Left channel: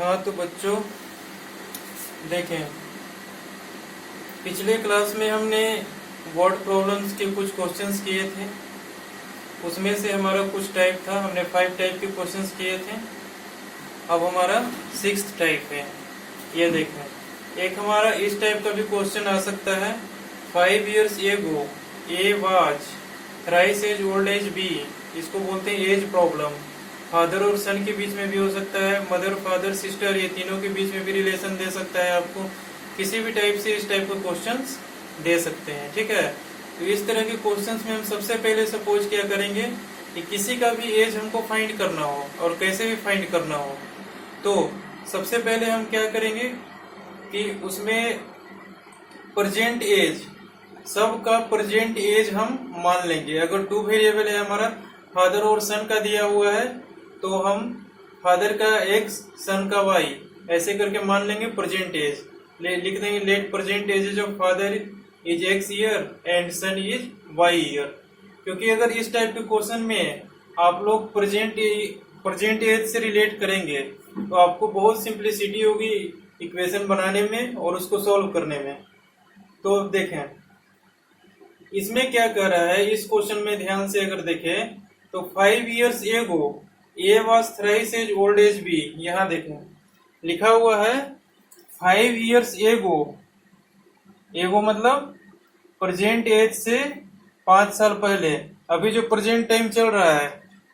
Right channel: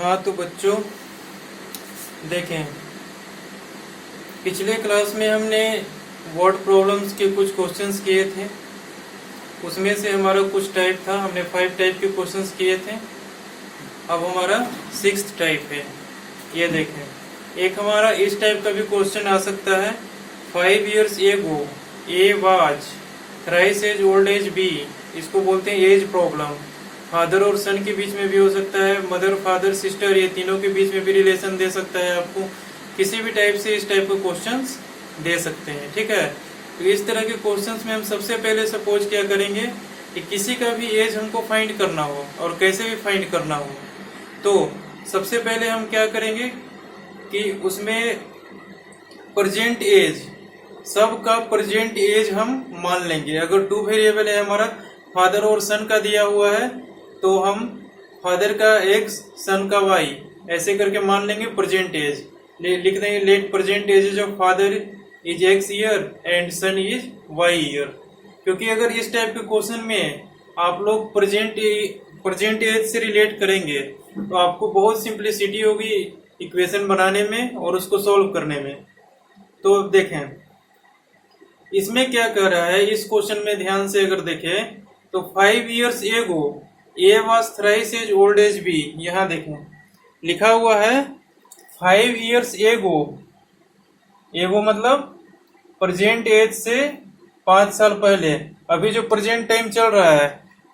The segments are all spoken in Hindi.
हाँ तो बच्चों देखें, पिछले क्लास में हमने वर्ड प्रॉब्लम्स के कुछ क्वेश्चंस किए थे। उसमें से हमारा कुछ टाइप था, हमने 5 टाइप के क्वेश्चंस किए थे। अब हमारा 6th टाइप है। ये देखें, एक हमारा इस टाइप का भी क्वेश्चन आ सकता है। 5 years ago A was thrice as old as B। इसको बोलते हैं एज प्रॉब्लम। फादर और सन के बीच में भी हो सकता है, मदर फादर सिस्टर, ये तीनों के बीच में भी रिलेशन दे सकता है। आपको किसी भी टाइप से इस टाइप के क्वेश्चंस दे सकते हैं, ठीक है। तो इस तरह के क्वेश्चंस में हम सबसे पहले सपोज क्या करेंगे कि किसी का भी एज हमको फाइंड करना हो और कैसे भी फाइंड करना हो, तो सबसे पहले हम क्या करेंगे कि उसमें प्रेजेंट एज, सबका प्रेजेंट एज हम मान लेंगे। अगर 2 वेरिएबल है हमारा, फादर और सन का दिया हुआ है, तो हम फादर का x, सन का y ऐसे करके मान लेंगे प्रेजेंट एज। लिख देंगे let present age of father is x year and son is y year. क्योंकि अगर इस टाइप के क्वेश्चन में आप लोग प्रेजेंट एज से रिलेट करेंगे तो आपको बहुत सिंप्लिसिटी होगी इक्वेशन बनाने में और उसको सॉल्व करने में। तो देखें इसमें क्या कर रहा है, इस क्वेश्चन में ध्यान से अगर देखें तो 5 years ago A was thrice as old as B। यहाँ देखें लिखा हुआ है 5 years ago। एगो मतलब प्रेजेंट एज से 5 साल पहले, अभी जो प्रेजेंट टाइम चल रहा है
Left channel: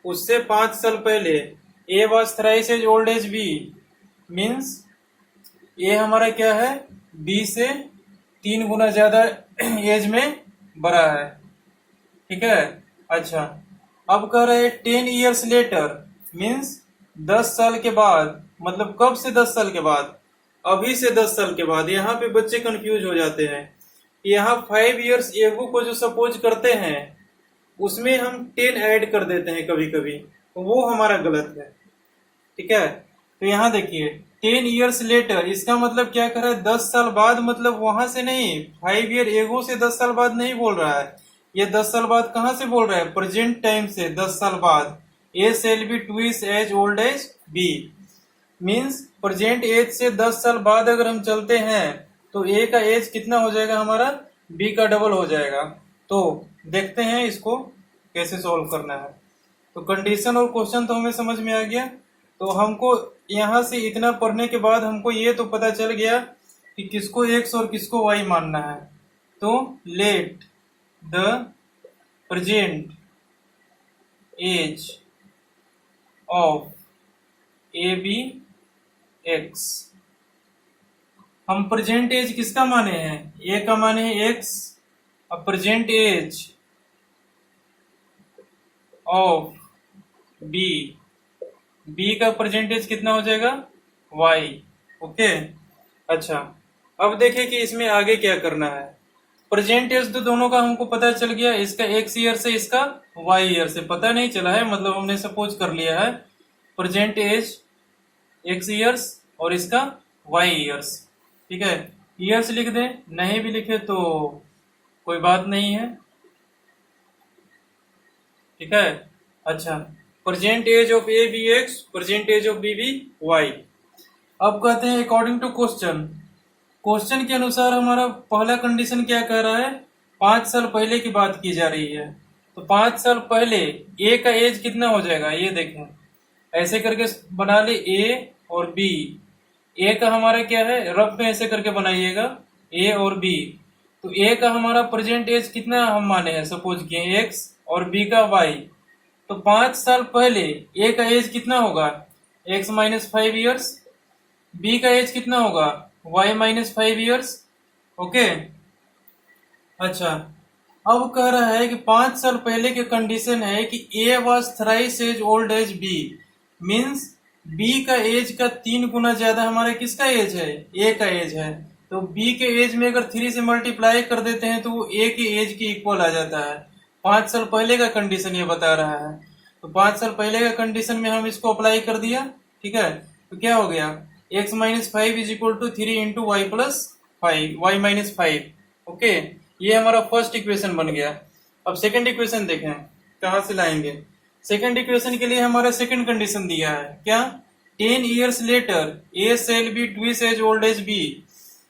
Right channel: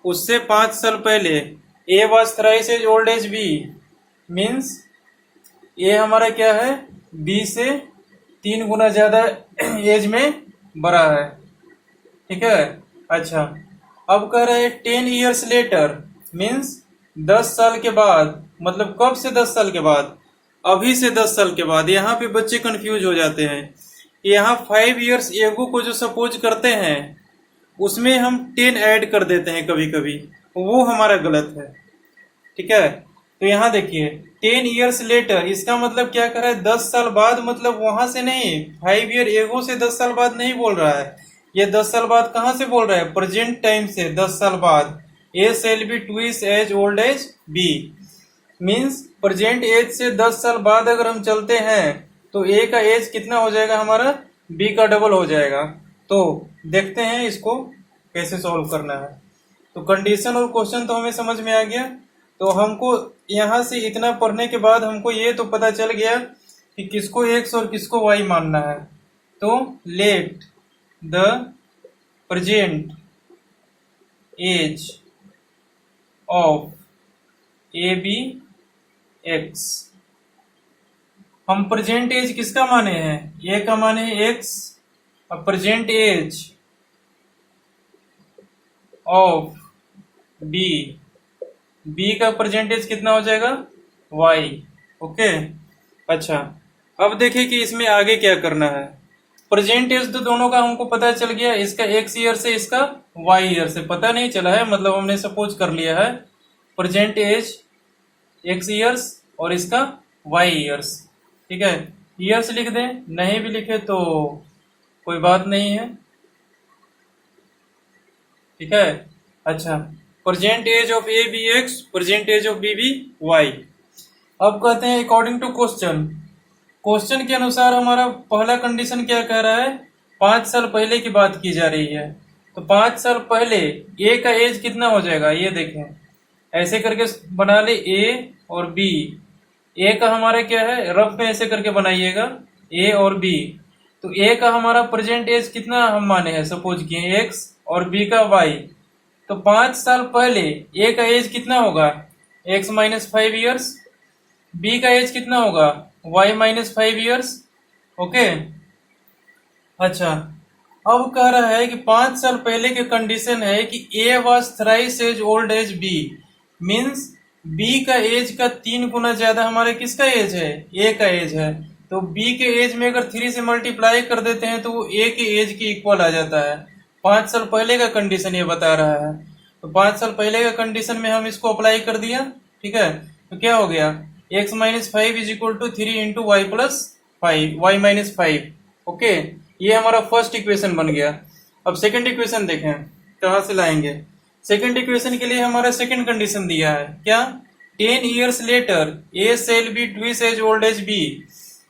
उससे 5 साल पहले A was thrice as old as B means A हमारा क्या है, B से 3 गुना ज्यादा एज में बड़ा है, ठीक है। अच्छा, अब कह रहे हैं 10 years later मीन्स 10 साल के बाद। मतलब कब से 10 साल के बाद? अभी से 10 साल के बाद। यहाँ पे बच्चे कंफ्यूज हो जाते हैं। यहाँ 5 years ago को जो सपोज करते हैं उसमें हम 10 ऐड कर देते हैं कभी कभी, वो हमारा गलत है, ठीक है। तो यहाँ देखिए 10 years later, इसका मतलब क्या कर रहा है, 10 साल बाद। मतलब वहां से नहीं, 5 year ago से 10 साल बाद नहीं बोल रहा है। ये 10 साल बाद कहाँ से बोल रहा है, प्रेजेंट टाइम से 10 साल बाद। A shall be twice as old as B means present age से 10 साल बाद अगर हम चलते हैं तो A का एज कितना हो जाएगा हमारा, B का डबल हो जाएगा। तो देखते हैं इसको कैसे सॉल्व करना है। तो कंडीशन और क्वेश्चन तो हमें समझ में आ गया। तो हमको यहाँ से इतना पढ़ने के बाद हमको ये तो पता चल गया कि किसको x और किसको y मानना है। तो let the present age of A be x. हम प्रेजेंट एज किसका माने हैं, ए का माने हैं x। अब present age of B, B का परसेंटेज कितना हो जाएगा, y। ओके, अच्छा अब देखिए कि इसमें आगे क्या करना है। परसेंटेज तो दोनों का हमको पता चल गया, इसका x ईयर से इसका y ईयर से पता नहीं चला है। मतलब हमने सपोज कर लिया है प्रेजेंट एज x ईयर्स और इसका y ईयर्स, ठीक है। ईयर्स लिख दें, नहीं भी लिखे तो कोई बात नहीं है, ठीक है। अच्छा, present age of A be x, present age of B be y. अब कहते हैं अकॉर्डिंग टू क्वेश्चन, क्वेश्चन के अनुसार हमारा पहला कंडीशन क्या कह रहा है, 5 साल पहले की बात की जा रही है। तो 5 साल पहले ए का एज कितना हो जाएगा, ये देखें ऐसे करके बना ले ए और बी। ए का हमारा क्या है, रफ में ऐसे करके बनाइएगा ए और बी। तो ए का हमारा प्रेजेंट एज कितना हम माने हैं, सपोज किए एक्स, और बी का वाई। तो 5 साल पहले ए का एज कितना होगा, x माइनस 5 ईयर्स। बी का एज कितना होगा, y माइनस 5 ईयर्स। ओके, अच्छा अब कह रहा है कि 5 साल पहले के कंडीशन है कि a was thrice as old as b means b का एज का 3 गुना ज्यादा हमारे किसका एज है, a का एज है। तो b के एज में अगर 3 से मल्टीप्लाई कर देते हैं तो वो a के एज के इक्वल आ जाता है। 5 साल पहले का कंडीशन ये बता रहा है। तो 5 साल पहले का कंडीशन में हम इसको अप्लाई कर दिया, ठीक है। तो क्या हो गया, x minus 5 is equal to 3 into y plus 5, y minus 5। Okay, ये हमारा फर्स्ट इक्वेशन बन गया। अब सेकंड इक्वेशन देखें कहां से लाएंगे। सेकंड इक्वेशन के लिए हमारा सेकंड कंडीशन दिया है क्या, 10 years later A shall be twice as old as B,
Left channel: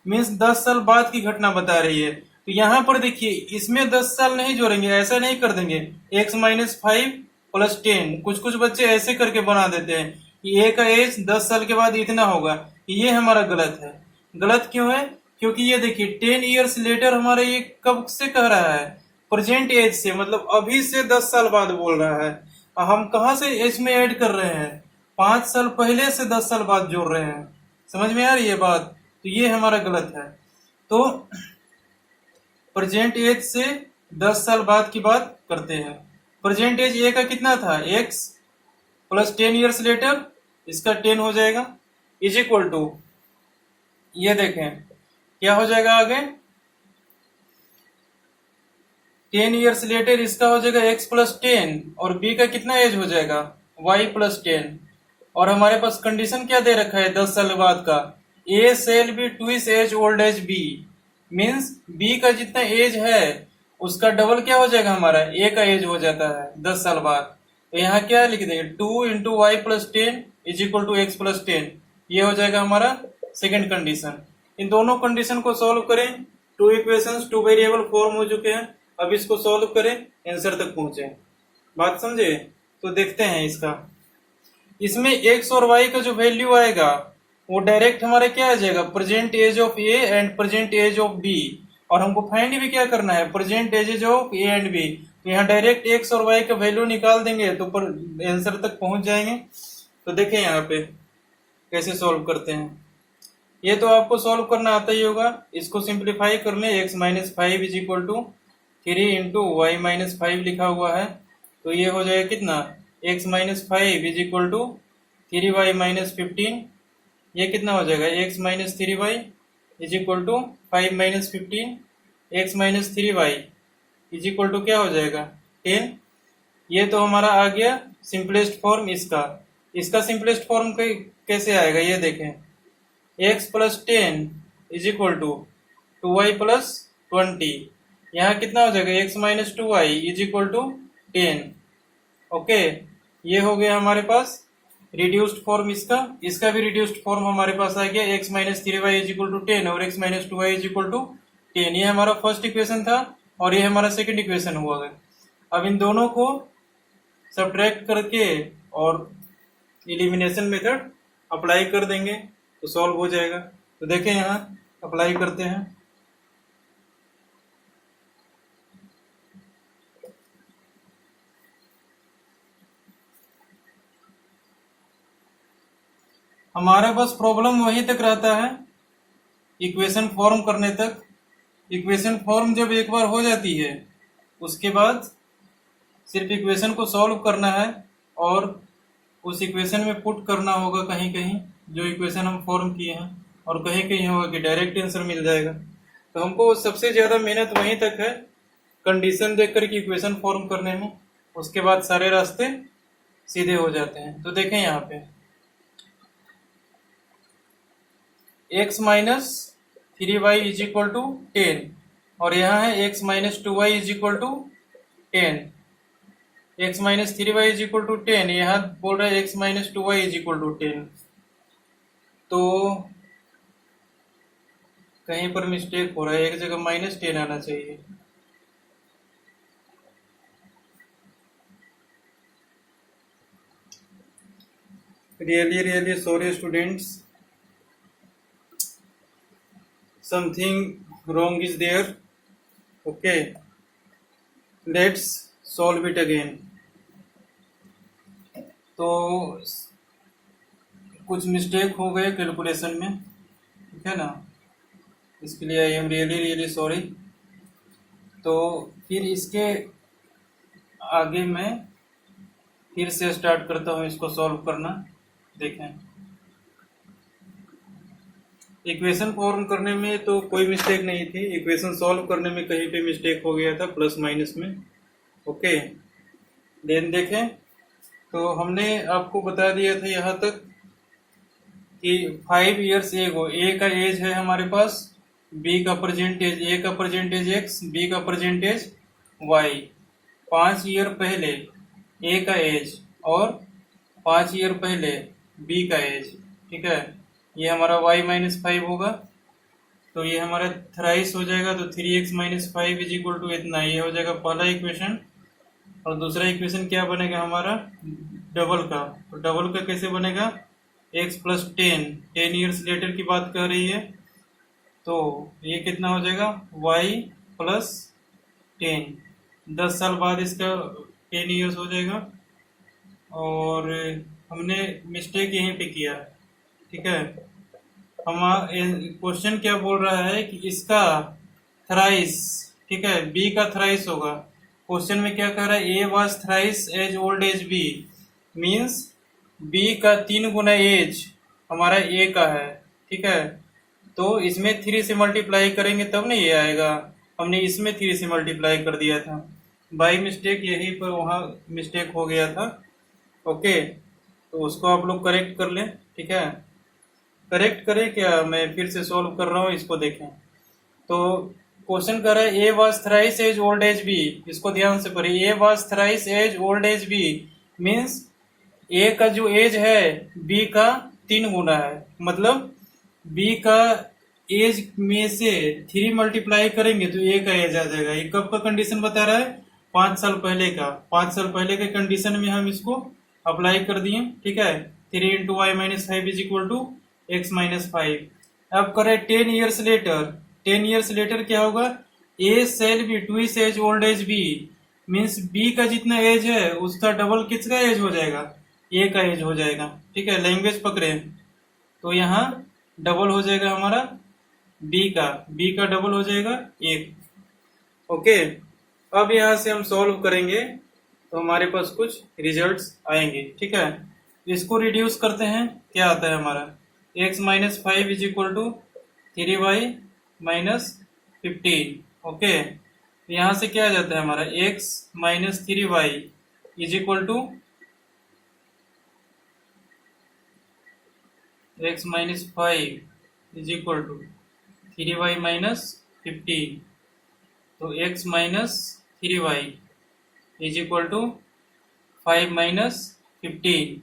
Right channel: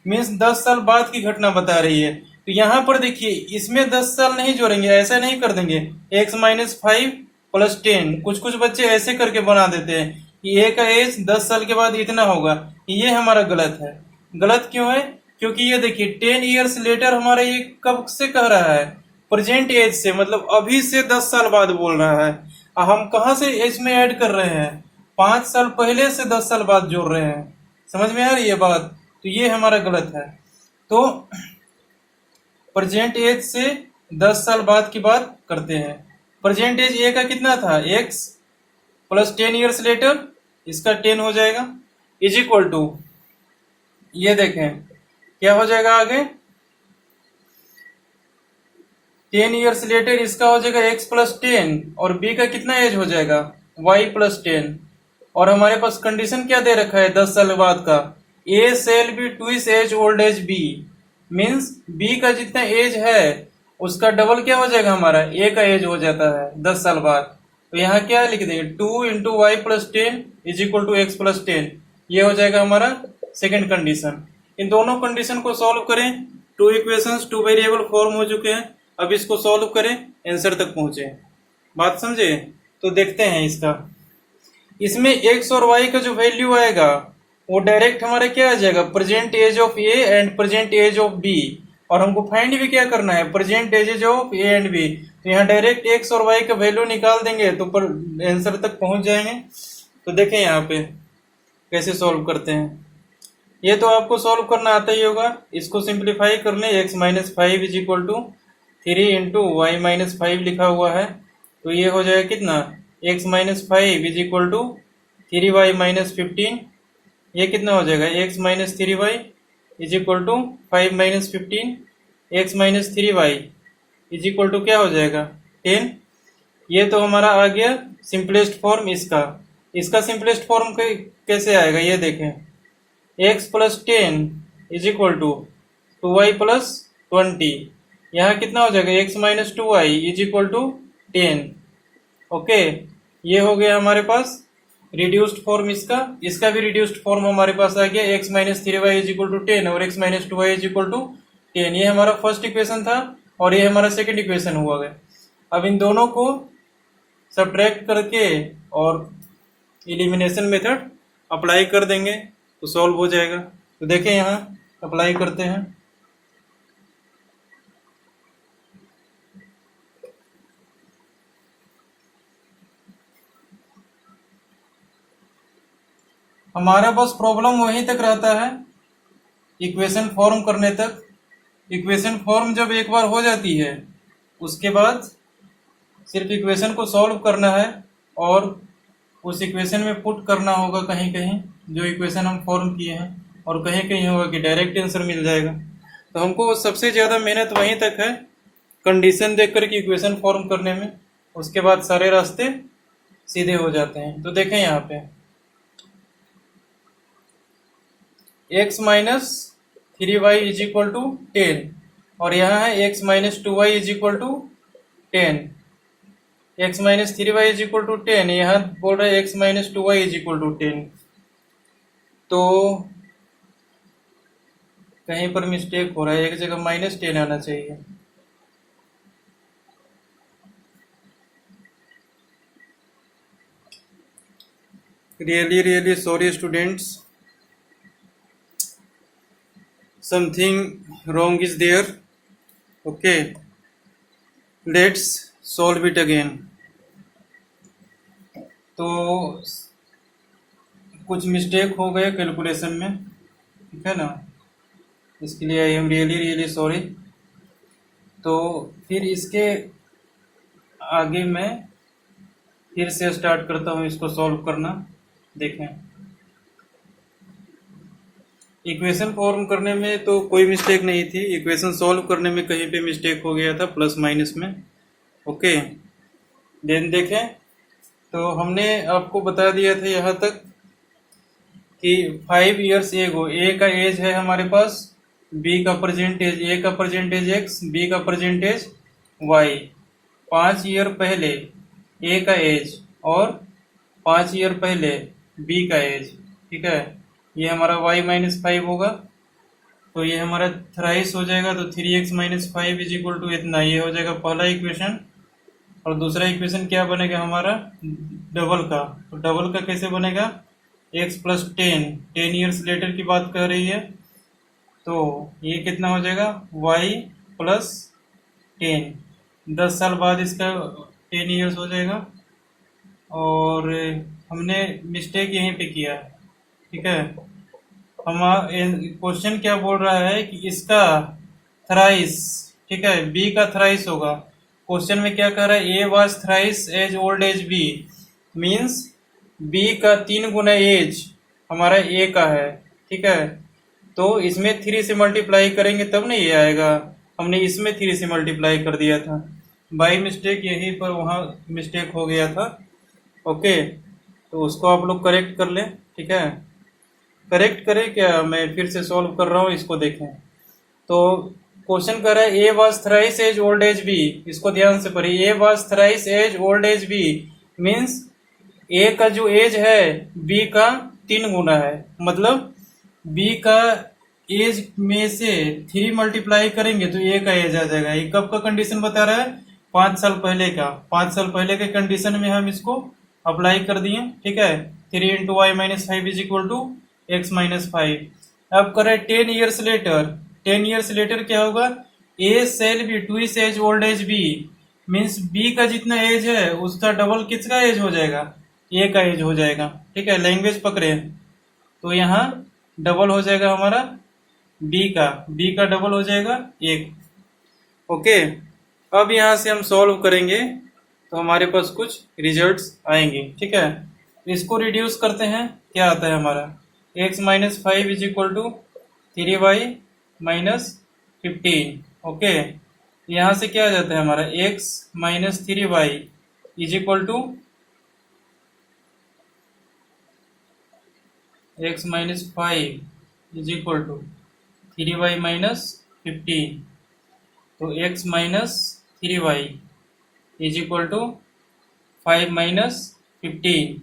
means 10 साल बाद की घटना बता रही है। तो यहाँ पर देखिए इसमें 10 साल नहीं जोड़ेंगे, ऐसा नहीं कर देंगे x माइनस 5 प्लस 10। कुछ कुछ बच्चे ऐसे करके बना देते हैं कि ए का एज 10 साल के बाद इतना होगा। ये हमारा गलत है। गलत क्यों है? क्योंकि ये देखिए 10 ईयर्स लेटर हमारा ये कब से कह रहा है? प्रेजेंट एज से, मतलब अभी से 10 साल बाद बोल रहा है। हम कहाँ से एज में ऐड कर रहे हैं? 5 साल पहले से 10 साल बाद जोड़ रहे हैं। समझ में आ रही है बात? तो ये हमारा गलत है। तो प्रेजेंट एज से 10 साल बाद की बात करते हैं। प्रेजेंट एज ए का कितना था? x प्लस 10 ईयर्स लेटर, इसका 10 हो जाएगा, इज इक्वल टू, ये देखें क्या हो जाएगा आगे, 10 ईयर्स लेटर इसका हो जाएगा x प्लस 10 और b का कितना एज हो जाएगा? y plus 10। और हमारे पास कंडीशन क्या दे रखा है 10 साल बाद का? a shall be twice as old as b, means b का जितना एज है उसका डबल क्या हो जाएगा? हमारा a का एज हो जाता है 10 साल बाद। तो यहाँ क्या लिख देंगे? 2 into y plus 10 is equal to x plus 10। ये हो जाएगा हमारा सेकेंड कंडीशन। इन दोनों कंडीशन को सॉल्व करें। 2 इक्वेशंस 2 वेरिएबल फॉर्म हो चुके हैं। अब इसको सॉल्व करें, आंसर तक पहुंचे। बात समझे? तो देखते हैं इसका। इसमें x और y का जो वैल्यू आएगा वो डायरेक्ट हमारे क्या आ जाएगा? Present age of A and present age of B. और हमको फाइंड भी क्या करना है? Present age of A and B. तो यहाँ डायरेक्ट x और y का वैल्यू निकाल देंगे तो पर आंसर तक पहुंच जाएंगे। तो देखें यहाँ पे कैसे सॉल्व करते हैं। ये तो आपको सॉल्व करना आता ही होगा। इसको सिंप्लीफाई कर लें। x minus 5 is equal to 3 into y minus 5 लिखा हुआ है। तो ये हो जाएगा कितना? x minus 5 is equal to 3y minus 15। ये कितना हो जाएगा? x minus 3y is equal to 5 minus 15। x minus 3y is equal to क्या हो जाएगा? 10। ये तो हमारा आ गया सिंपलेस्ट फॉर्म इसका। इसका सिंपलेस्ट फॉर्म कैसे आएगा ये देखें। x plus 10 is equal to 2y plus 20। यहाँ कितना हो जाएगा? x minus 2y is equal to 10। Okay, ये हो गया हमारे पास रिड्यूस्ड फॉर्म इसका। इसका भी रिड्यूस्ड फॉर्म हमारे पास आ गया x minus 3y is equal to 10 और x minus 2y is equal to 10। ये हमारा फर्स्ट इक्वेशन था और ये हमारा सेकंड इक्वेशन हुआ है। अब इन दोनों को सब्ट्रैक्ट करके और एलिमिनेशन मेथड अप्लाई कर देंगे तो सॉल्व हो जाएगा। तो देखें यहाँ अप्लाई करते हैं। हमारा बस प्रॉब्लम वहीं तक रहता है, इक्वेशन फॉर्म करने तक। इक्वेशन फॉर्म जब एक बार हो जाती है उसके बाद सिर्फ इक्वेशन को सॉल्व करना है और उस इक्वेशन में पुट करना होगा कहीं कहीं जो इक्वेशन हम फॉर्म किए हैं, और कहीं कहीं होगा कि डायरेक्ट आंसर मिल जाएगा। तो हमको सबसे ज़्यादा मेहनत वहीं तक है, कंडीशन देख कर के इक्वेशन फॉर्म करने में। उसके बाद सारे रास्ते सीधे हो जाते हैं। तो देखें यहाँ पे x minus 3y is equal to 10 और यहाँ है x minus 2y is equal to 10। x minus 3y is equal to 10, यहाँ बोल रहा है x minus 2y is equal to 10। तो कहीं पर मिस्टेक हो रहा है, एक जगह माइनस 10 आना चाहिए। Really sorry students, something wrong is there. Okay, let's solve it again. तो कुछ मिस्टेक हो गए कैलकुलेशन में, ठीक है ना, इसके लिए आई एम रियली सॉरी। तो फिर इसके आगे मैं फिर से स्टार्ट करता हूँ इसको सॉल्व करना। देखें इक्वेशन फॉर्म करने में तो कोई मिस्टेक नहीं थी, इक्वेशन सॉल्व करने में कहीं पे मिस्टेक हो गया था प्लस माइनस में। ओके, देन देखें तो हमने आपको बता दिया था यहाँ तक कि 5 ईयर्स एगो ए का एज है हमारे पास, बी का परसेंटेज, ए का परसेंटेज एक्स, बी का परसेंटेज वाई। 5 ईयर पहले ए का एज और 5 ईयर पहले बी का एज, ठीक है। ये हमारा y माइनस 5 होगा, तो ये हमारा थ्राइस हो जाएगा, तो 3x minus 5 is equal to इतना, ये हो जाएगा पहला इक्वेशन। और दूसरा इक्वेशन क्या बनेगा हमारा, डबल का। तो डबल का कैसे बनेगा, x प्लस 10 ईयर्स लेटर की बात कर रही है, तो ये कितना हो जाएगा y प्लस 10 साल बाद इसका 10 ईयर्स हो जाएगा। और हमने मिस्टेक यहीं पे किया है, ठीक है। हम क्वेश्चन क्या बोल रहा है कि इसका थ्राइस, ठीक है, बी का थ्राइस होगा। क्वेश्चन में क्या कह रहा है, A was thrice as old as B, means B का 3 गुना एज हमारा ए का है, ठीक है। तो इसमें 3 से मल्टीप्लाई करेंगे तब नहीं ये आएगा, हमने इसमें 3 से मल्टीप्लाई कर दिया था बाई मिस्टेक, यहीं पर वहाँ मिस्टेक हो गया था। ओके, तो उसको आप लोग करेक्ट कर लें, ठीक है। करेक्ट करें क्या, मैं फिर से सॉल्व कर रहा हूँ, इसको देखें। तो क्वेश्चन कर रहा है A was thrice as old as B, इसको ध्यान से पढ़िए। A was thrice as old as B means A का जो एज है बी का 3 गुना है, मतलब बी का एज में से 3 मल्टीप्लाई करेंगे तो ए का एज आ जाएगा। ये कब का कंडीशन बता रहा है, 5 साल पहले का। 5 साल पहले के कंडीशन में हम इसको अप्लाई कर दिए, ठीक है। 3 into y minus 5 is equal to x minus 5। अब करें 10 ईयर्स लेटर, 10 ईयर्स लेटर क्या होगा, A shall B twice as old as B, means B का जितना एज है उसका डबल किसका एज हो जाएगा, ए का एज हो जाएगा, ठीक है। लैंग्वेज पकड़े, तो यहाँ डबल हो जाएगा हमारा बी का डबल हो जाएगा 1। ओके, अब यहाँ से हम सॉल्व करेंगे तो हमारे पास कुछ रिजल्ट्स आएंगे, ठीक है। इसको रिड्यूस करते हैं, क्या आता है हमारा, x minus 5 is equal to 3y minus 15। Okay, यहाँ से क्या आ जाता है हमारा, x minus 3y is equal to x minus 5 is equal to 3y minus 15। तो x minus 3y is equal to 5 minus 15।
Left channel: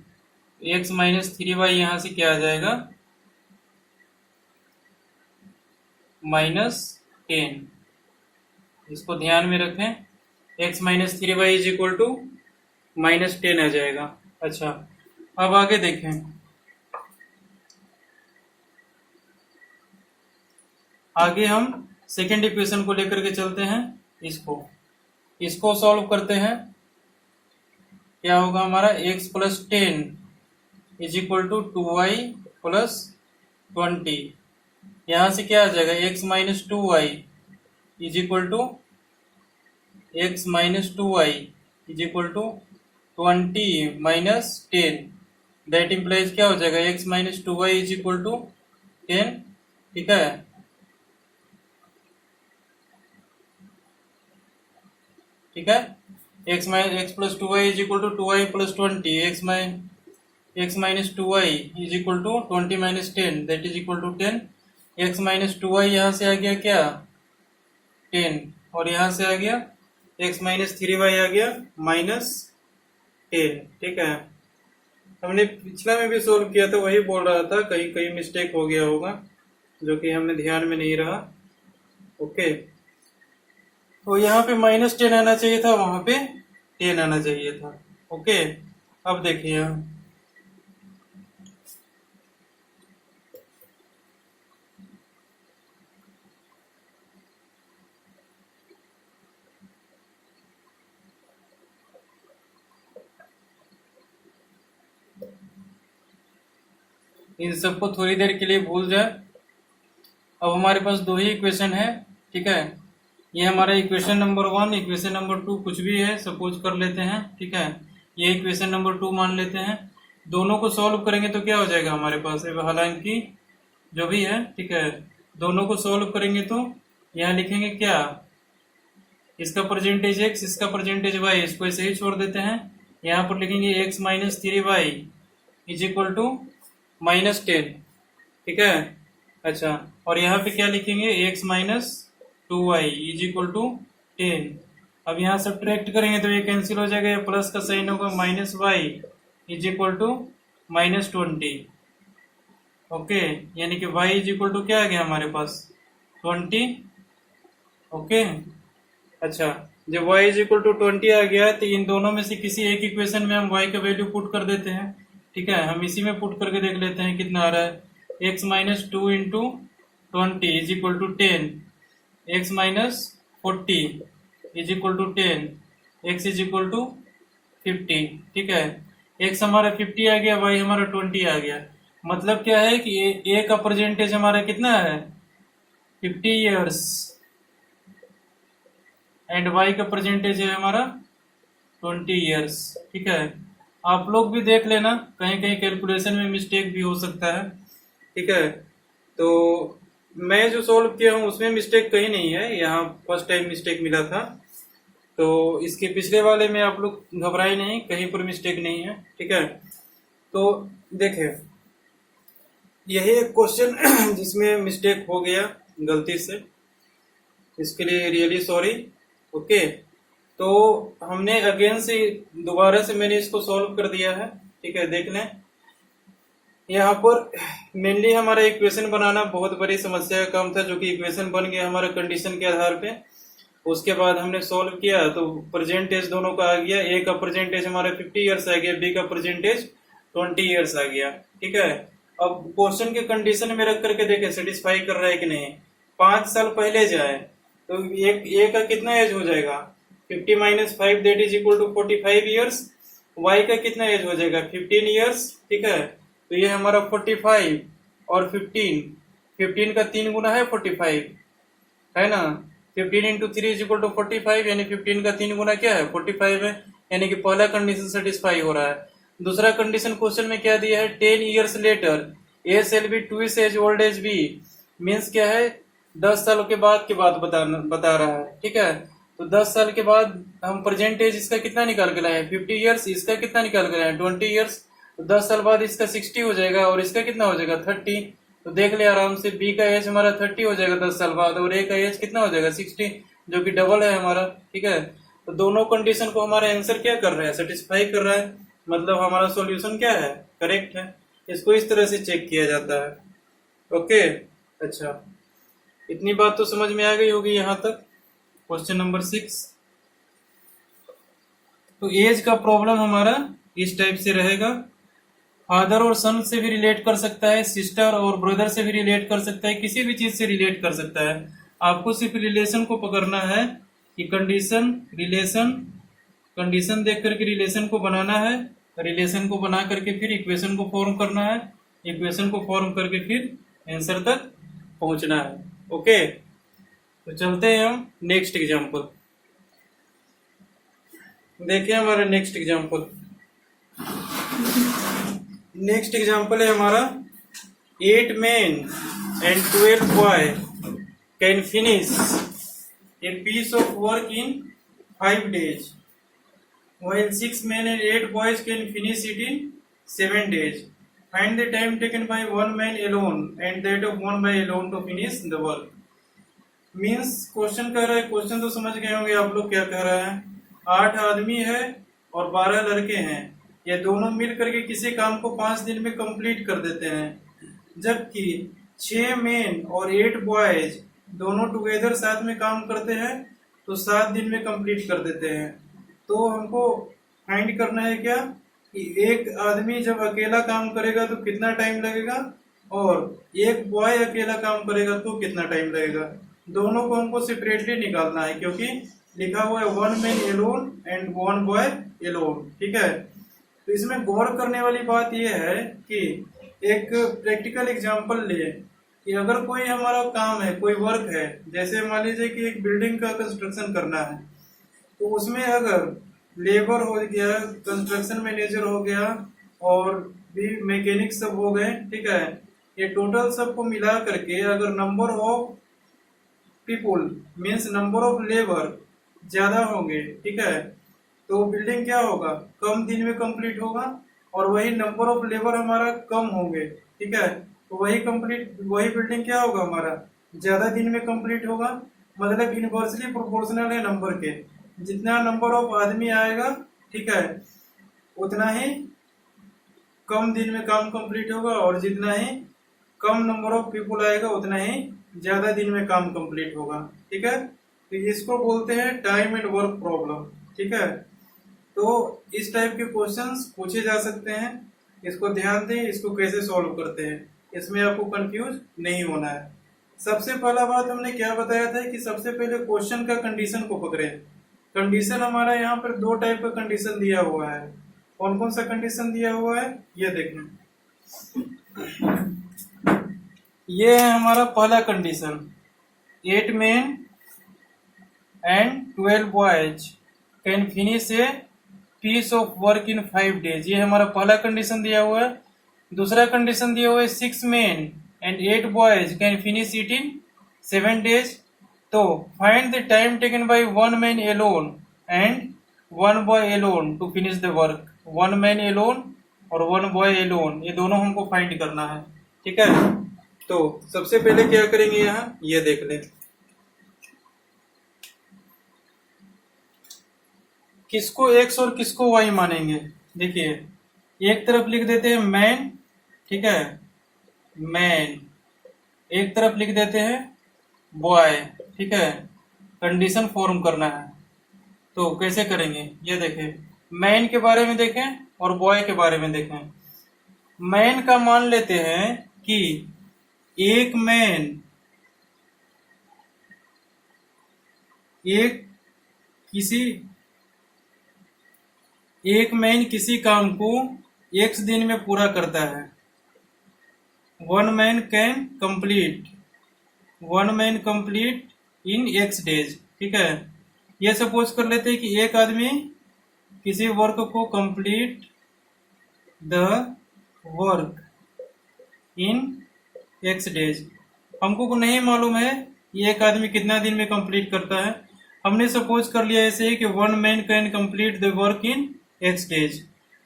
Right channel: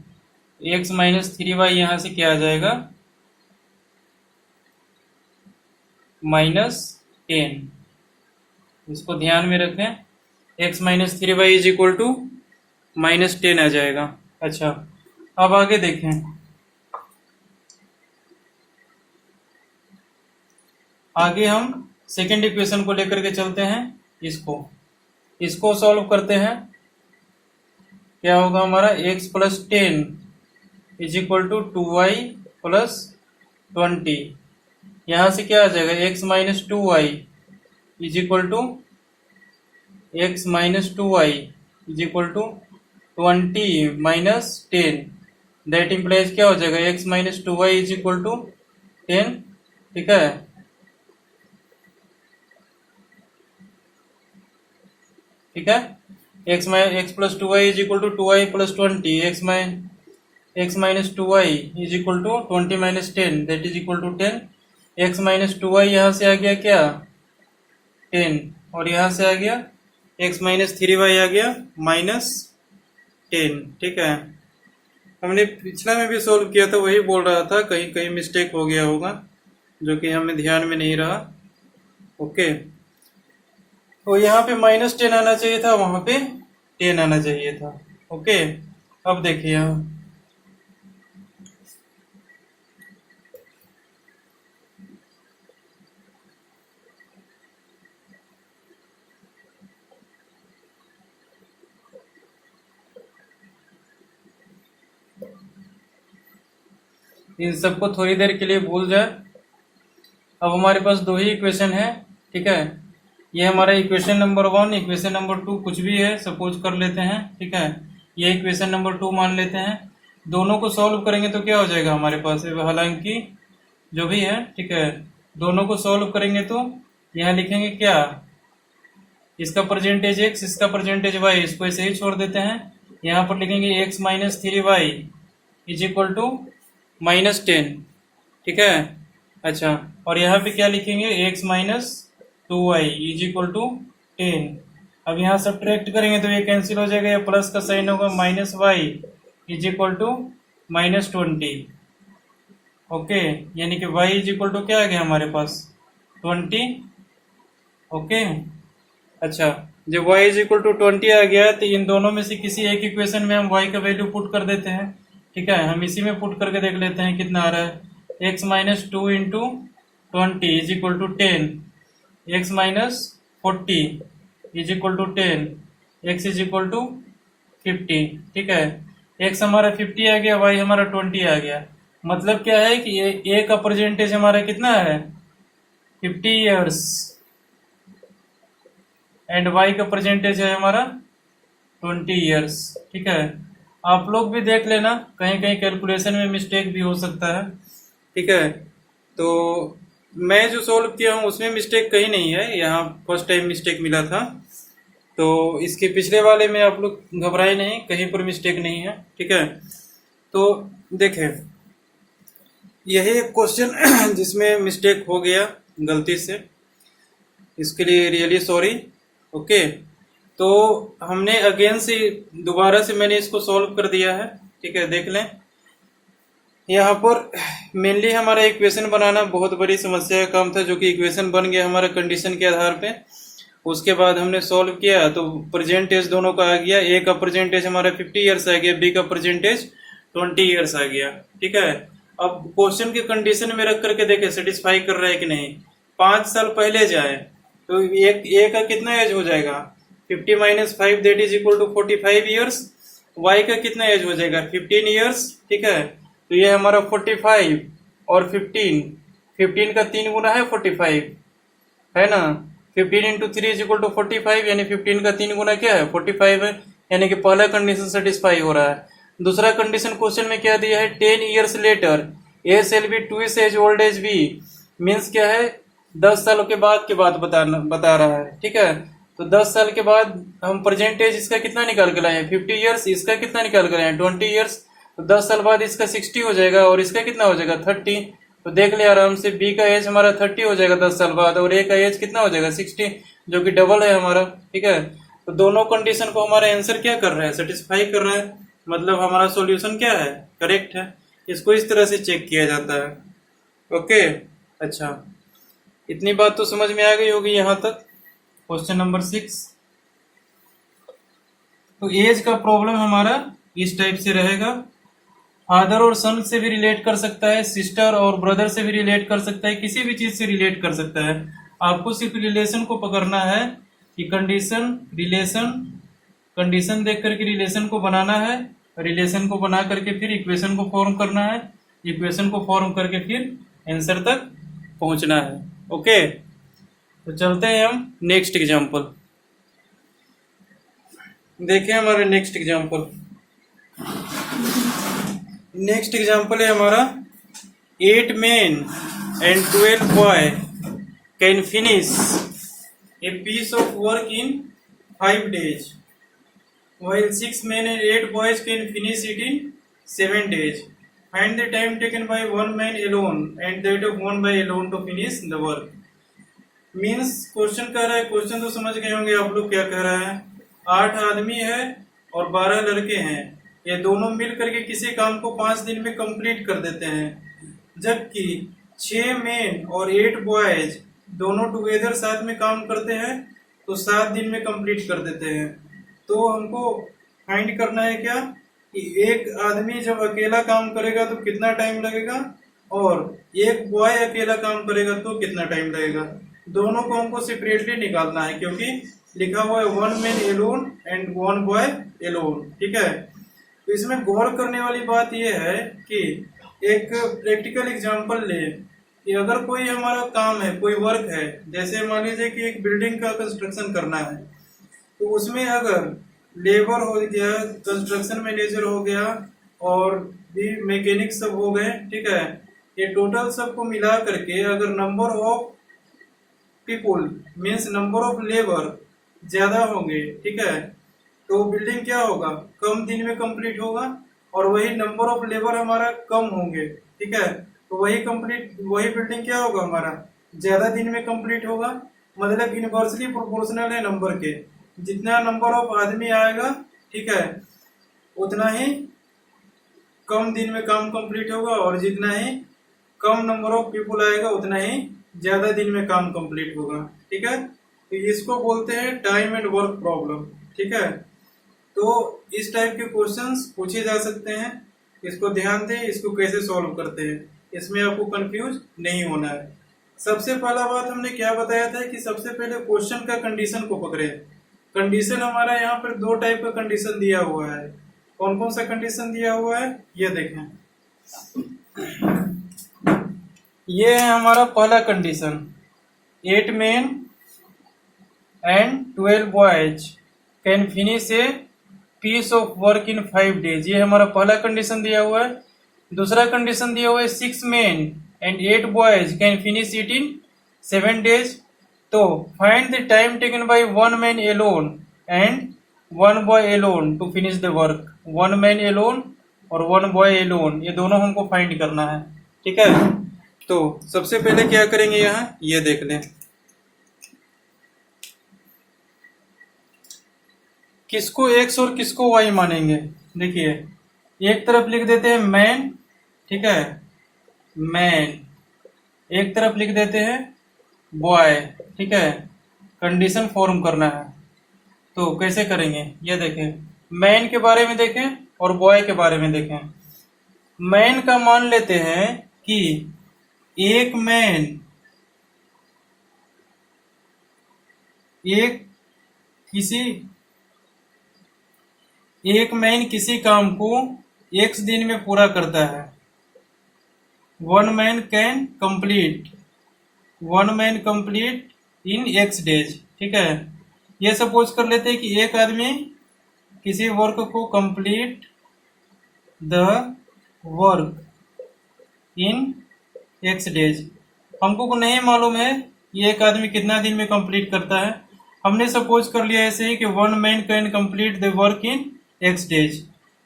x minus 3y यहाँ से क्या आ जाएगा, माइनस 10। इसको ध्यान में रखें, x minus 3y is equal to minus 10 आ जाएगा। अच्छा, अब आगे देखें, आगे हम सेकेंड इक्वेशन को लेकर के चलते हैं, इसको सॉल्व करते हैं। क्या होगा हमारा, x plus 10 is equal to 2y plus 20। यहाँ से क्या आ जाएगा, x minus 2y is equal to x minus 2y is equal to 20 minus 10। That implies क्या हो जाएगा, x minus 2y is equal to 10, ठीक है। ठीक है, x plus 2y is equal to 2y plus 20, x minus 2y is equal to 20 minus 10, that is equal to 10। x minus 2y यहाँ से आ गया क्या, 10, और यहाँ से आ गया x माइनस 3y आ गया माइनस 10, ठीक है। हमने पिछला में भी सोल्व किया था, वही बोल रहा था, कहीं कहीं मिस्टेक हो गया होगा जो कि हमें ध्यान में नहीं रहा। ओके, तो यहाँ पे माइनस 10 आना चाहिए था, वहां पे 10 आना चाहिए था। ओके, अब देखिए यहाँ इन सबको थोड़ी देर के लिए भूल जाए। अब हमारे पास 2 ही इक्वेशन है, ठीक है। ये हमारा इक्वेशन नंबर 1, इक्वेशन नंबर 2 कुछ भी है, सपोज कर लेते हैं, ठीक है। ये इक्वेशन नंबर 2 मान लेते हैं। दोनों को सॉल्व करेंगे तो क्या हो जाएगा हमारे पास, हालांकि जो भी है, ठीक है। दोनों को सॉल्व करेंगे तो यहाँ लिखेंगे क्या, इसका परसेंटेज x, इसका परसेंटेज y, इसको ऐसे ही छोड़ देते हैं। यहाँ पर लिखेंगे x minus 3y is equal to minus 10, ठीक है। अच्छा, और यहाँ पे क्या लिखेंगे, x minus 2y is equal to 10। अब यहाँ सब्ट्रैक्ट करेंगे तो ये कैंसिल हो जाएगा, ये प्लस का साइन होगा, minus y is equal to -20। Okay, यानी कि y इज इक्वल टू क्या आ गया हमारे पास 20। ओके, अच्छा, जब y इज इक्वल टू 20 आ गया तो इन दोनों में से किसी एक इक्वेशन में हम y का वैल्यू पुट कर देते हैं। ठीक है, हम इसी में पुट करके देख लेते हैं कितना आ रहा है। x minus 2 into 20 is equal to 10, x minus 40 is equal to 10, x is equal to 50। ठीक है, x हमारा 50 आ गया, y हमारा 20 आ गया। मतलब क्या है कि a का परसेंटेज हमारा कितना है 50 ईयर्स, एंड y का परसेंटेज है हमारा 20 ईयर्स। ठीक है, आप लोग भी देख लेना, कहीं कहीं कैलकुलेशन में मिस्टेक भी हो सकता है। ठीक है, तो मैं जो सोल्व किया हूँ उसमें मिस्टेक कहीं नहीं है, यहाँ फर्स्ट टाइम मिस्टेक मिला था। तो इसके पिछले वाले में आप लोग घबराए नहीं, कहीं पर मिस्टेक नहीं है। ठीक है, तो देखें, यही एक क्वेश्चन जिसमें मिस्टेक हो गया गलती से, इसके लिए रियली सॉरी। ओके, तो हमने अगेन से दोबारा से मैंने इसको सॉल्व कर दिया है। ठीक है, देख लें, यहाँ पर मेनली हमारा इक्वेशन बनाना बहुत बड़ी समस्या का काम था, जो कि इक्वेशन बन गया हमारा कंडीशन के आधार पे। उसके बाद हमने सॉल्व किया तो परसेंटेज दोनों का आ गया, ए का परसेंटेज हमारा 50 ईयर्स आ गया, बी का परसेंटेज 20 ईयर्स आ गया। ठीक है, अब क्वेश्चन के कंडीशन में रख करके देखे सेटिस्फाई कर रहा है कि नहीं। 5 साल पहले जाए तो एक ए का कितना एज हो जाएगा 50 minus 5 that is equal to 45 years, y का कितना एज हो जाएगा 15 ईयर्स। ठीक है, तो ये हमारा 45 और 15 का 3 गुना है 45, है ना। 15 इंटू 3 इज इक्वल टू 45, यानी 15 का 3 गुना क्या है 45 है, यानी कि पहला कंडीशन सेटिस्फाई हो रहा है। दूसरा कंडीशन क्वेश्चन में क्या दिया है 10 years later A shall B twice as old as B, means क्या है 10 सालों के बाद की बात बता रहा है। ठीक है, तो 10 साल के बाद हम परसेंटेज इसका कितना निकाल के लाए हैं 50 ईयर्स, इसका कितना निकाल के लाए हैं 20 ईयर्स, तो 10 साल बाद इसका 60 हो जाएगा और इसका कितना हो जाएगा 30। तो देख ले आराम से, बी का एज हमारा 30 हो जाएगा 10 साल बाद, और ए का एज कितना हो जाएगा 60, जो कि डबल है हमारा। ठीक है, तो दोनों कंडीशन को हमारा आंसर क्या कर रहा है सेटिस्फाई कर रहा है, मतलब हमारा सॉल्यूशन क्या है करेक्ट है। इसको इस तरह से चेक किया जाता है। ओके, अच्छा, इतनी बात तो समझ में आ गई होगी यहाँ तक। क्वेश्चन नंबर 6, तो एज का प्रॉब्लम हमारा इस टाइप से रहेगा। फादर और सन से भी रिलेट कर सकता है, सिस्टर और ब्रदर से भी रिलेट कर सकता है, किसी भी चीज से रिलेट कर सकता है। आपको सिर्फ रिलेशन को पकड़ना है कि कंडीशन देख करके रिलेशन को बनाना है, रिलेशन को बना करके फिर इक्वेशन को फॉर्म करना है, इक्वेशन को फॉर्म करके फिर आंसर तक पहुंचना है। ओके, तो चलते हैं हम नेक्स्ट एग्जांपल। देखिए हमारा नेक्स्ट एग्जांपल है हमारा 8 men and 12 boy can finish a piece of work in 5 days, while 6 men and 8 boys can finish it in 7 days. Find the time taken by one man alone and that of one boy alone to finish the work. Means question कह रहा है, क्वेश्चन तो समझ गए होंगे आप लोग क्या कह रहा है। 8 आदमी है और 12 लड़के हैं, ये दोनों मिल करके किसी काम को 5 दिन में कंप्लीट कर देते हैं, जबकि 6 मेन और 8 बॉयज दोनों टुगेदर साथ में काम करते हैं तो 7 दिन में कंप्लीट कर देते हैं। तो हमको फाइंड करना है क्या कि एक आदमी जब अकेला काम करेगा तो कितना टाइम लगेगा, और एक बॉय अकेला काम करेगा तो कितना टाइम लगेगा। दोनों को हमको सेपरेटली निकालना है, क्योंकि लिखा हुआ है 1 man alone and 1 boy alone. ठीक है, तो इसमें गौर करने वाली बात यह है कि एक प्रैक्टिकल एग्जांपल ले कि अगर कोई हमारा काम है, कोई वर्क है, जैसे मान लीजिए कि एक बिल्डिंग का कंस्ट्रक्शन करना है, तो उसमें अगर लेबर हो गया, कंस्ट्रक्शन मैनेजर हो गया और भी मैकेनिक सब हो गए, ठीक है, ये टोटल सबको मिला करके अगर number of people means number of labour ज्यादा होंगे, ठीक है, तो बिल्डिंग क्या होगा कम दिन में कंप्लीट होगा, और वही नंबर ऑफ लेबर हमारा कम होंगे, ठीक है, तो वही बिल्डिंग क्या होगा हमारा ज्यादा दिन में कंप्लीट होगा। मतलब इनवर्सली प्रोपोर्शनल है नंबर के, जितना नंबर ऑफ आदमी आएगा, ठीक है, उतना ही कम दिन में काम कंप्लीट होगा, और जितना ही कम नंबर ऑफ पीपुल आएगा उतना ही ज्यादा दिन में काम कंप्लीट होगा। ठीक है, तो इसको बोलते हैं टाइम एंड वर्क प्रॉब्लम। ठीक है, तो इस टाइप के क्वेश्चंस पूछे जा सकते हैं, इसको ध्यान दें, इसको कैसे सॉल्व करते हैं, इसमें आपको कंफ्यूज नहीं होना है। सबसे पहला बात हमने क्या बताया था कि सबसे पहले क्वेश्चन का कंडीशन को पकड़े। कंडीशन हमारा यहाँ पर दो टाइप का कंडीशन दिया हुआ है। कौन कौन सा कंडीशन दिया हुआ है ये देखें। ये है हमारा पहला condition, 8 men and 12 boys can finish a piece of work in 5 days। ये हमारा पहला कंडीशन दिया हुआ है। दूसरा कंडीशन दिया हुआ है 6 men and 8 boys can finish it in 7 days। तो find the time taken by 1 man alone and 1 boy alone to finish the work. 1 man alone और 1 boy alone, ये दोनों हमको फाइंड करना है। ठीक है, तो सबसे पहले क्या करेंगे, यहाँ ये देख लें, किसको एक्स और किसको वाई मानेंगे। देखिए, एक तरफ लिख देते हैं मैन, ठीक है, मैन, एक तरफ लिख देते हैं बॉय। ठीक है, कंडीशन फॉर्म करना है, तो कैसे करेंगे ये देखें। मैन के बारे में देखें और बॉय के बारे में देखें। मैन का मान लेते हैं कि एक मैन किसी काम को x दिन में पूरा करता है। 1 man can complete in x days। ठीक है, ये सपोज कर लेते हैं कि एक आदमी किसी वर्क को complete the work in x days। हमको को नहीं मालूम है ये एक आदमी कितना दिन में कंप्लीट करता है। हमने सपोज कर लिया ऐसे ही कि 1 man can complete the work in x days।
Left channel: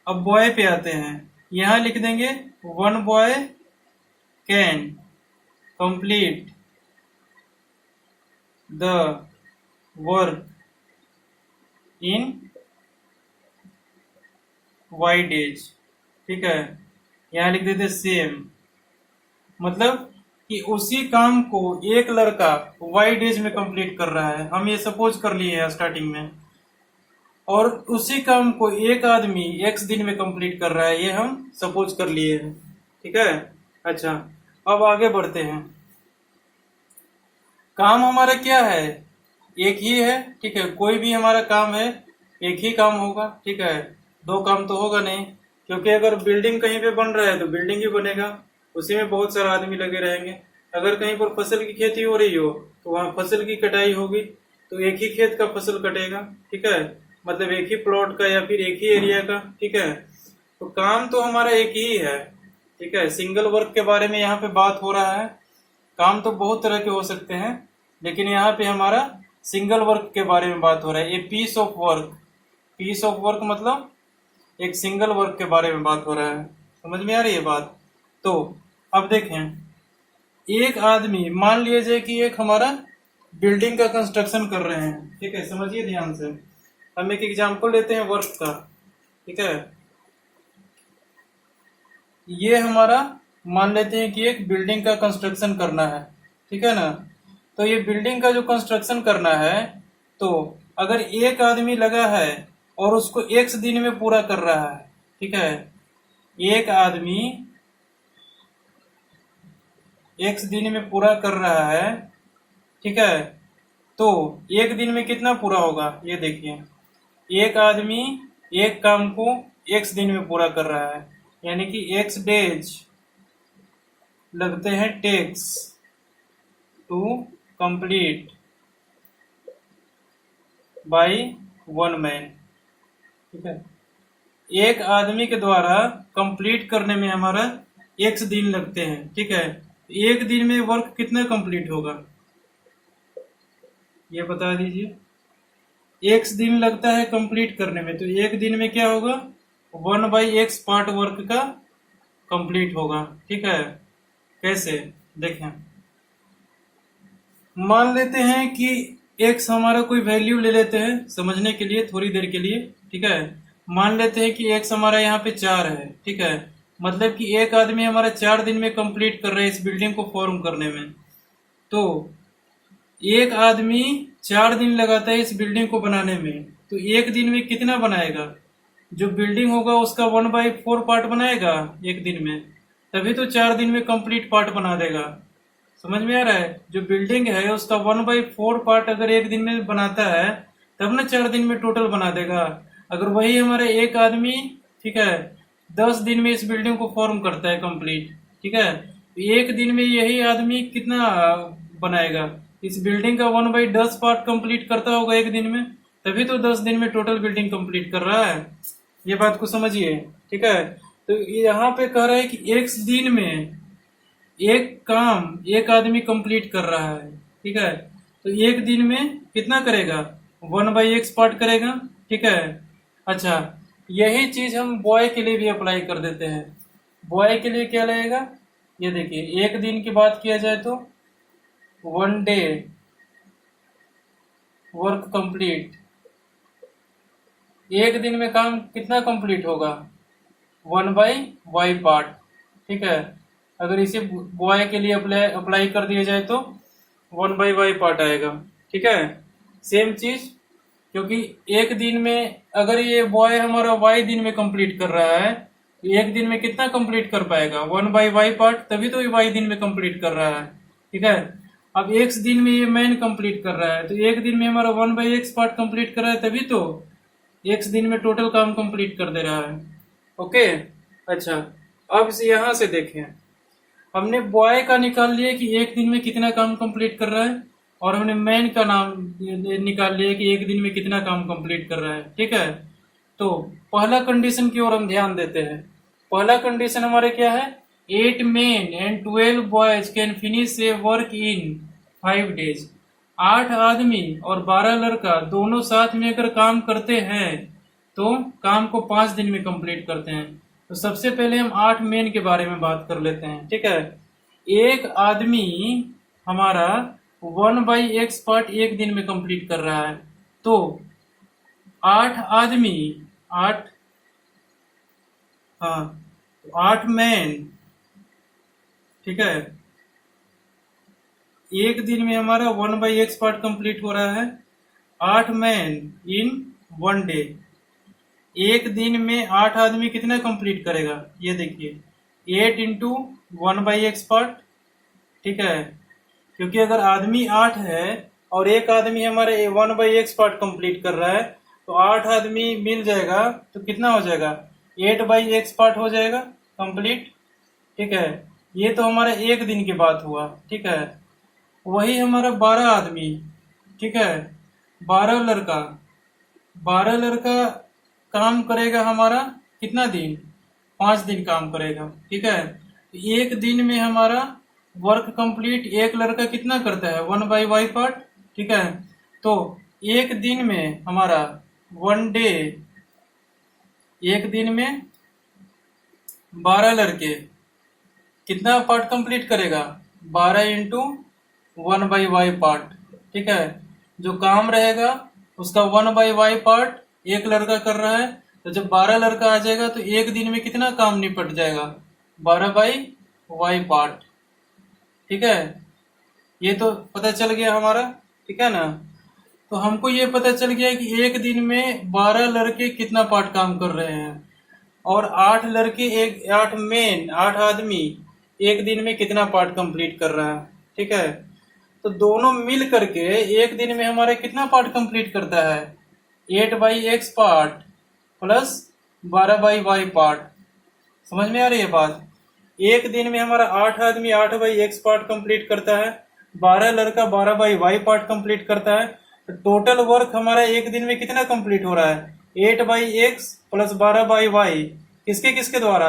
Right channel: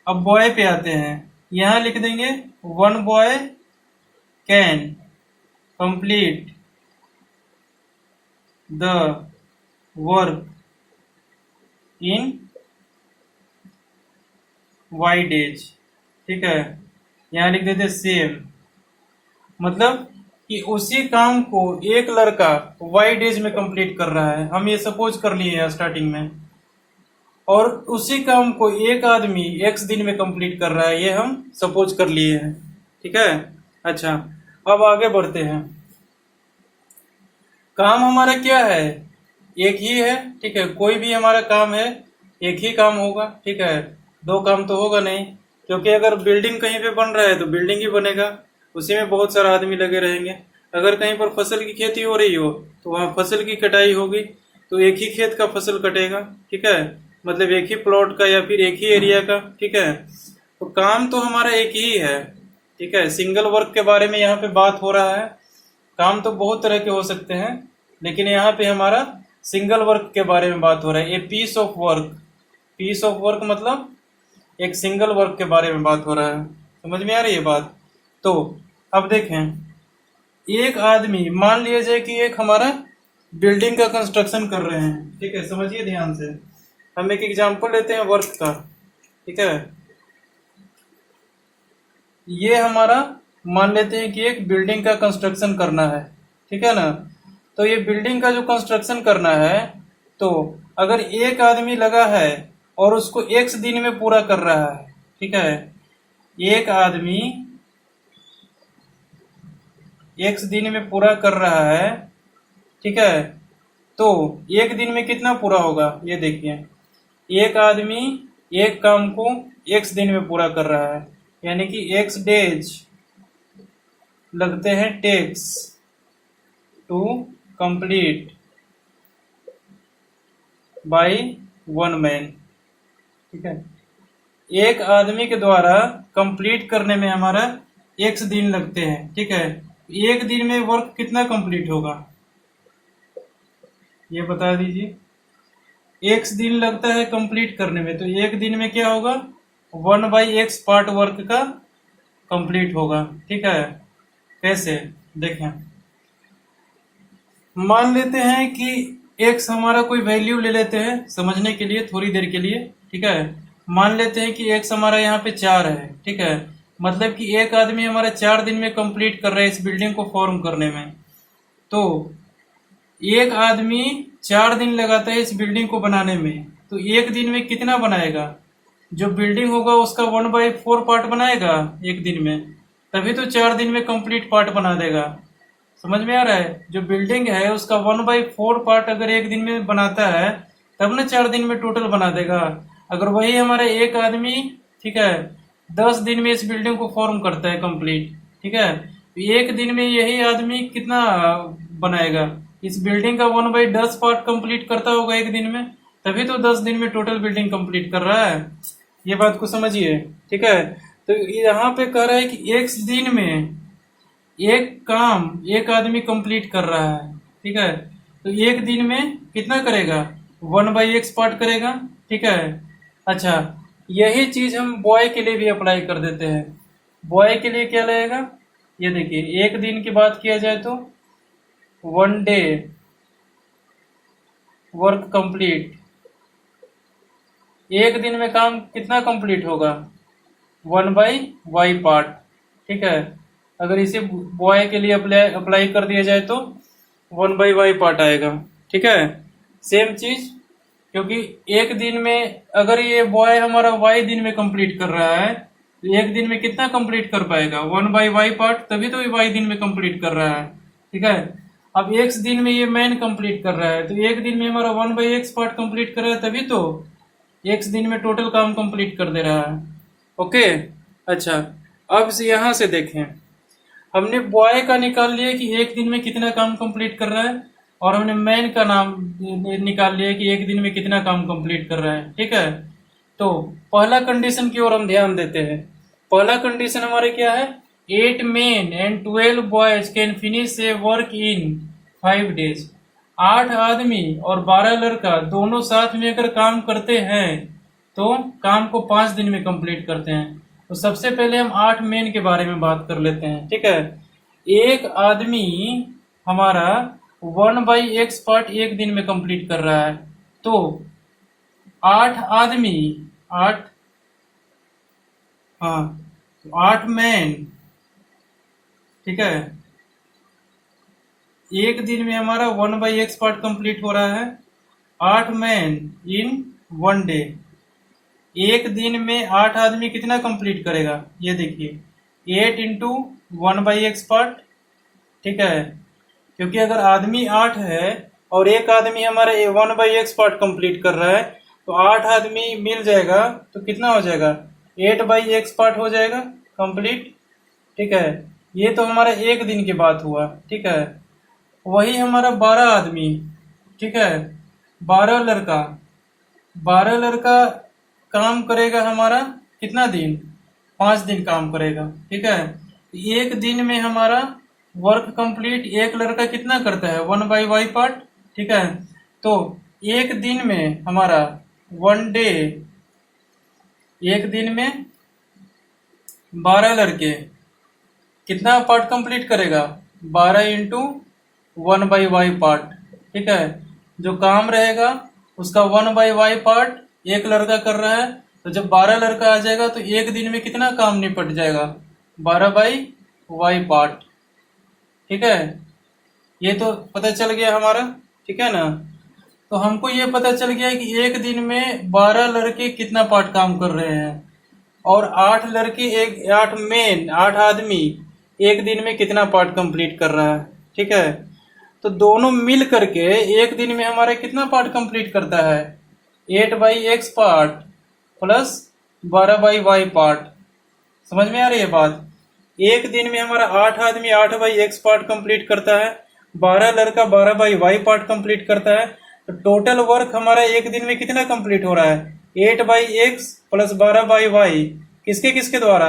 अब बॉय पे आते हैं, यहां लिख देंगे 1 boy can complete the work in y days। ठीक है, यहां लिख देते सेम, मतलब कि उसी काम को एक लड़का y days में कंप्लीट कर रहा है, हम ये सपोज कर लिए हैं स्टार्टिंग में, और उसी काम को एक आदमी x दिन में कंप्लीट कर रहा है, ये हम सपोज कर लिए हैं। ठीक है, अच्छा, अब आगे बढ़ते हैं। काम हमारा क्या है, एक ही है। ठीक है, कोई भी हमारा काम है एक ही काम होगा। ठीक है, दो काम तो होगा नहीं, क्योंकि अगर बिल्डिंग कहीं पे बन रहा है तो बिल्डिंग ही बनेगा, उसी में बहुत सारे आदमी लगे रहेंगे। अगर कहीं पर फसल की खेती हो रही हो तो वहाँ फसल की कटाई होगी, तो एक ही खेत का फसल कटेगा। ठीक है, मतलब एक ही प्लॉट का या फिर एक ही एरिया का। ठीक है, तो काम तो हमारा एक ही है। ठीक है, सिंगल वर्क के बारे में यहाँ पे बात हो रहा है। काम तो बहुत तरह के हो सकते हैं, लेकिन यहाँ पे हमारा सिंगल वर्क के बारे में बात हो रहा है। ए पीस ऑफ वर्क मतलब एक सिंगल वर्क के बारे में बात हो रहा है। समझ में आ रही है बात। तो अब देखें, एक आदमी, मान लिया जाए कि एक हमारा बिल्डिंग का कंस्ट्रक्शन कर रहे हैं। ठीक है, समझिए ध्यान से, हम एक एग्जांपल लेते हैं वर्क का। ठीक है, ये हमारा मान लेते हैं कि एक बिल्डिंग का कंस्ट्रक्शन करना है। ठीक है ना, तो ये बिल्डिंग का जो कंस्ट्रक्शन करना है, तो अगर एक आदमी लगा है और उसको x दिन में पूरा कर रहा है। ठीक है, एक आदमी x दिन में पूरा कर रहा है। ठीक है, तो एक दिन में कितना पूरा होगा ये देखिए, एक आदमी एक काम को x दिन में पूरा कर रहा है, यानी कि x days लगते हैं takes to complete by 1 man। ठीक है, एक आदमी के द्वारा कंप्लीट करने में हमारा x दिन लगते हैं। ठीक है, एक दिन में वर्क कितना कंप्लीट होगा ये बता दीजिए। x दिन लगता है कंप्लीट करने में, तो एक दिन में क्या होगा, 1/x पार्ट वर्क का कंप्लीट होगा। ठीक है, कैसे देखें, मान लेते हैं कि x हमारा कोई वैल्यू ले लेते हैं समझने के लिए, थोड़ी देर के लिए। ठीक है, मान लेते हैं कि x हमारा यहाँ पे 4 है। ठीक है, मतलब कि एक आदमी हमारा 4 दिन में कंप्लीट कर रहा है इस बिल्डिंग को फॉर्म करने में। तो एक आदमी 4 दिन लगाता है इस बिल्डिंग को बनाने में, तो एक दिन में कितना बनाएगा? जो बिल्डिंग होगा उसका 1/4 पार्ट बनाएगा एक दिन में, तभी तो 4 दिन में कंप्लीट पार्ट बना देगा। समझ में आ रहा है? जो बिल्डिंग है उसका 1/4 पार्ट अगर एक दिन में बनाता है तब ना 4 दिन में टोटल बना देगा। अगर वही हमारे एक आदमी, ठीक है, 10 दिन में इस बिल्डिंग को फॉर्म करता है कंप्लीट, ठीक है, तो एक दिन में यही आदमी कितना बनाएगा? इस बिल्डिंग का 1/10 पार्ट कंप्लीट करता होगा एक दिन में, तभी तो 10 दिन में टोटल बिल्डिंग कंप्लीट कर रहा है। ये बात को समझिए, ठीक है। तो यहाँ पे कह रहा है कि एक दिन में एक काम एक आदमी कंप्लीट कर रहा है, ठीक है, तो एक दिन में कितना करेगा? 1/x पार्ट करेगा, ठीक है। अच्छा, यही चीज हम बॉय के लिए भी अप्लाई कर देते हैं। बॉय के लिए क्या लगेगा? ये देखिए, एक दिन की बात किया जाए तो 1 डे वर्क कंप्लीट, एक दिन में काम कितना कंप्लीट होगा? 1/y पार्ट, ठीक है। अगर इसे बॉय के लिए अप्लाई कर दिया जाए तो 1/y पार्ट आएगा, ठीक है। सेम चीज, क्योंकि एक दिन में अगर ये बॉय हमारा y दिन में कंप्लीट कर रहा है तो एक दिन में कितना कंप्लीट कर पाएगा? 1/y पार्ट, तभी तो y दिन में कंप्लीट कर रहा है, ठीक है। अब x दिन में ये मैन कंप्लीट कर रहा है तो एक दिन में हमारा 1/x पार्ट कंप्लीट कर रहा है, तभी तो x दिन में टोटल काम कंप्लीट कर दे रहा है। ओके, अच्छा, अब से यहां से देखें, हमने बॉय का निकाल लिया कि एक दिन में कितना काम कंप्लीट कर रहा है, और हमने मैन का नाम निकाल लिया कि एक दिन में कितना काम कंप्लीट कर रहा है, ठीक है। तो पहला कंडीशन की ओर हम ध्यान देते हैं। पहला कंडीशन हमारे क्या है? 8 men and 12 boys can finish A work in 5 days। 8 आदमी और 12 लड़का दोनों साथ में अगर काम करते हैं तो काम को 5 दिन में कंप्लीट करते हैं। तो सबसे पहले हम 8 मेन के बारे में बात कर लेते हैं, ठीक है। एक आदमी हमारा 1/x पार्ट एक दिन में कंप्लीट कर रहा है, तो 8 आदमी, 8, हाँ, तो 8 मैन, ठीक है, एक दिन में हमारा 1/x पार्ट कंप्लीट हो रहा है। 8 मैन इन 1 डे, एक दिन में 8 आदमी कितना कंप्लीट करेगा? ये देखिए, 8 इंटू 1/x पार्ट, ठीक है, क्योंकि अगर आदमी 8 है और एक आदमी हमारे 1/x पार्ट कंप्लीट कर रहा है तो 8 आदमी मिल जाएगा तो कितना हो जाएगा? 8/x पार्ट हो जाएगा कंप्लीट, ठीक है। ये तो हमारा एक दिन की बात हुआ, ठीक है। वही हमारा 12 आदमी, ठीक है, 12 लड़का, 12 लड़का काम करेगा हमारा कितना दिन? 5 दिन काम करेगा, ठीक है। एक दिन में हमारा वर्क कंप्लीट एक लड़का कितना करता है? 1/y पार्ट, ठीक है। तो एक दिन में हमारा 1 डे, एक दिन में 12 लड़के कितना पार्ट कंप्लीट करेगा? 12 इंटू 1/y पार्ट, ठीक है। जो काम रहेगा उसका 1/y पार्ट एक लड़का कर रहा है, तो जब 12 लड़का आ जाएगा तो एक दिन में कितना काम निपट जाएगा? 12/y पार्ट, ठीक है। ये तो पता चल गया हमारा, ठीक है ना। तो हमको ये पता चल गया कि एक दिन में 12 लड़के कितना पार्ट काम कर रहे हैं, और 8 लड़के, 8 मेन, 8 आदमी एक दिन में कितना पार्ट कंप्लीट कर रहा है, ठीक है। तो दोनों मिल करके एक दिन में हमारे कितना पार्ट कंप्लीट करता है? 8/x part plus 12/y part. समझ में आ रही है बात? एक दिन में हमारा 8 आदमी 8/x पार्ट कंप्लीट करता है, 12 लड़का 12/y पार्ट कंप्लीट करता है। तो टोटल वर्क हमारा एक दिन में कितना कंप्लीट हो रहा है? 8/x plus 12/y। किसके किसके द्वारा?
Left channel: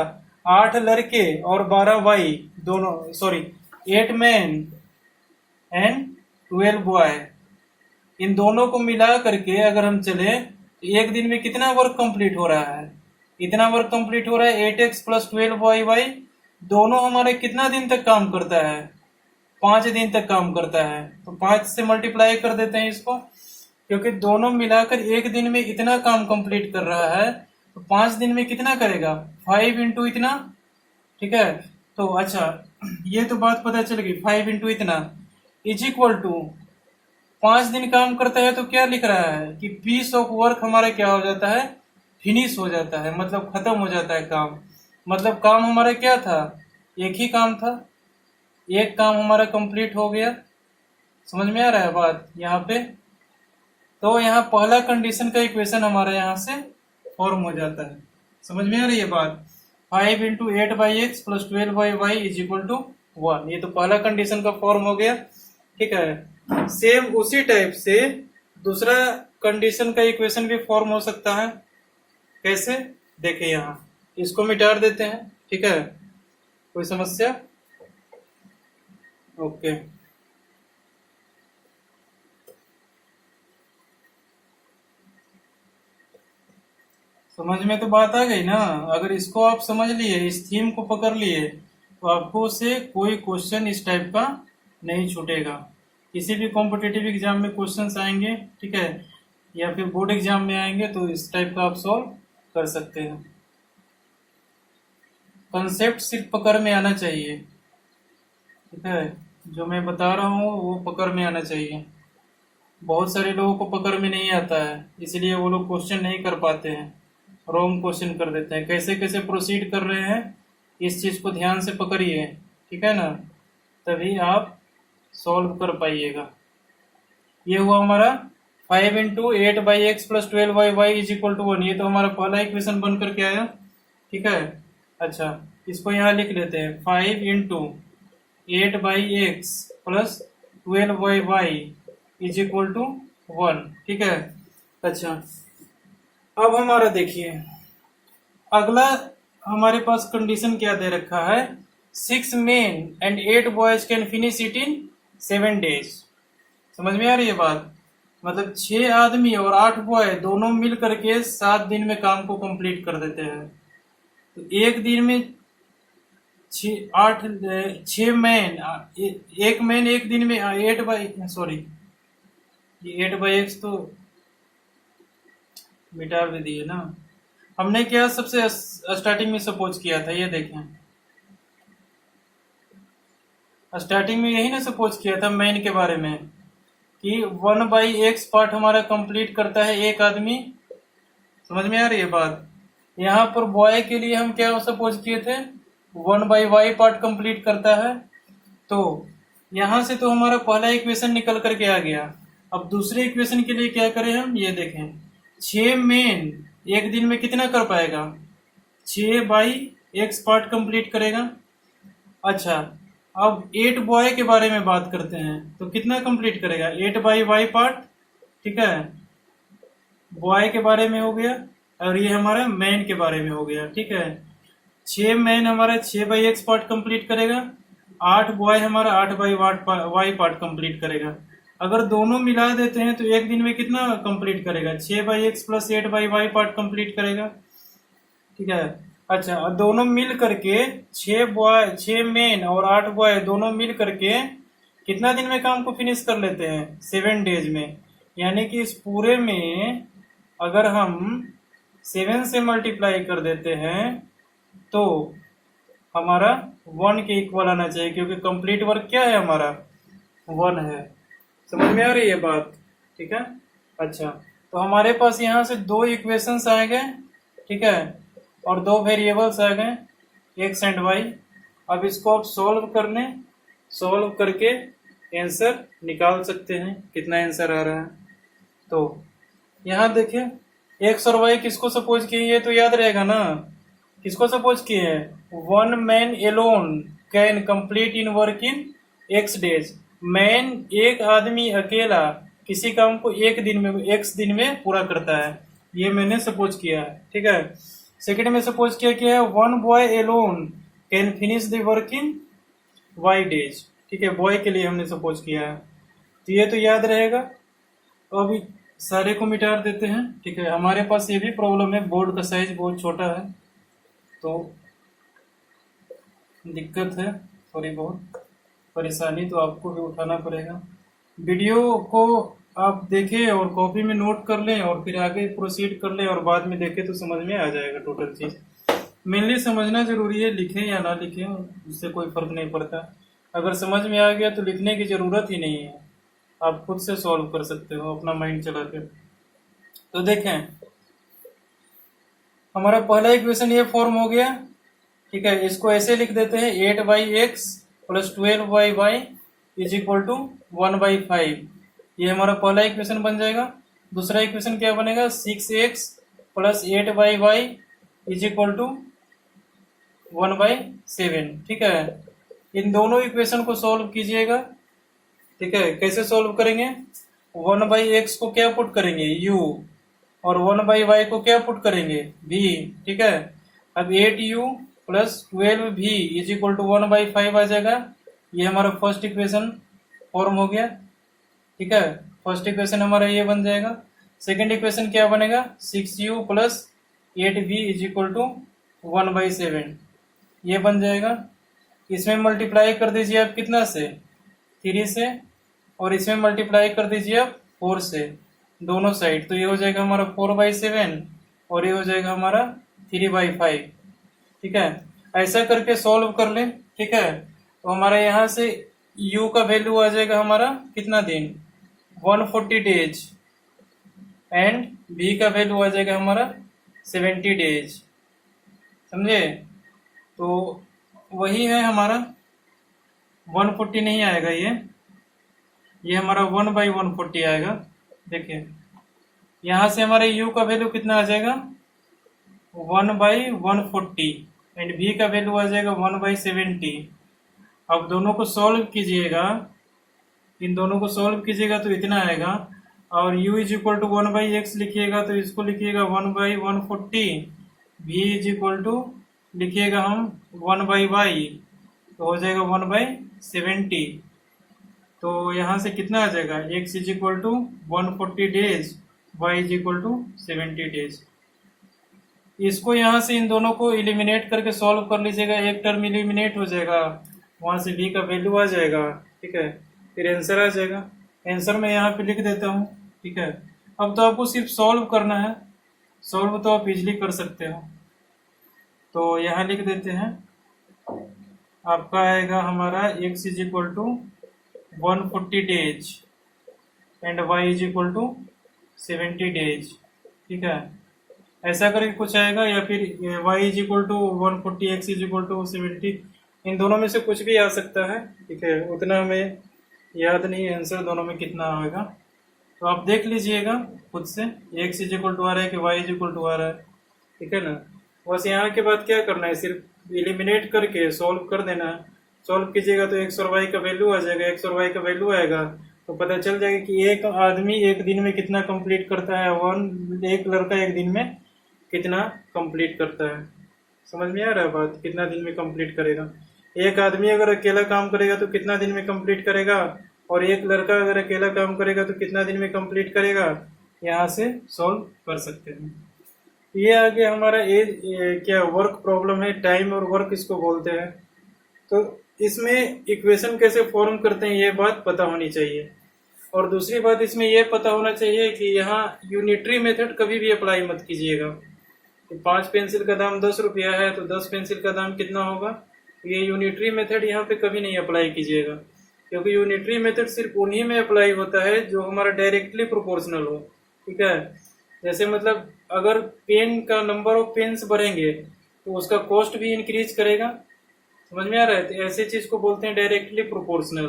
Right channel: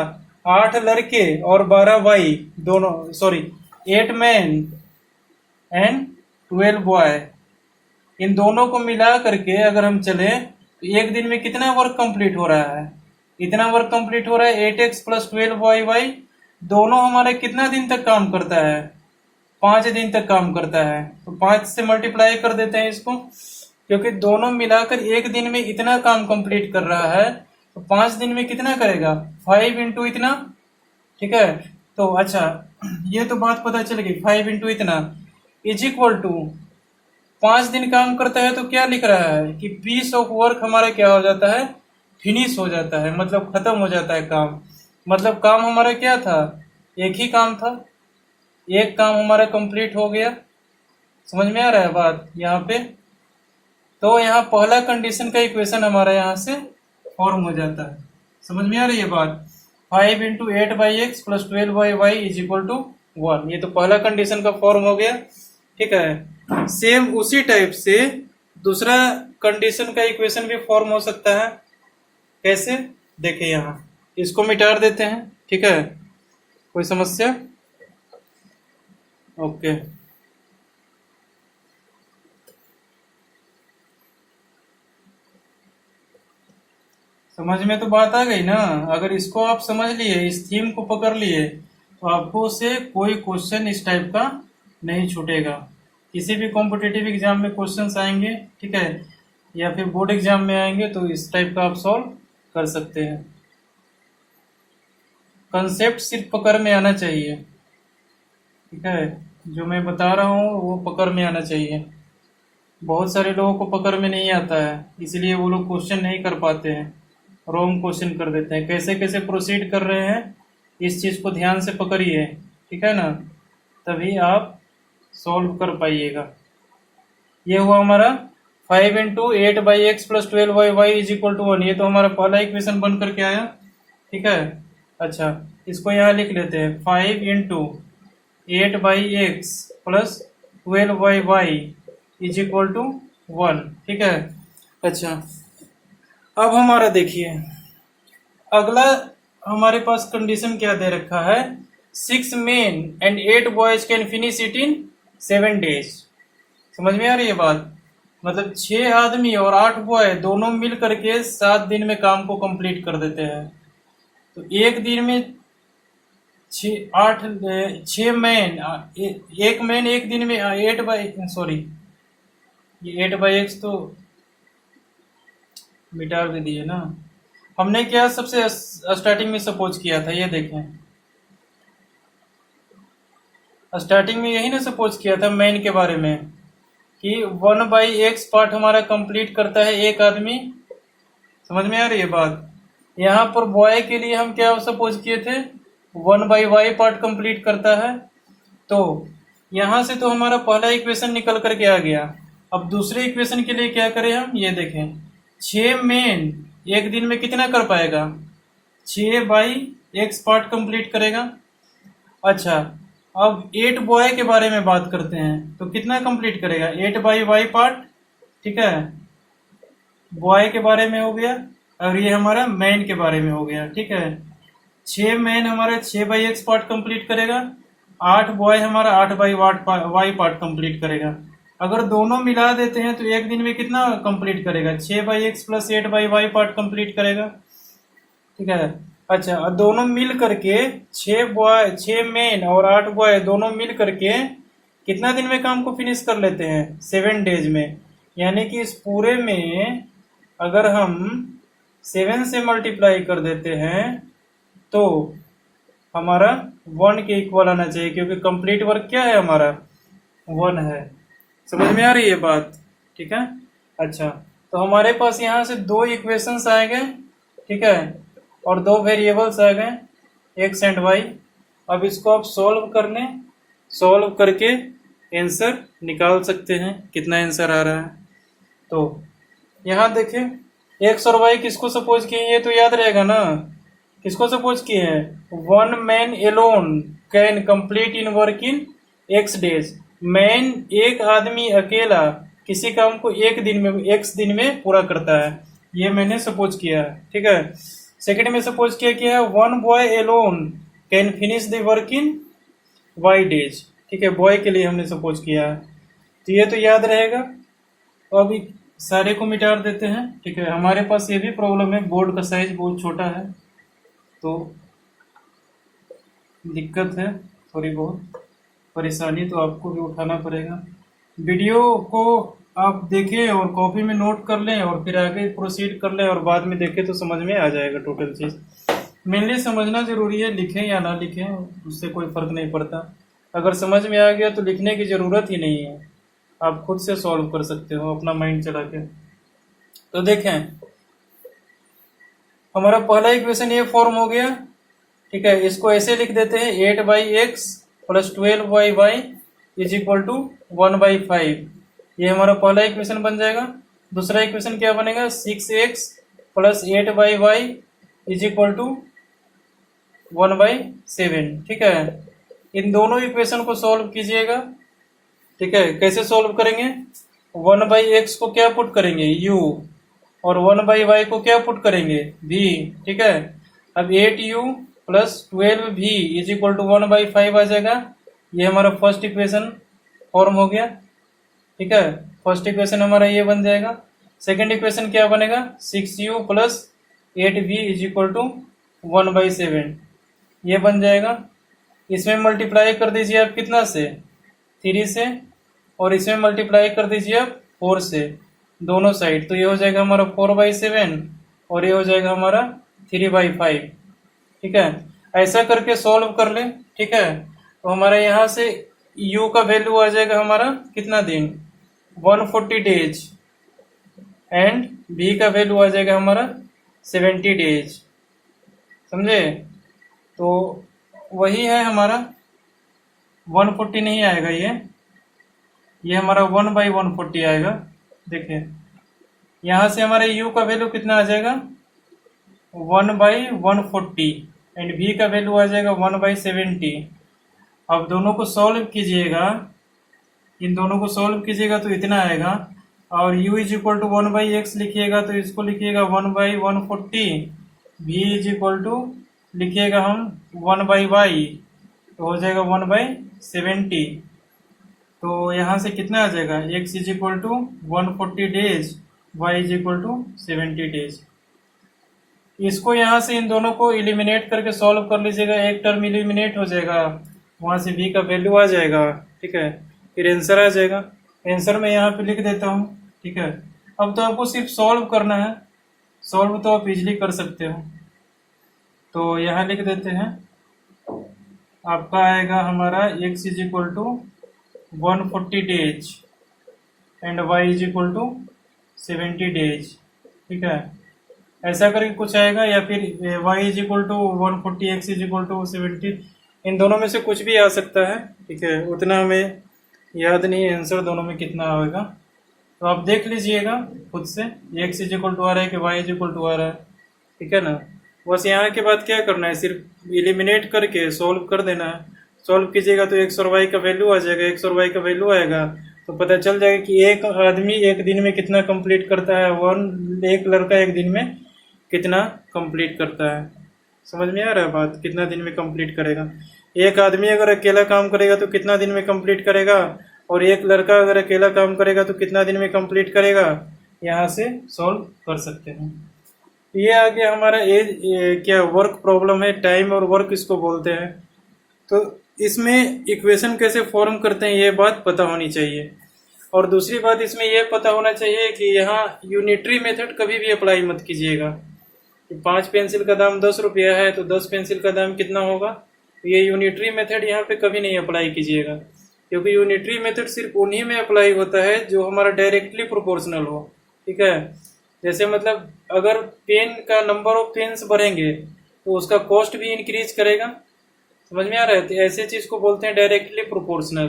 8 लड़के और 12y दोनों, सॉरी, 8 मैन एंड 12 बॉय, इन दोनों को मिला करके अगर हम चले तो एक दिन में कितना वर्क कंप्लीट हो रहा है? इतना वर्क कंप्लीट हो रहा है। 8x प्लस 12y दोनों हमारे कितना दिन तक काम करता है? 5 दिन तक काम करता है। तो 5 से मल्टीप्लाई कर देते हैं इसको, क्योंकि दोनों मिलाकर एक दिन में इतना काम कंप्लीट कर रहा है, तो 5 दिन में कितना करेगा? 5 इंटू इतना ठीक है। तो अच्छा, ये तो बात पता चल गई। 5 इंटू इतना इज इक्वल टू 5 दिन काम करता है, तो क्या लिख रहा है कि पीस ऑफ वर्क हमारा क्या हो जाता है, फिनिश हो जाता है, मतलब खत्म हो जाता है काम। मतलब काम हमारा क्या था, एक ही काम था, एक काम हमारा कंप्लीट हो गया। समझ में आ रहा है बात यहाँ पे। तो यहाँ पहला कंडीशन का इक्वेशन हमारा यहाँ से फॉर्म हो जाता है। समझ में आ रही है बात। 5 into 8/x plus 12/y is equal to 1, ये तो पहला कंडीशन का फॉर्म हो गया। ठीक है, सेम उसी टाइप से दूसरा कंडीशन का इक्वेशन भी फॉर्म हो सकता है। कैसे, देखिए यहाँ इसको मिटा देते हैं। ठीक है, कोई समस्या? ओके, समझ में तो बात आ गई ना। अगर इसको आप समझ लिए, इस थीम को पकड़ लिए, तो आपको से कोई क्वेश्चन इस टाइप का नहीं छूटेगा। किसी भी कॉम्पिटिटिव एग्जाम में क्वेश्चंस आएंगे, ठीक है, या फिर बोर्ड एग्जाम में आएंगे, तो इस टाइप का आप सॉल्व कर सकते हैं। कंसेप्ट सिर्फ पकड़ में आना चाहिए। ठीक है, जो मैं बता रहा हूँ वो पकड़ में आना चाहिए। बहुत सारे लोगों को पकड़ में नहीं आता है, इसलिए वो लोग क्वेश्चन नहीं कर पाते हैं, रॉन्ग क्वेश्चन कर देते हैं। कैसे कैसे प्रोसीड कर रहे हैं, इस चीज को ध्यान से पकड़िए। ठीक है ना, तभी आप सॉल्व कर पाइएगा। ये हुआ हमारा 5 into 8/x plus 12/y is equal to 1, ये तो हमारा पहला इक्वेशन बन करके आया। ठीक है, अच्छा इसको यहाँ लिख लेते हैं। 5 into 8/x plus 12/y is equal to 1। ठीक है, अच्छा अब हमारा देखिए अगला हमारे पास कंडीशन क्या दे रखा है, 6 men and 8 boys can finish it in 7 days। समझ में आ रही है बात। मतलब 6 आदमी और 8 बॉय दोनों मिल करके 7 दिन में काम को कंप्लीट कर देते हैं। तो एक दिन में 6 मैन, एक मैन एक दिन में 8/x तो मिटा भी दिए ना। हमने क्या सबसे स्टार्टिंग में सपोज किया था, ये देखें, स्टार्टिंग में यही ना सपोज किया था मैन के बारे में, कि 1/x पार्ट हमारा कंप्लीट करता है एक आदमी। समझ में आ रही है बात। यहाँ पर बॉय के लिए हम क्या सपोज किए थे, 1/y पार्ट कंप्लीट करता है। तो यहाँ से तो हमारा पहला इक्वेशन निकल करके आ गया। अब दूसरे इक्वेशन के लिए क्या करें हम, ये देखें, 6 मेन एक दिन में कितना कर पाएगा, 6/x पार्ट कंप्लीट करेगा। अच्छा अब 8 बॉय के बारे में बात करते हैं, तो कितना कंप्लीट करेगा, 8/y पार्ट। ठीक है, बॉय के बारे में हो गया, और ये हमारा मैन के बारे में हो गया। ठीक है, 6 मैन हमारा 6/x पार्ट कंप्लीट करेगा, 8 बॉय हमारा 8/y पार्ट कंप्लीट करेगा। अगर दोनों मिला देते हैं तो एक दिन में कितना कंप्लीट करेगा, 6/x plus 8/y part complete करेगा। ठीक है, अच्छा दोनों मिल करके 6 मेन और 8 बॉय दोनों मिल करके कितना दिन में काम को फिनिश कर लेते हैं, 7 डेज में। यानी कि इस पूरे में अगर हम 7 से मल्टीप्लाई कर देते हैं तो हमारा 1 के इक्वल आना चाहिए, क्योंकि कंप्लीट वर्क क्या है हमारा, 1 है। समझ में आ रही है बात। ठीक है, अच्छा तो हमारे पास यहाँ से 2 इक्वेशंस आ गए। ठीक है, और 2 वेरिएबल्स आ गए, x एंड y। अब इसको आप सॉल्व कर लें, सॉल्व करके आंसर निकाल सकते हैं, कितना आंसर आ रहा है। तो यहाँ देखिए x और y किसको सपोज किए, ये तो याद रहेगा ना, किसको सपोज किए हैं, 1 man alone can complete in work in x days. Man एक आदमी अकेला किसी काम को एक दिन में, x दिन में पूरा करता है, ये मैंने सपोज किया है। ठीक है, सेकंड में सपोज किया कि 1 boy alone can finish the work in y days. ठीक है, बॉय के लिए हमने सपोज किया है, तो ये तो याद रहेगा। तो अभी सारे को मिटा देते हैं। ठीक है, हमारे पास ये भी प्रॉब्लम है, बोर्ड का साइज बहुत छोटा है, तो दिक्कत है, थोड़ी बहुत परेशानी तो आपको भी उठाना पड़ेगा। वीडियो को आप देखें और कॉपी में नोट कर लें, और फिर आगे प्रोसीड कर लें, और बाद में देखें तो समझ में आ जाएगा टोटल चीज़। मेनली समझना जरूरी है, लिखें या ना लिखें उससे कोई फर्क नहीं पड़ता। अगर समझ में आ गया तो लिखने की जरूरत ही नहीं है, आप खुद से सॉल्व कर सकते हो अपना माइंड चला के। तो देखें, हमारा पहला इक्वेशन ये फॉर्म हो गया, ठीक है। इसको ऐसे लिख देते हैं 8/x plus 12y is equal to 1/5। ये हमारा पहला इक्वेशन बन जाएगा। दूसरा इक्वेशन क्या बनेगा, 6x plus 8y is equal to 1/7, ठीक है। इन दोनों इक्वेशन को सॉल्व कीजिएगा, ठीक है। कैसे सॉल्व करेंगे, 1/x को क्या पुट करेंगे, u, और 1/y को क्या पुट करेंगे, v, ठीक है। अब 8u plus 12v is equal to 1/5 आ जाएगा। ये हमारा फर्स्ट इक्वेशन फॉर्म हो गया, ठीक है। फर्स्ट इक्वेशन हमारा ये बन जाएगा। सेकंड इक्वेशन क्या बनेगा, 6u plus 8v is equal to 1/7, ये बन जाएगा। इसमें मल्टीप्लाई कर दीजिए आप कितना से, 3 से, और इसमें मल्टीप्लाई कर दीजिए आप 4 से, दोनों साइड। तो ये हो जाएगा हमारा 4/7 और ये हो जाएगा हमारा 3/5, ठीक है। ऐसा करके सॉल्व कर लें, ठीक है। तो हमारे यहाँ से u का वैल्यू आ जाएगा हमारा कितना दिन, 140 डेज, एंड v का वैल्यू आ जाएगा हमारा 70 डेज, समझे। तो वही है हमारा 140 नहीं आएगा, ये हमारा 1/140 आएगा। देखिए यहां से हमारे u का वैल्यू कितना आ जाएगा, 1/140, एंड v का वैल्यू आ जाएगा 1/70। अब दोनों को सॉल्व कीजिएगा, इन दोनों को सॉल्व कीजिएगा तो इतना आएगा, और u is equal to 1/x लिखिएगा तो इसको लिखिएगा 1/140, v इज इक्वल टू लिखिएगा हम 1/y, तो हो जाएगा 1/70। तो यहाँ से कितना आ जाएगा, x is equal to 140 days, y is equal to 70 days. इसको यहाँ से इन दोनों को इलिमिनेट करके सॉल्व कर लीजिएगा, एक टर्म इलिमिनेट हो जाएगा, वहां से v का वैल्यू आ जाएगा, ठीक है। फिर आंसर आ जाएगा। आंसर मैं यहाँ पे लिख देता हूँ, ठीक है। अब तो आपको सिर्फ सॉल्व करना है, सॉल्व तो आप इजिली कर सकते हो। तो यहाँ लिख देते हैं, आपका आएगा हमारा x is equal to 140 days and y is equal to 70 days, ठीक है। ऐसा करके कुछ आएगा, या फिर y is equal to 140, x is equal to 70, इन दोनों में से कुछ भी आ सकता है, ठीक है। उतना हमें याद नहीं है आंसर दोनों में कितना आएगा, तो आप देख लीजिएगा खुद से, x इज इक्वल टू आ रहा है कि y इज इक्वल टू आ रहा है, ठीक है ना। बस यहाँ के बाद क्या करना है, सिर्फ इलिमिनेट करके सॉल्व कर देना है। सॉल्व कीजिएगा तो x और y का वैल्यू आ जाएगा, x और y का वैल्यू आएगा तो पता चल जाएगा कि एक आदमी एक दिन में कितना कंप्लीट करता है, एक लड़का एक दिन में कितना कंप्लीट करता है। समझ में आ रहा है बात, कितना दिन में कंप्लीट करेगा। एक आदमी अगर अकेला काम करेगा तो कितना दिन में कंप्लीट करेगा, और एक लड़का अगर अकेला काम करेगा तो कितना दिन में कंप्लीट करेगा, यहाँ से सॉल्व कर सकते हैं। ये आ गया हमारा क्या वर्क प्रॉब्लम है, टाइम और वर्क इसको बोलते हैं। तो इसमें इक्वेशन कैसे फॉर्म करते हैं ये बात पता होनी चाहिए। और दूसरी बात इसमें ये पता होना चाहिए कि यहाँ यूनिटरी मेथड कभी भी अप्लाई मत कीजिएगा। 5 पेंसिल का दाम 10 रुपया है तो 10 पेंसिल का दाम कितना होगा, ये यूनिटरी मेथड यहाँ पे कभी नहीं अप्लाई कीजिएगा, क्योंकि यूनिटरी मेथड सिर्फ उन्हीं में अप्लाई होता है जो हमारा डायरेक्टली प्रोपोर्शनल हो, ठीक है। जैसे मतलब अगर पेन का नंबर ऑफ पेन्स बढ़ेंगे तो उसका कॉस्ट भी इंक्रीज करेगा, समझ में आ रहा है। तो ऐसे चीज को बोलते हैं डायरेक्टली प्रोपोर्शनल।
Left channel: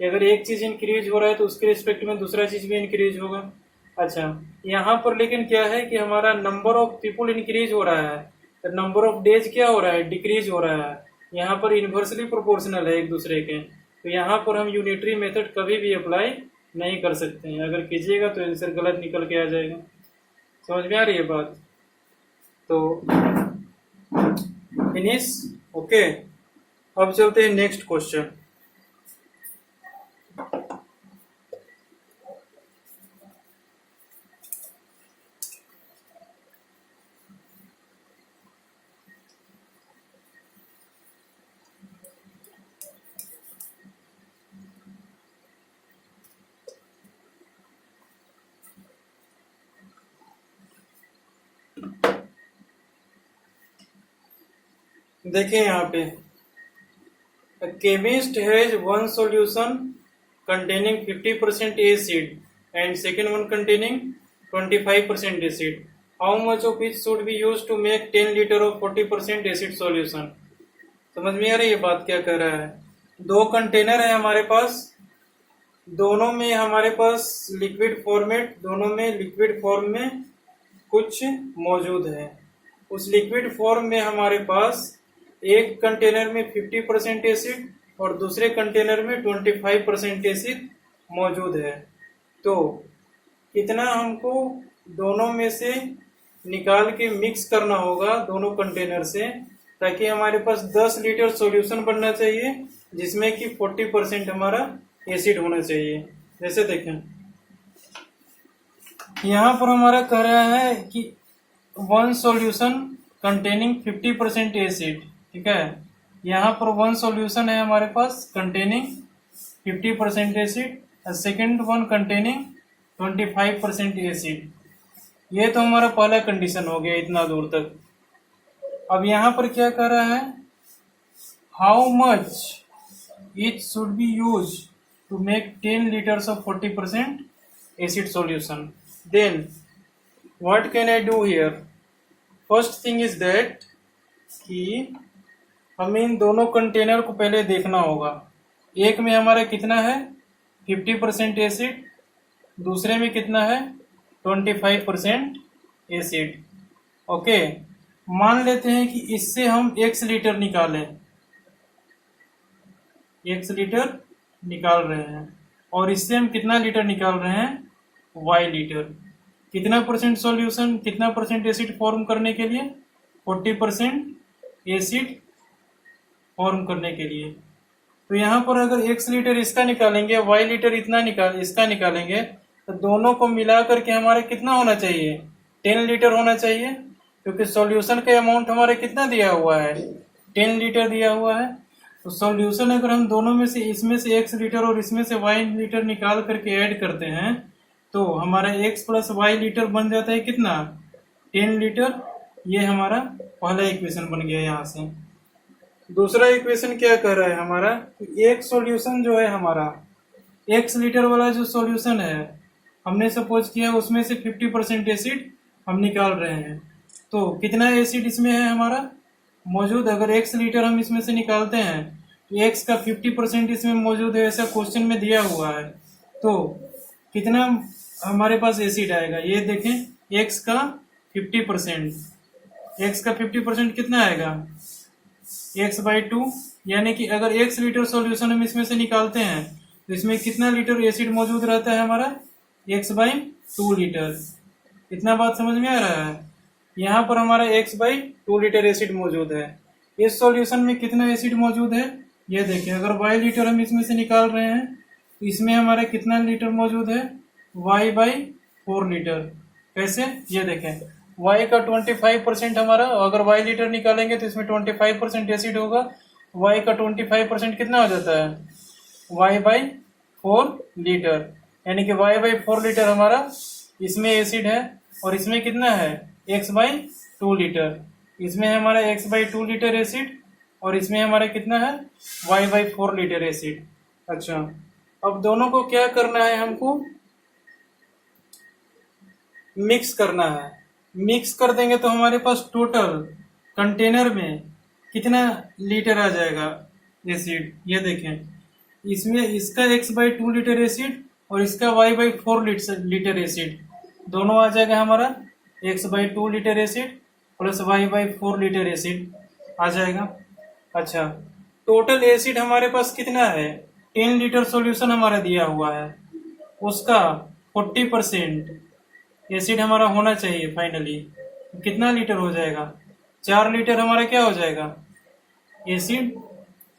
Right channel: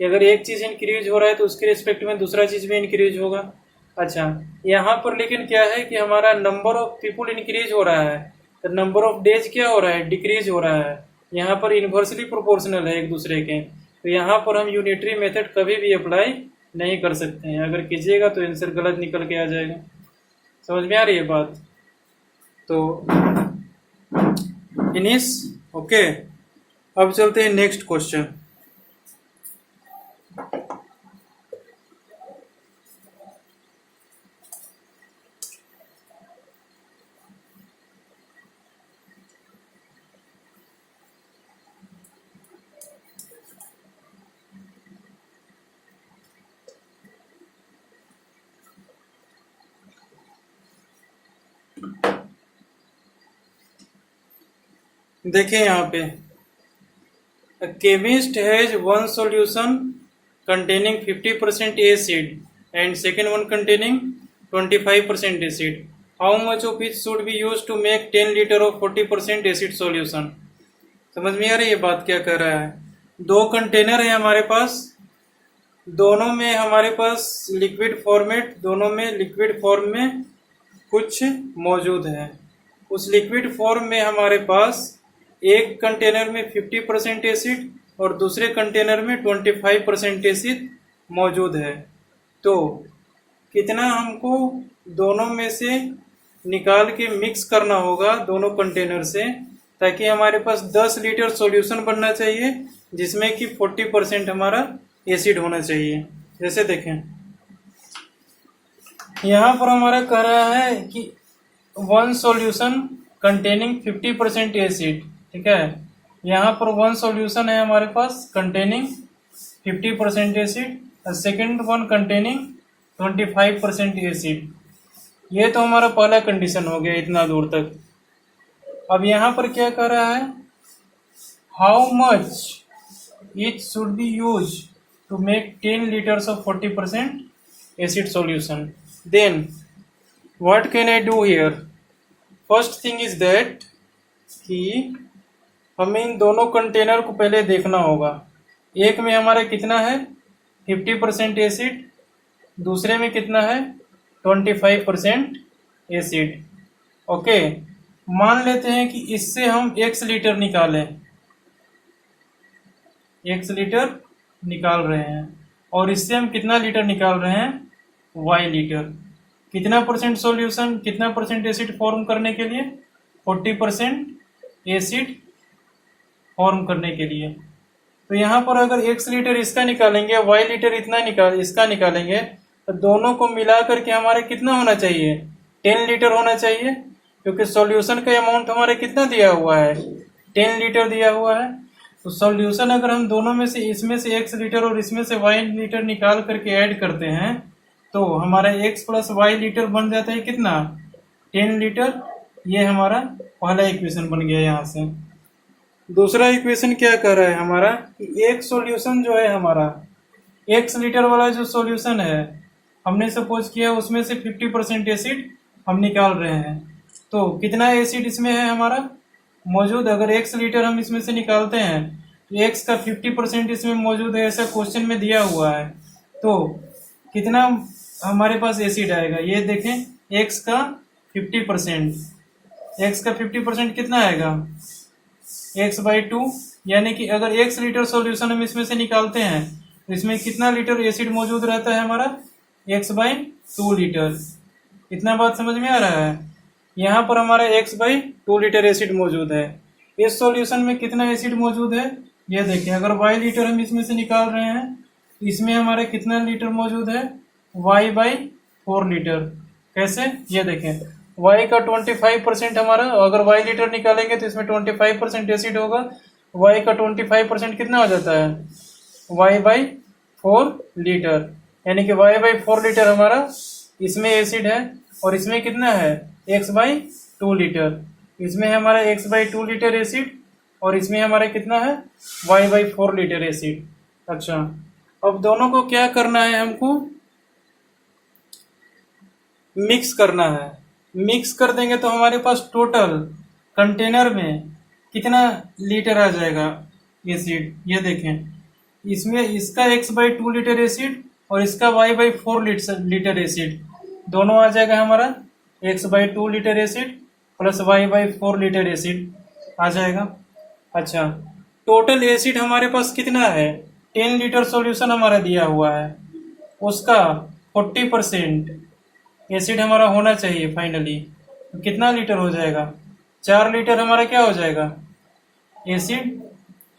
अगर एक चीज इंक्रीज हो रहा है तो उसके रिस्पेक्ट में दूसरा चीज भी इंक्रीज होगा। अच्छा, यहाँ पर लेकिन क्या है कि हमारा नंबर ऑफ पीपुल इंक्रीज हो रहा है, तो नंबर ऑफ डेज क्या हो रहा है, डिक्रीज हो रहा है। यहाँ पर इन्वर्सली प्रोपोर्शनल है एक दूसरे के, तो यहाँ पर हम यूनिटरी मेथड कभी भी अप्लाई नहीं कर सकते हैं। अगर कीजिएगा तो आंसर गलत निकल के आ जाएगा। समझ में आ रही है बात। तो फिनिश, ओके। अब चलते हैं नेक्स्ट क्वेश्चन। देखें यहाँ पे, chemist has one solution containing 50% acid and second one containing 25% acid. How much of it should be used to make 10 liter of 40% acid solution? समझ में आ रही है बात क्या कर रहा है? दो कंटेनर है हमारे पास, दोनों में हमारे पास लिक्विड फॉर्मेट, दोनों में लिक्विड फॉर्म में कुछ मौजूद है। उस लिक्विड फॉर्म में हमारे पास एक कंटेनर में 50% एसिड और दूसरे कंटेनर में 25% एसिड मौजूद है। तो कितना हमको दोनों में से निकाल के मिक्स करना होगा दोनों कंटेनर से, ताकि हमारे पास 10 लीटर सॉल्यूशन बनना चाहिए जिसमें कि 40% हमारा एसिड होना चाहिए। जैसे देखें यहाँ पर हमारा कह रहा है कि वन सॉल्यूशन कंटेनिंग 50% एसिड, ठीक है। यहाँ पर वन सॉल्यूशन है हमारे पास कंटेनिंग 50% एसिड और सेकेंड वन कंटेनिंग 25% एसिड। ये तो हमारा पहला कंडीशन हो गया इतना दूर तक। अब यहाँ पर क्या कह रहा है, how much it should be use to make 10 litres of 40% acid solution. Then what can I do here? First thing is that कि हमें इन दोनों कंटेनर को पहले देखना होगा। एक में हमारा कितना है 50% एसिड, दूसरे में कितना है 25% एसिड। ओके, मान लेते हैं कि इससे हम x लीटर निकालें, x लीटर निकाल रहे हैं और इससे हम कितना लीटर निकाल रहे हैं y लीटर। कितना परसेंट सॉल्यूशन, कितना परसेंट एसिड फॉर्म करने के लिए? 40% एसिड फॉर्म करने के लिए। तो यहाँ पर अगर x लीटर इसका निकालेंगे, y लीटर इसका निकालेंगे, तो दोनों को मिला करके हमारे कितना होना चाहिए? 10 लीटर होना चाहिए, क्योंकि सॉल्यूशन का अमाउंट हमारे कितना दिया हुआ है? 10 लीटर दिया हुआ है। तो सॉल्यूशन अगर हम दोनों में से, इसमें से x लीटर और इसमें से y लीटर निकाल करके ऐड करते हैं तो हमारा x प्लस y लीटर बन जाता है कितना? 10 लीटर। ये हमारा पहला इक्वेशन बन गया। यहाँ से दूसरा इक्वेशन क्या कर रहा है हमारा कि एक सॉल्यूशन जो है हमारा x लीटर वाला जो सॉल्यूशन है, हमने सपोज किया उसमें से 50% एसिड हम निकाल रहे हैं। तो कितना एसिड इसमें है हमारा मौजूद? अगर x लीटर हम इसमें से निकालते हैं तो x का 50% इसमें मौजूद है, ऐसा क्वेश्चन में दिया हुआ है। तो कितना हमारे पास एसिड आएगा? ये देखें, x का 50%, x का 50% कितना आएगा? x/2, यानी कि अगर x लीटर सॉल्यूशन हम इसमें से निकालते हैं तो इसमें कितना लीटर एसिड मौजूद रहता है हमारा? x/2 litre. इतना बात समझ में आ रहा है? यहाँ पर हमारा x/2 लीटर एसिड मौजूद है। इस सॉल्यूशन में कितना एसिड मौजूद है ये देखिए। अगर y लीटर हम इसमें से निकाल रहे हैं तो इसमें हमारा कितना लीटर मौजूद है? y/4 litre. कैसे? ये देखें, y का 25% हमारा, अगर y लीटर निकालेंगे तो इसमें 25% एसिड होगा। y का 25% कितना हो जाता है? y/4 लीटर, यानी कि y/4 लीटर हमारा इसमें एसिड है और इसमें कितना है? x/2 litre. इसमें हमारा x/2 लीटर एसिड और इसमें हमारा कितना है? y/4 litre acid. अच्छा, अब दोनों को क्या करना है? हमको मिक्स करना है। मिक्स कर देंगे तो हमारे पास टोटल कंटेनर में कितना लीटर आ जाएगा एसिड? ये देखें, इसमें इसका x/2 लीटर एसिड और इसका y/4 लीटर एसिड, दोनों आ जाएगा हमारा x/2 litre acid plus y/4 litre acid आ जाएगा। अच्छा, टोटल एसिड हमारे पास कितना है? 10 लीटर सॉल्यूशन हमारा दिया हुआ है, उसका 40% एसिड हमारा होना चाहिए फाइनली। तो कितना लीटर हो जाएगा? 4 लीटर हमारा क्या हो जाएगा? एसिड।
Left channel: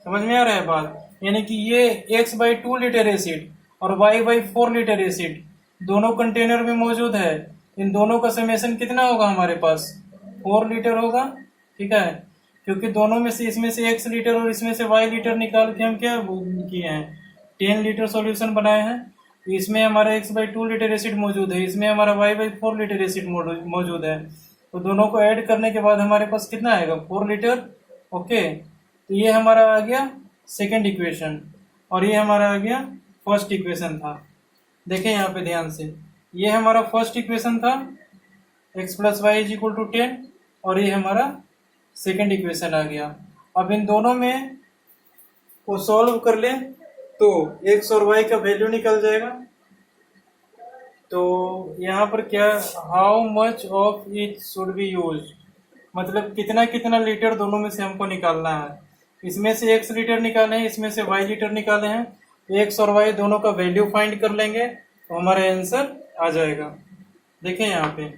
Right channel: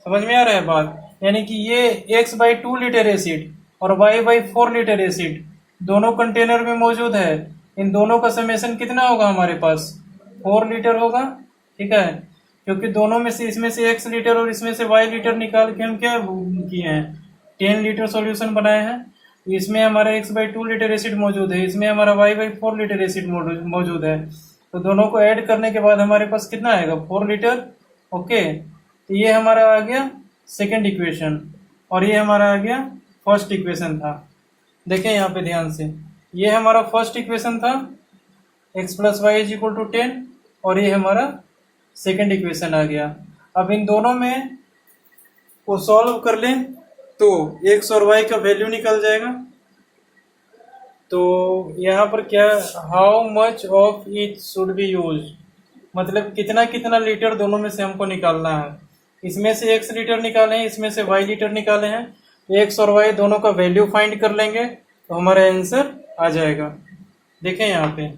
समझ में आ रहा है बात? यानी कि ये x/2 लीटर एसिड और y/4 लीटर एसिड दोनों कंटेनर में मौजूद है। इन दोनों का समेशन कितना होगा हमारे पास? 4 लीटर होगा, ठीक है। क्योंकि दोनों में से, इसमें से x लीटर और इसमें से y लीटर निकाल के हम क्या किए हैं? 10 लीटर सॉल्यूशन बनाए हैं। तो इसमें हमारा x/2 लीटर एसिड मौजूद है, इसमें हमारा y/4 लीटर एसिड मौजूद है। तो दोनों को ऐड करने के बाद हमारे पास कितना आएगा? 4 लीटर ओके, तो ये हमारा आ गया सेकेंड इक्वेशन और ये हमारा आ गया फर्स्ट इक्वेशन था। देखें यहाँ पे ध्यान से, ये हमारा फर्स्ट इक्वेशन था x plus y is equal to 10 और ये हमारा सेकेंड इक्वेशन आ गया। अब इन दोनों में को सॉल्व कर लें तो x और y का वैल्यू निकल जाएगा। तो यहाँ पर क्या, how much of each should be use, मतलब कितना कितना लीटर दोनों में से हमको निकालना है। इसमें से x लीटर निकाले हैं, इसमें से y लीटर निकाले हैं, x और y दोनों का वैल्यू फाइंड कर लेंगे तो हमारा आंसर आ जाएगा। देखें यहाँ पे,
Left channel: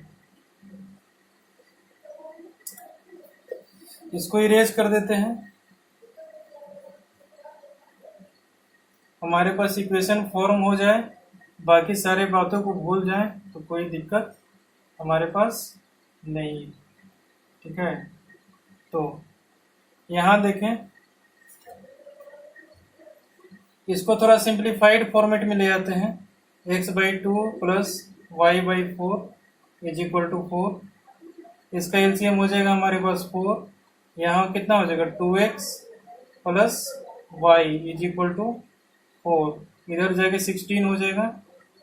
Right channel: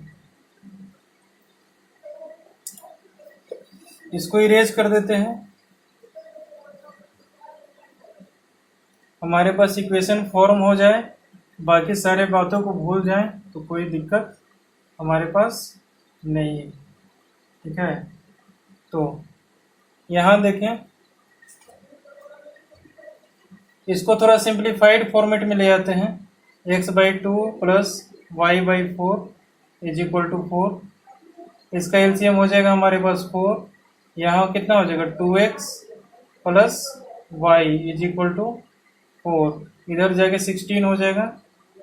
इसको इरेज कर देते हैं, हमारे पास इक्वेशन फॉर्म हो जाए, बाकी सारे बातों को भूल जाएं तो कोई दिक्कत हमारे पास नहीं है। ठीक है, तो यहाँ देखें, इसको थोड़ा सिंप्लीफाइड फॉर्मेट में ले आते हैं। x/2 plus y/4 is equal to 4। इसका एलसीएम हो जाएगा हमारे पास 4। यहाँ कितना हो जाएगा 2x plus y is equal to 4, इधर जाके 16 हो जाएगा,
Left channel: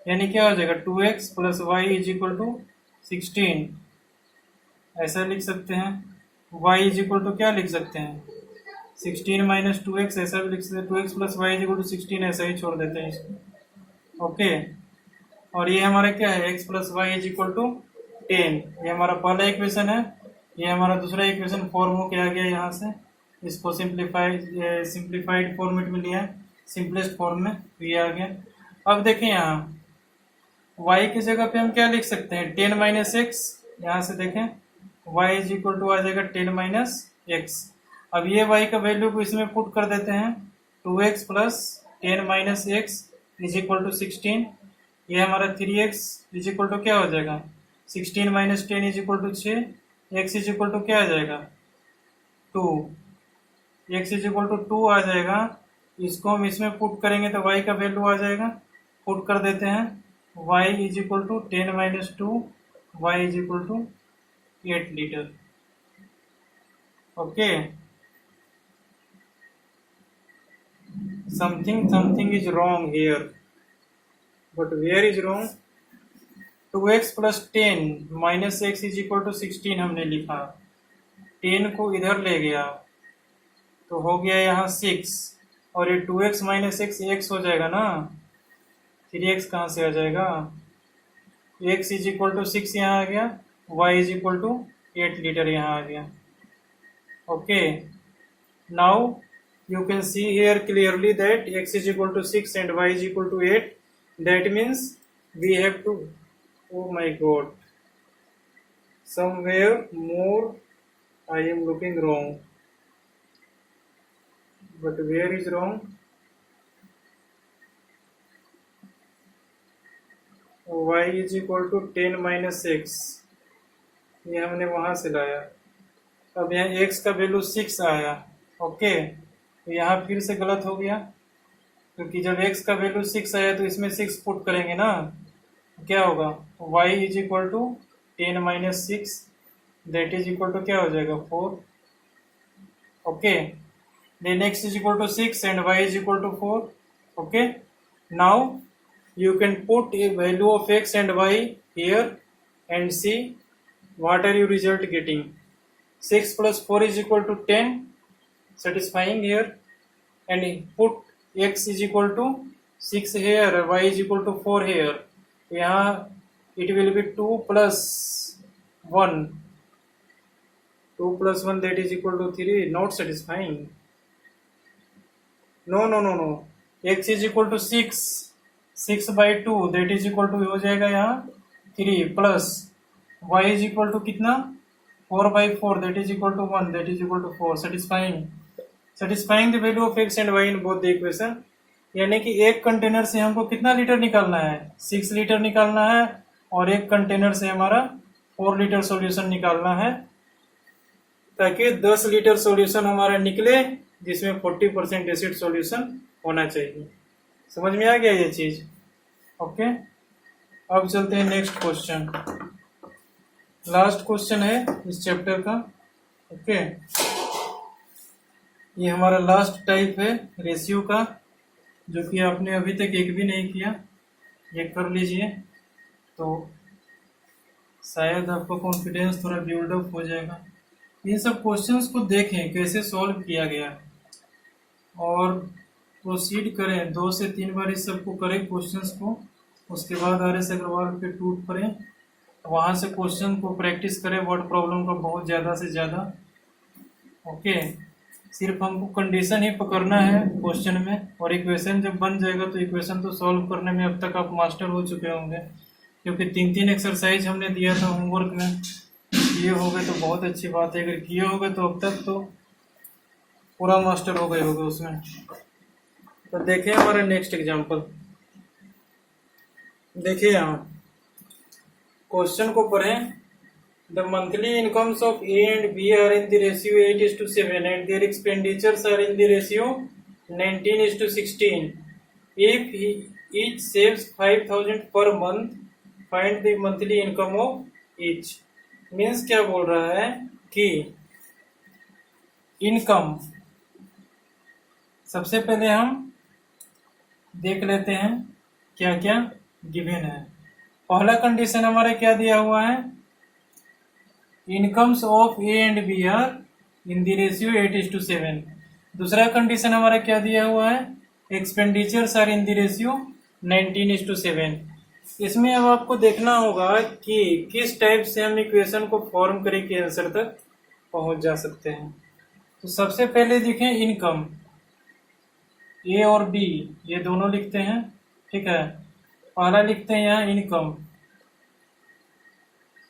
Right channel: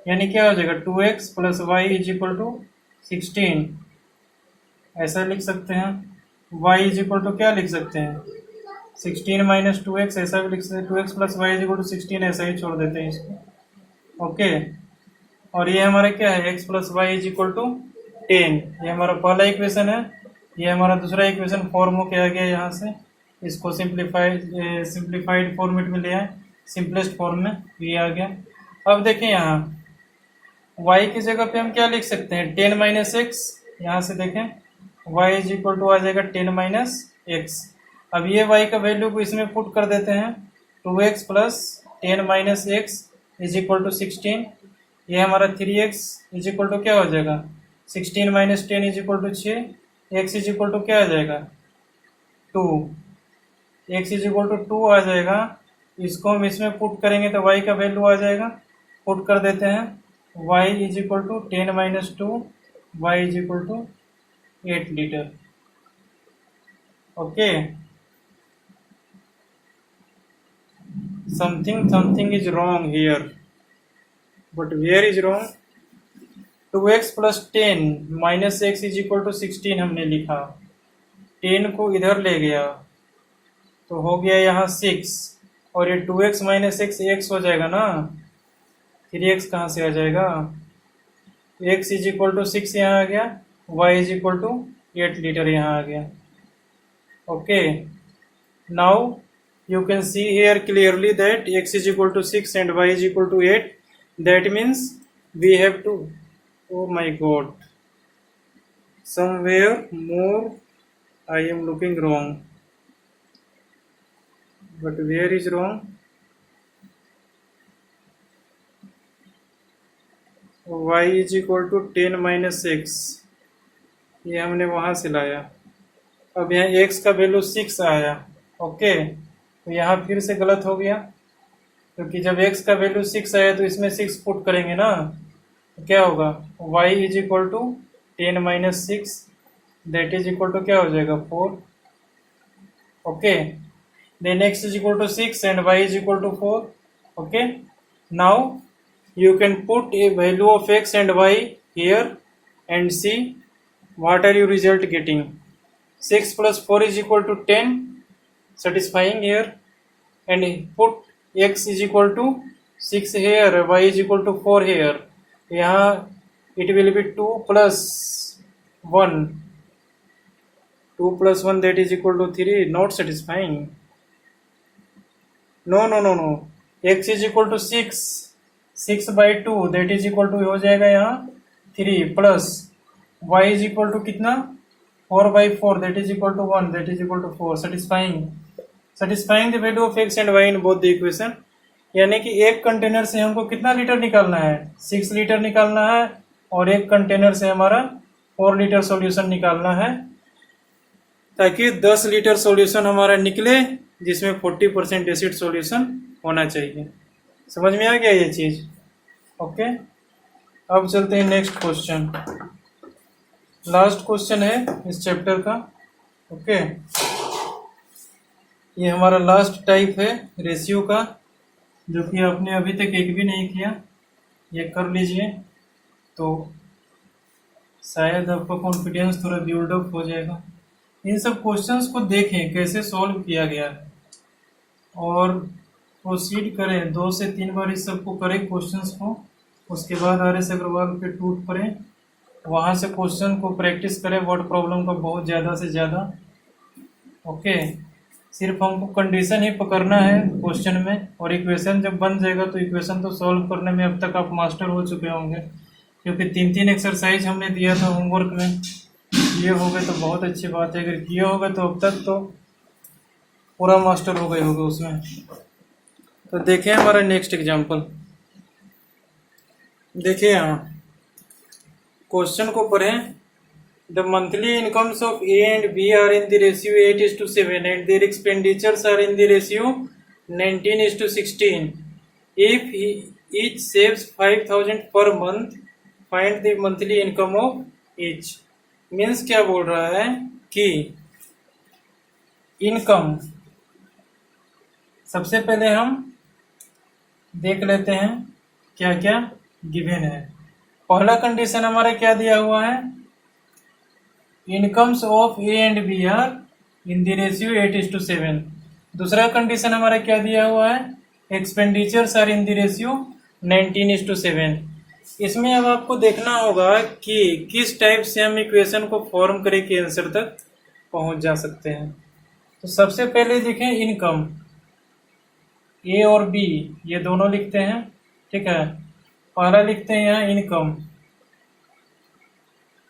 यानी क्या हो जाएगा 2x plus y is equal to 16। ऐसा लिख सकते हैं, y इज इक्वल टू क्या लिख सकते हैं 16 माइनस 2x, ऐसा भी लिख सकते हैं 2x plus y is equal to 16, ऐसा ही छोड़ देते हैं इसको। ओके, और ये हमारा क्या है x plus y is equal to 10, ये हमारा पहला इक्वेशन है। ये हमारा दूसरा इक्वेशन फॉर्म हो के आ गया यहाँ से, इसको सिंप्लीफाइड फॉर्मेट में लिया है, सिंपलेस्ट फॉर्म में ये आ गया। अब देखें यहाँ y की जगह पे हम क्या लिख सकते हैं 10 माइनस एक्स, यहाँ से देखें y इज इक्वल टू आ जाएगा 10 माइनस एक्स। अब ये y का वैल्यू को इसमें पुट कर देते हैं, 2x plus 10 minus x is equal to 16। ये हमारा 3x इज इक्वल टू क्या हो जाएगा 16 minus 10 is equal to 6, x is equal to क्या आ जाएगा 2, x इज इक्वल टू 2 आ जाएगा। इसको हम इसमें पुट करेंगे तो y का वैल्यू आ जाएगा, पुट कर देते हैं, y is equal to 10 minus 2, y is equal to 8 litre. Okay, something is wrong here, but where is wrong? 2x plus 10 minus x is equal to 16 हमने लिखा, 10 को इधर ले गया तो हो गया यहाँ 6, और ये 2x माइनस एक्स एक्स हो जाएगा ना, 3x कहाँ से आ जाएगा, x इज इक्वल टू 6 यहाँ आ गया, y is equal to 8 litre यहाँ आ गया। Okay, now you can see here clearly that x is equal to 6 and y is equal to 8. That means we have to, oh my god, somewhere more I am looking wrong, but where is wrong? y is equal to 10 minus x, ये हमने वहां से लाया, अब यहाँ x का वैल्यू 6 आया। ओके, तो यहाँ फिर से गलत हो गया, क्योंकि जब x का वैल्यू 6 आया तो इसमें 6 पुट करेंगे ना, तो क्या होगा y is equal to 10 minus 6, that is equal to क्या हो जाएगा 4। Okay, then x is equal to 6 and y is equal to 4। Okay, now you can put a value of x and y here and see what are your result getting. 6 plus 4 is equal to 10, satisfying here, and put x is equal to 6 here, y is equal to 4 here. यहाँ it will be 2 plus 1, 2 plus 1 that is equal to 3, not satisfying. No, x is equal to 6, 6/2 that is equal to हो जाएगा यहाँ 3 plus y is equal to कितना 4/4 that is equal to 1 that is equal to 4, satisfying the value of x and y in both the equation। यानी कि एक कंटेनर से हमको कितना लीटर निकालना है 6 लीटर निकालना है, और एक कंटेनर से हमारा 4 लीटर सॉल्यूशन निकालना है, ताकि 10 लीटर सॉल्यूशन हमारा निकले जिसमें 40% एसिड सॉल्यूशन होना चाहिए। समझ में आ गया ये चीज? ओके, अब चलते हैं नेक्स्ट क्वेश्चन, लास्ट क्वेश्चन है इस चैप्टर का। ओके, ये हमारा लास्ट टाइप है रेशियो का, जो कि आपने अभी तक एक भी नहीं किया। ये कर लीजिए तो शायद आपका कॉन्फिडेंस थोड़ा बिल्ड अप हो जाएगा। इन सब क्वेश्चंस को देखें कैसे सॉल्व किया गया है और प्रोसीड करें, 2 से 3 बार इस सबको करें क्वेश्चंस को। उसके बाद RS अग्रवाल पे टूट पड़े, वहाँ से क्वेश्चन को प्रैक्टिस करें वर्ड प्रॉब्लम का बहुत ज़्यादा से ज़्यादा। ओके, सिर्फ हमको कंडीशन ही पकड़ना है क्वेश्चन में, और इक्वेशन जब बन जाएगा तो इक्वेशन तो सॉल्व करने में अब तक आप मास्टर हो चुके होंगे, क्योंकि 3-3 एक्सरसाइज हमने दिया था होमवर्क में। किए होंगे तो बहुत अच्छी बात है, अगर किए होंगे तो अब तक तो पूरा मास्टर हो गए होगे उसमें। तो देखिए हमारा नेक्स्ट एग्जाम्पल, देखिए यहाँ क्वेश्चन को पढ़ें। The monthly incomes of A and B are in the ratio 8:7 and their expenditures are in the ratio 19:16. If each saves 5,000 per month, find the monthly income of each. Means क्या बोल रहा है कि इनकम, सबसे पहले हम देख लेते हैं क्या क्या गिवन है। पहला कंडीशन हमारा क्या दिया हुआ है, incomes of A and B are in the ratio 8:7। दूसरा कंडीशन हमारा क्या दिया हुआ है, expenditures are in the ratio 19:7। इसमें अब आपको देखना होगा कि किस टाइप से हम इक्वेशन को फॉर्म करके के आंसर तक पहुंच जा सकते हैं। तो सबसे पहले देखें इनकम, A और B ये दोनों लिखते हैं, ठीक है। पहला लिखते हैं यहाँ इनकम।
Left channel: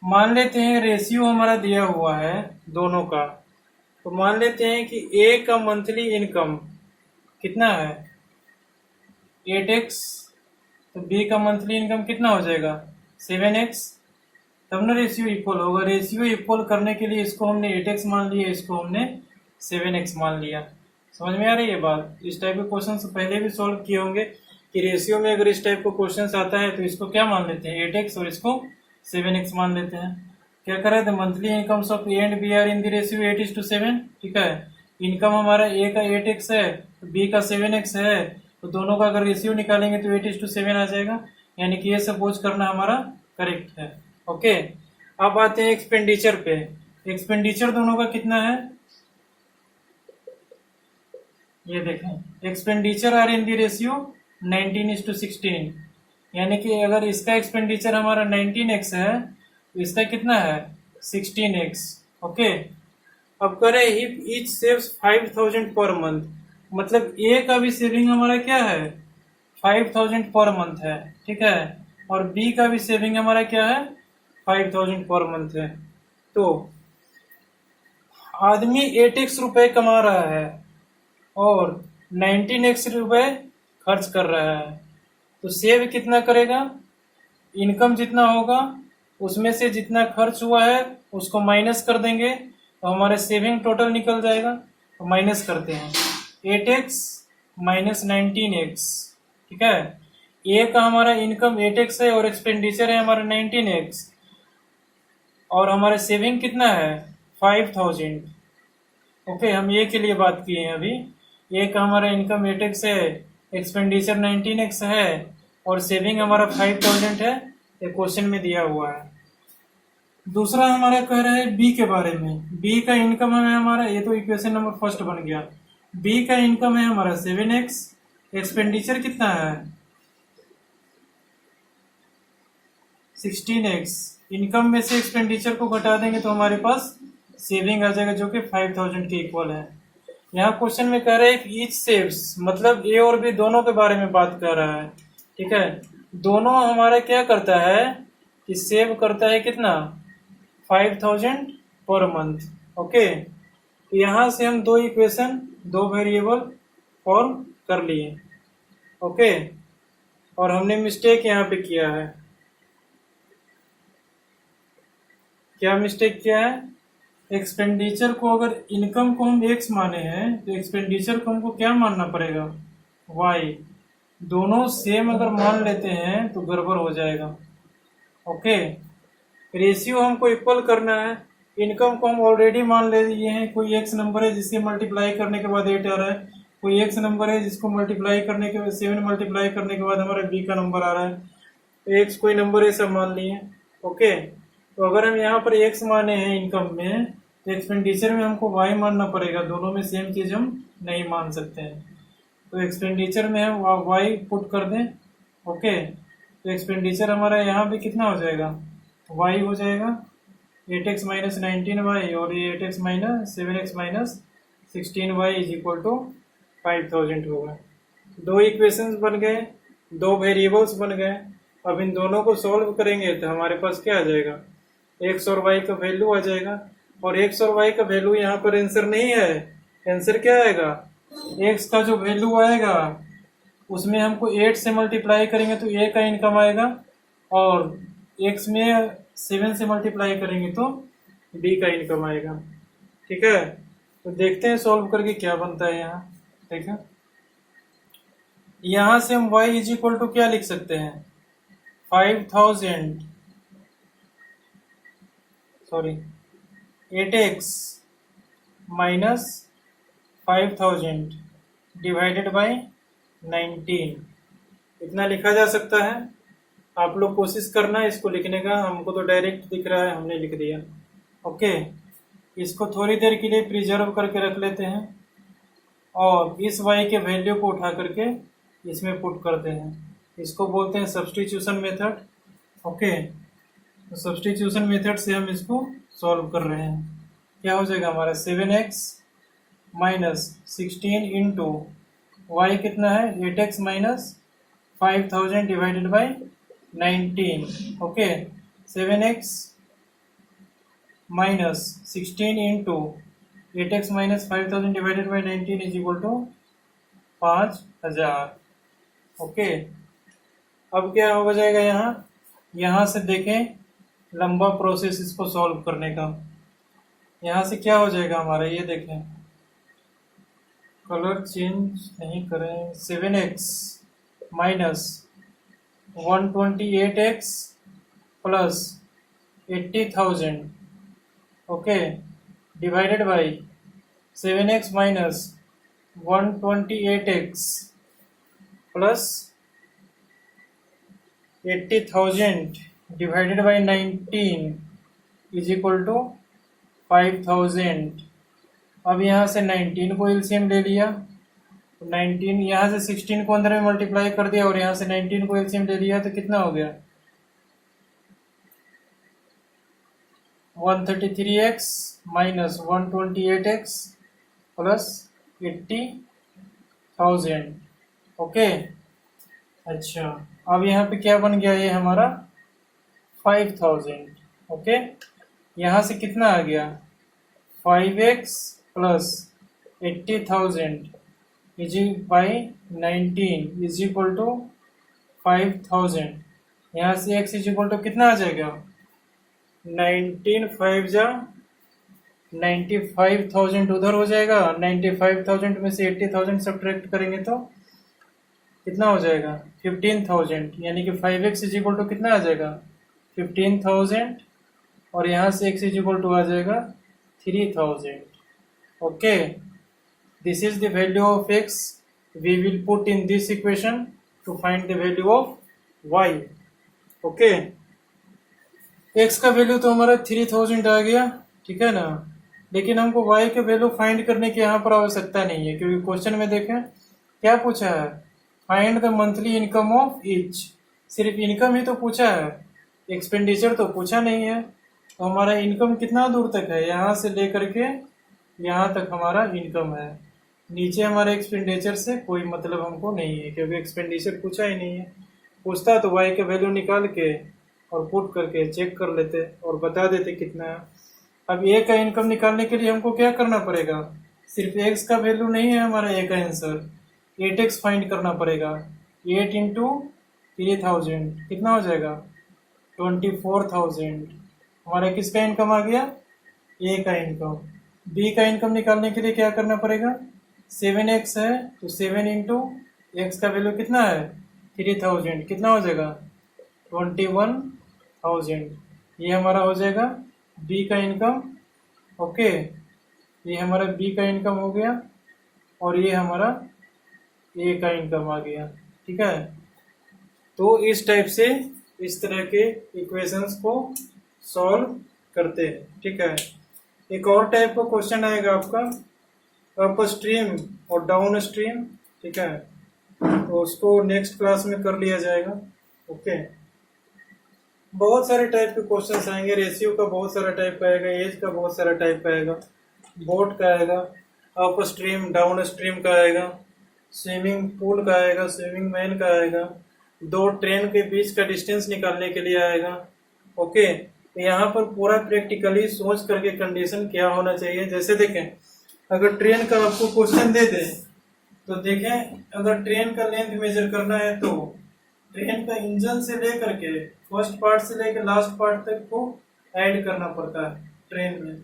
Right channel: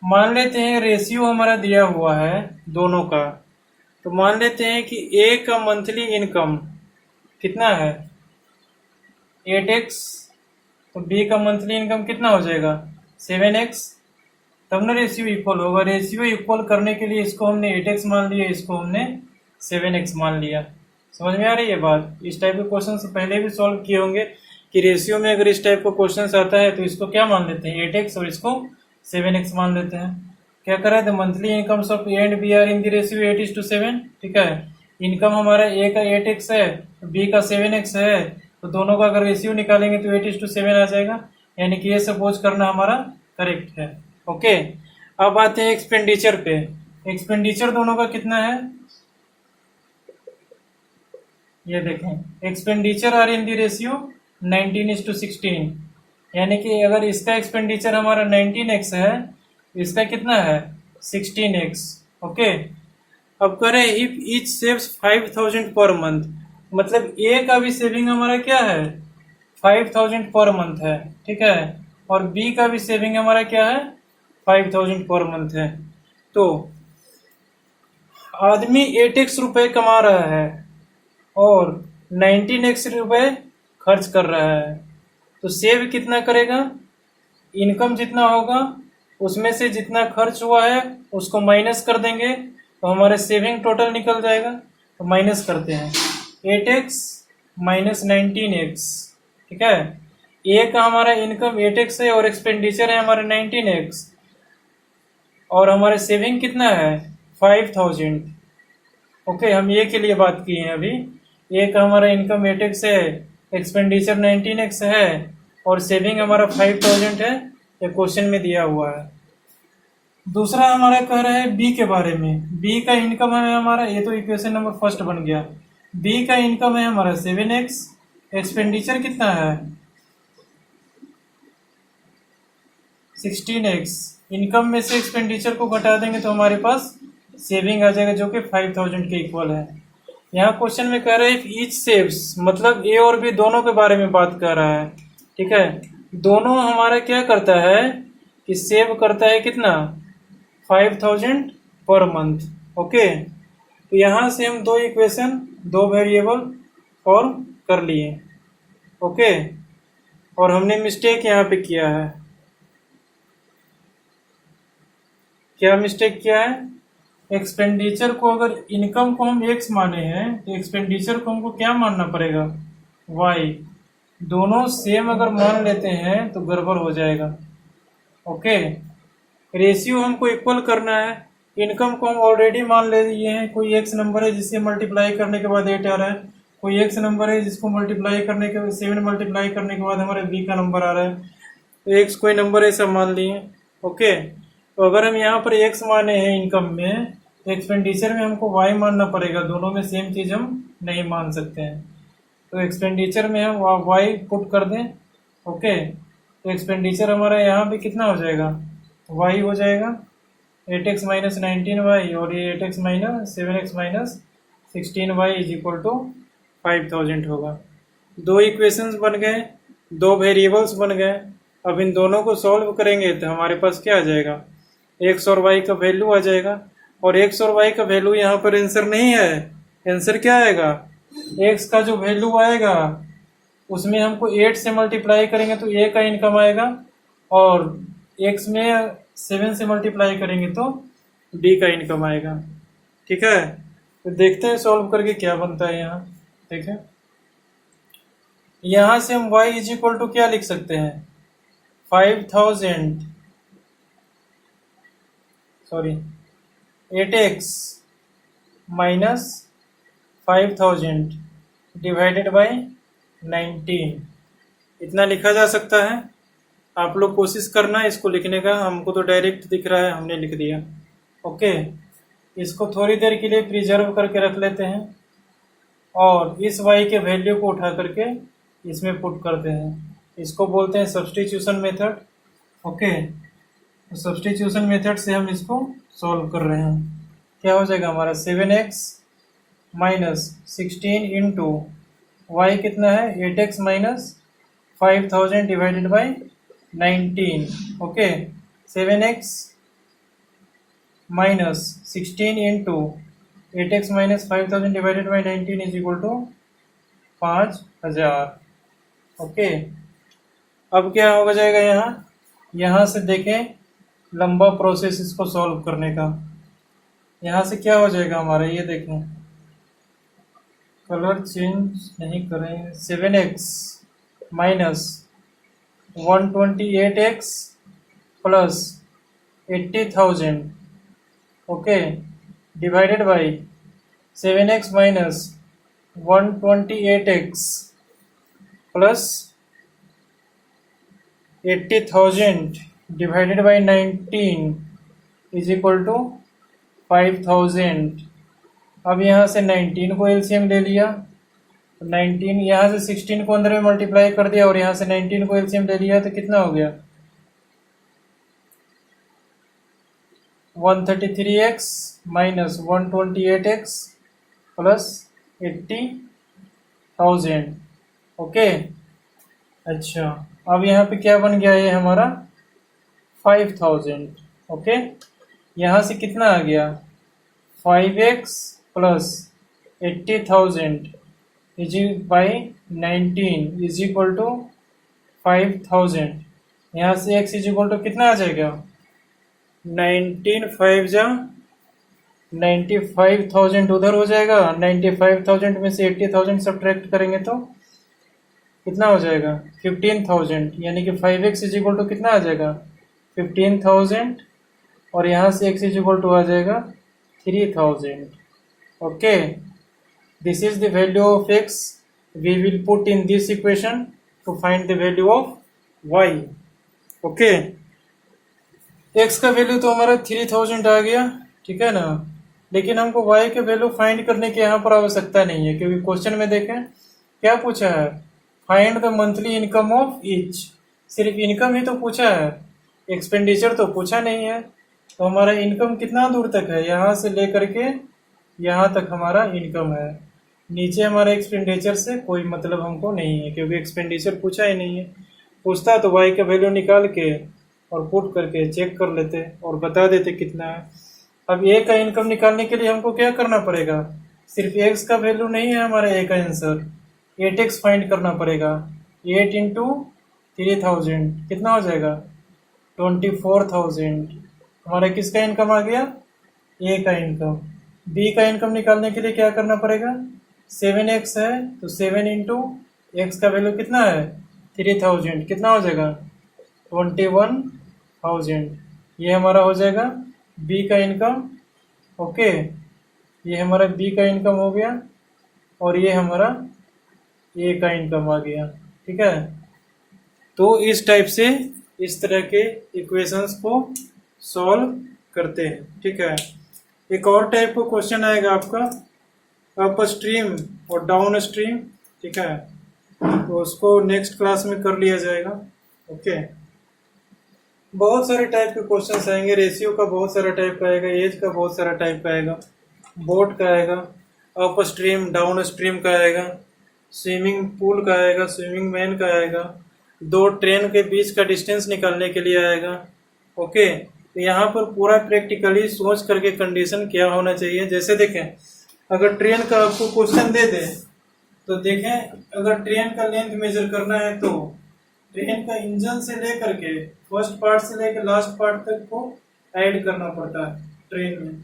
मान लेते हैं रेशियो हमारा दिया हुआ है दोनों का, तो मान लेते हैं कि A का मंथली इनकम कितना है 8x, तो B का मंथली इनकम कितना हो जाएगा 7x, तब ना रेशियो इक्वल होगा। रेशियो इक्वल करने के लिए इसको हमने 8x मान लिया, इसको हमने 7x मान लिया। समझ में आ रही है बात। इस टाइप के क्वेश्चन से पहले भी सॉल्व किए होंगे कि रेशियो में अगर इस टाइप का क्वेश्चन आता है तो इसको क्या मान लेते हैं 8x और इसको 7x मान लेते हैं। क्या कर रहे थे, monthly incomes of A and B are in the ratio 8:7, ठीक है। इनकम हमारा A का 8x है, B का 7x है, तो दोनों का अगर रेशियो निकालेंगे तो 8:7 आ जाएगा, यानी कि ये सपोज करना हमारा करेक्ट है। ओके, अब आते हैं एक्सपेंडिचर पे। एक्सपेंडिचर दोनों का कितना है, ये देखें, expenditure are in the ratio 19:16, यानी कि अगर इसका एक्सपेंडिचर हमारा 19x है तो इसका कितना है 16x। ओके, अब करें if each saves 5,000 per month, मतलब A का भी सेविंग हमारा क्या है 5,000 पर मंथ है, ठीक है, और B का भी सेविंग हमारा क्या है 5,000 पर मंथ है। तो आदमी 8x रुपए कमा रहा है और 19x रुपए खर्च कर रहा है, तो सेव कितना करेगा, इनकम जितना होगा उसमें से जितना खर्च हुआ है उसको माइनस कर देंगे तो हमारे सेविंग टोटल निकल जाएगा। तो माइनस करते हैं 8x माइनस 19x, ठीक है। A का हमारा इनकम 8x है और एक्सपेंडिचर है हमारे 19x, और हमारे सेविंग कितना है 5,000। ओके, हम A के लिए बात किए हैं अभी। A का हमारा इनकम 8x है, एक्सपेंडिचर 19x है और सेविंग हमारा 5,000 है, ये क्वेश्चन में दिया हुआ है। दूसरा हमारा कह रहा है B के बारे में। B का इनकम है हमारा, ये तो इक्वेशन नंबर फर्स्ट बन गया। B का इनकम है हमारा 7x, एक्सपेंडिचर कितना है 16x। इनकम में से एक्सपेंडिचर को घटा देंगे तो हमारे पास सेविंग आ जाएगा जो कि 5,000 के इक्वल है। यहाँ क्वेश्चन में कह रहा है ईच सेव्स, मतलब A और B दोनों के बारे में बात कर रहा है, ठीक है। दोनों हमारा क्या करता है कि सेव करता है कितना 5,000 पर मंथ। ओके, तो यहाँ से हम दो इक्वेशन, दो वेरिएबल फॉर्म कर लिए। ओके, और हमने मिस्टेक यहाँ पे किया है। क्या मिस्टेक किया है, एक्सपेंडिचर को अगर इनकम को हम x माने हैं तो एक्सपेंडिचर को हमको क्या मानना पड़ेगा y। दोनों सेम अगर मान लेते हैं तो गड़बड़ हो जाएगा। ओके, रेशियो हमको इक्वल करना है, इनकम को हम ऑलरेडी मान ले लिए हैं, कोई एक्स नंबर है जिससे मल्टीप्लाई करने के बाद 8 आ रहा है, कोई एक्स नंबर है जिसको मल्टीप्लाई करने के बाद 7 मल्टीप्लाई करने के बाद हमारा बी का नंबर आ रहा है, तो एक्स कोई नंबर है सब मान लिए। ओके, तो अगर हम यहाँ पर एक्स माने हैं इनकम में, तो एक्सपेंडिचर में हमको वाई मानना पड़ेगा, दोनों में सेम चीज हम नहीं मान सकते हैं। तो एक्सपेंडिचर में हम वाई पुट कर दें। ओके, तो एक्सपेंडिचर हमारा यहाँ पे कितना हो जाएगा, वाई हो जाएगा 8x माइनस 19y, और ये 8x minus 7x minus 16y is equal to 5000 होगा। दो इक्वेशंस बन गए, दो वेरिएबल्स बन गए। अब इन दोनों को सॉल्व करेंगे तो हमारे पास क्या आ जाएगा, x और y का वैल्यू आ जाएगा, और x और y का वैल्यू यहाँ पर आंसर नहीं है। आंसर क्या आएगा, x का जो वैल्यू आएगा उसमें हमको 8 से मल्टीप्लाई करेंगे तो a का इनकम आएगा, और x में 7 से मल्टीप्लाई करेंगे तो b का इनकम आएगा। ठीक है, तो देखते हैं सॉल्व करके क्या बनता है। यहाँ देखें, यहाँ से हम y इज इक्वल टू क्या लिख सकते हैं, 8x माइनस 5000 डिवाइडेड बाय 19, इतना लिखा जा सकता है। आप लोग कोशिश करना इसको लिखने का, हमको तो डायरेक्ट दिख रहा है, हमने लिख दिया। ओके, इसको थोड़ी देर के लिए प्रिजर्व करके रख लेते हैं, और इस y के वैल्यू को उठा करके इसमें पुट करते हैं। इसको बोलते हैं सब्स्टिट्यूशन मेथड। ओके, तो सब्स्टिट्यूशन मेथड से हम इसको सॉल्व कर रहे हैं। क्या हो जाएगा हमारा 7x माइनस 16 इंटू वाई कितना है 8x minus 5000 divided by 19। Okay, 7x minus 16 into 8x minus 5000 divided by 19 is equal to 5000। Okay, अब क्या हो जाएगा, यहाँ से देखें लंबा प्रोसेस इसको सॉल्व करने का। यहाँ से क्या हो जाएगा हमारा, ये देखें, कलर चेंज नहीं करें, 7x minus 128x plus 80,000, okay, divided by 7x minus 128x plus 80,000 divided by 19 is equal to 5000। अब यहाँ से 19 को एलसीएम ले लिया, 19 यहाँ से 16 को अंदर में मल्टीप्लाई कर दिया, और यहाँ से 19 को एलसीएम ले लिया, तो कितना हो गया 133x minus 128x plus 80,000। Okay, अच्छा, अब यहाँ पे क्या बन गया, ये हमारा 5000। ओके, यहाँ से कितना आ गया 5x plus 80,000 is by 19 is equal to 5000। यहाँ से x इज इक्वल टू कितना आ जाएगा 19 5 जा 95,000 उधर हो जाएगा, 95,000 में से 80,000 सब्ट्रैक्ट करेंगे तो कितना हो जाएगा 15,000, यानी कि 5x इज इक्वल टू कितना आ जाएगा 15,000, और यहाँ से x इज इक्वल टू आ जाएगा 3,000। Okay, this is the value of x, we will put in this equation to find the value of y। Okay, x का वैल्यू तो हमारा 3000 आ गया, ठीक है ना, लेकिन हमको y के वैल्यू फाइंड करने की यहाँ पर आवश्यकता नहीं है, क्योंकि क्वेश्चन में देखें क्या पूछा है, find the monthly income of each. सिर्फ इनकम ही तो पूछा है, एक्सपेंडिचर तो पूछा नहीं है। तो हमारा इनकम कितना दूर तक है, यहाँ से लेकर के यहाँ तक हमारा इनकम है, नीचे हमारे एक्सपेंडिचर से कोई मतलब हमको नहीं है, क्योंकि एक्सपेंडिचर पूछा ही नहीं है। पूछता तो y का वैल्यू निकाल के और पुट करके चेक कर लेते और बता देते कितना है। अब a का इनकम निकालने के लिए हमको क्या करना पड़ेगा, सिर्फ x का वैल्यू नहीं है हमारा a का आंसर, 8x फाइंड करना पड़ेगा। 8 इंटू 3000 कितना हो जाएगा 24,000। हमारा किसका इनकम आ गया, a का इनकम। b का इनकम निकालने के लिए क्या करना पड़ेगा, 7x है तो 7 इंटू एक्स का वैल्यू कितना है 3000, कितना हो जाएगा 21,000। ये हमारा हो जाएगा b का इनकम ओके, ये हमारा बी का इनकम हो गया और ये हमारा ए का इनकम आ गया। ठीक है, तो इस टाइप से इस तरह के इक्वेशंस को सॉल्व करते हैं। ठीक है, एक और टाइप का क्वेश्चन आएगा आपका अप स्ट्रीम और डाउन स्ट्रीम। ठीक है, तो उसको नेक्स्ट क्लास में कर लिया जाएगा। ओके, बहुत सारे टाइप के क्वेश्चंस आएंगे, रेशियो का बहुत सारा टाइप का आएगा, एज का बहुत सारा टाइप का आएगा, बोट का आएगा, अप स्ट्रीम डाउन स्ट्रीम का आएगा, स्विमिंग पूल का आएगा, स्विमिंग मैन का आएगा, दो ट्रेन के बीच का डिस्टेंस निकालने के लिए आएगा। ओके, तो यहाँ पर पूरा प्रैक्टिकली सोच करके कंडीशन क्या होना चाहिए। जैसे देखें, अगर ट्रेन का आपको क्वेश्चन दे दे तो देखें, अगर ट्रेन का लेंथ मेजर करना है तो ट्रेन का इंजन से लेकर के फर्स्ट पार्ट से लेकर लास्ट पार्ट तक को ऐड करना पड़ता है ट्रेन में।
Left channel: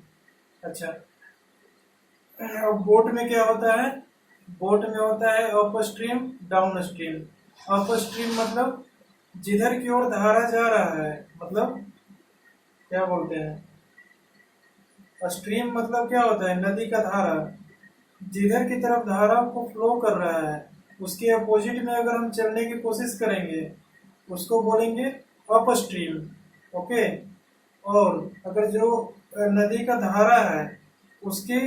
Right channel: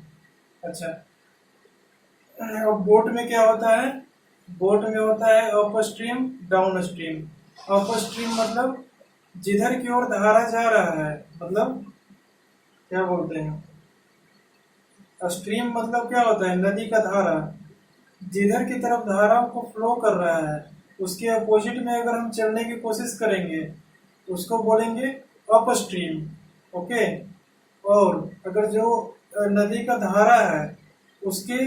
अच्छा, अब बोट में क्या होता है? बोट में होता है up stream down stream. Up stream मतलब जिधर की ओर धारा जा रहा है, मतलब क्या बोलते हैं, स्ट्रीम मतलब क्या होता है? नदी का धारा, जिधर की तरफ धारा को फ्लो कर रहा है उसके अपोजिट में अगर हम चलने की कोशिश करेंगे उसको बोलेंगे अप स्ट्रीम। ओके, और अगर जो नदी का धारा है उसके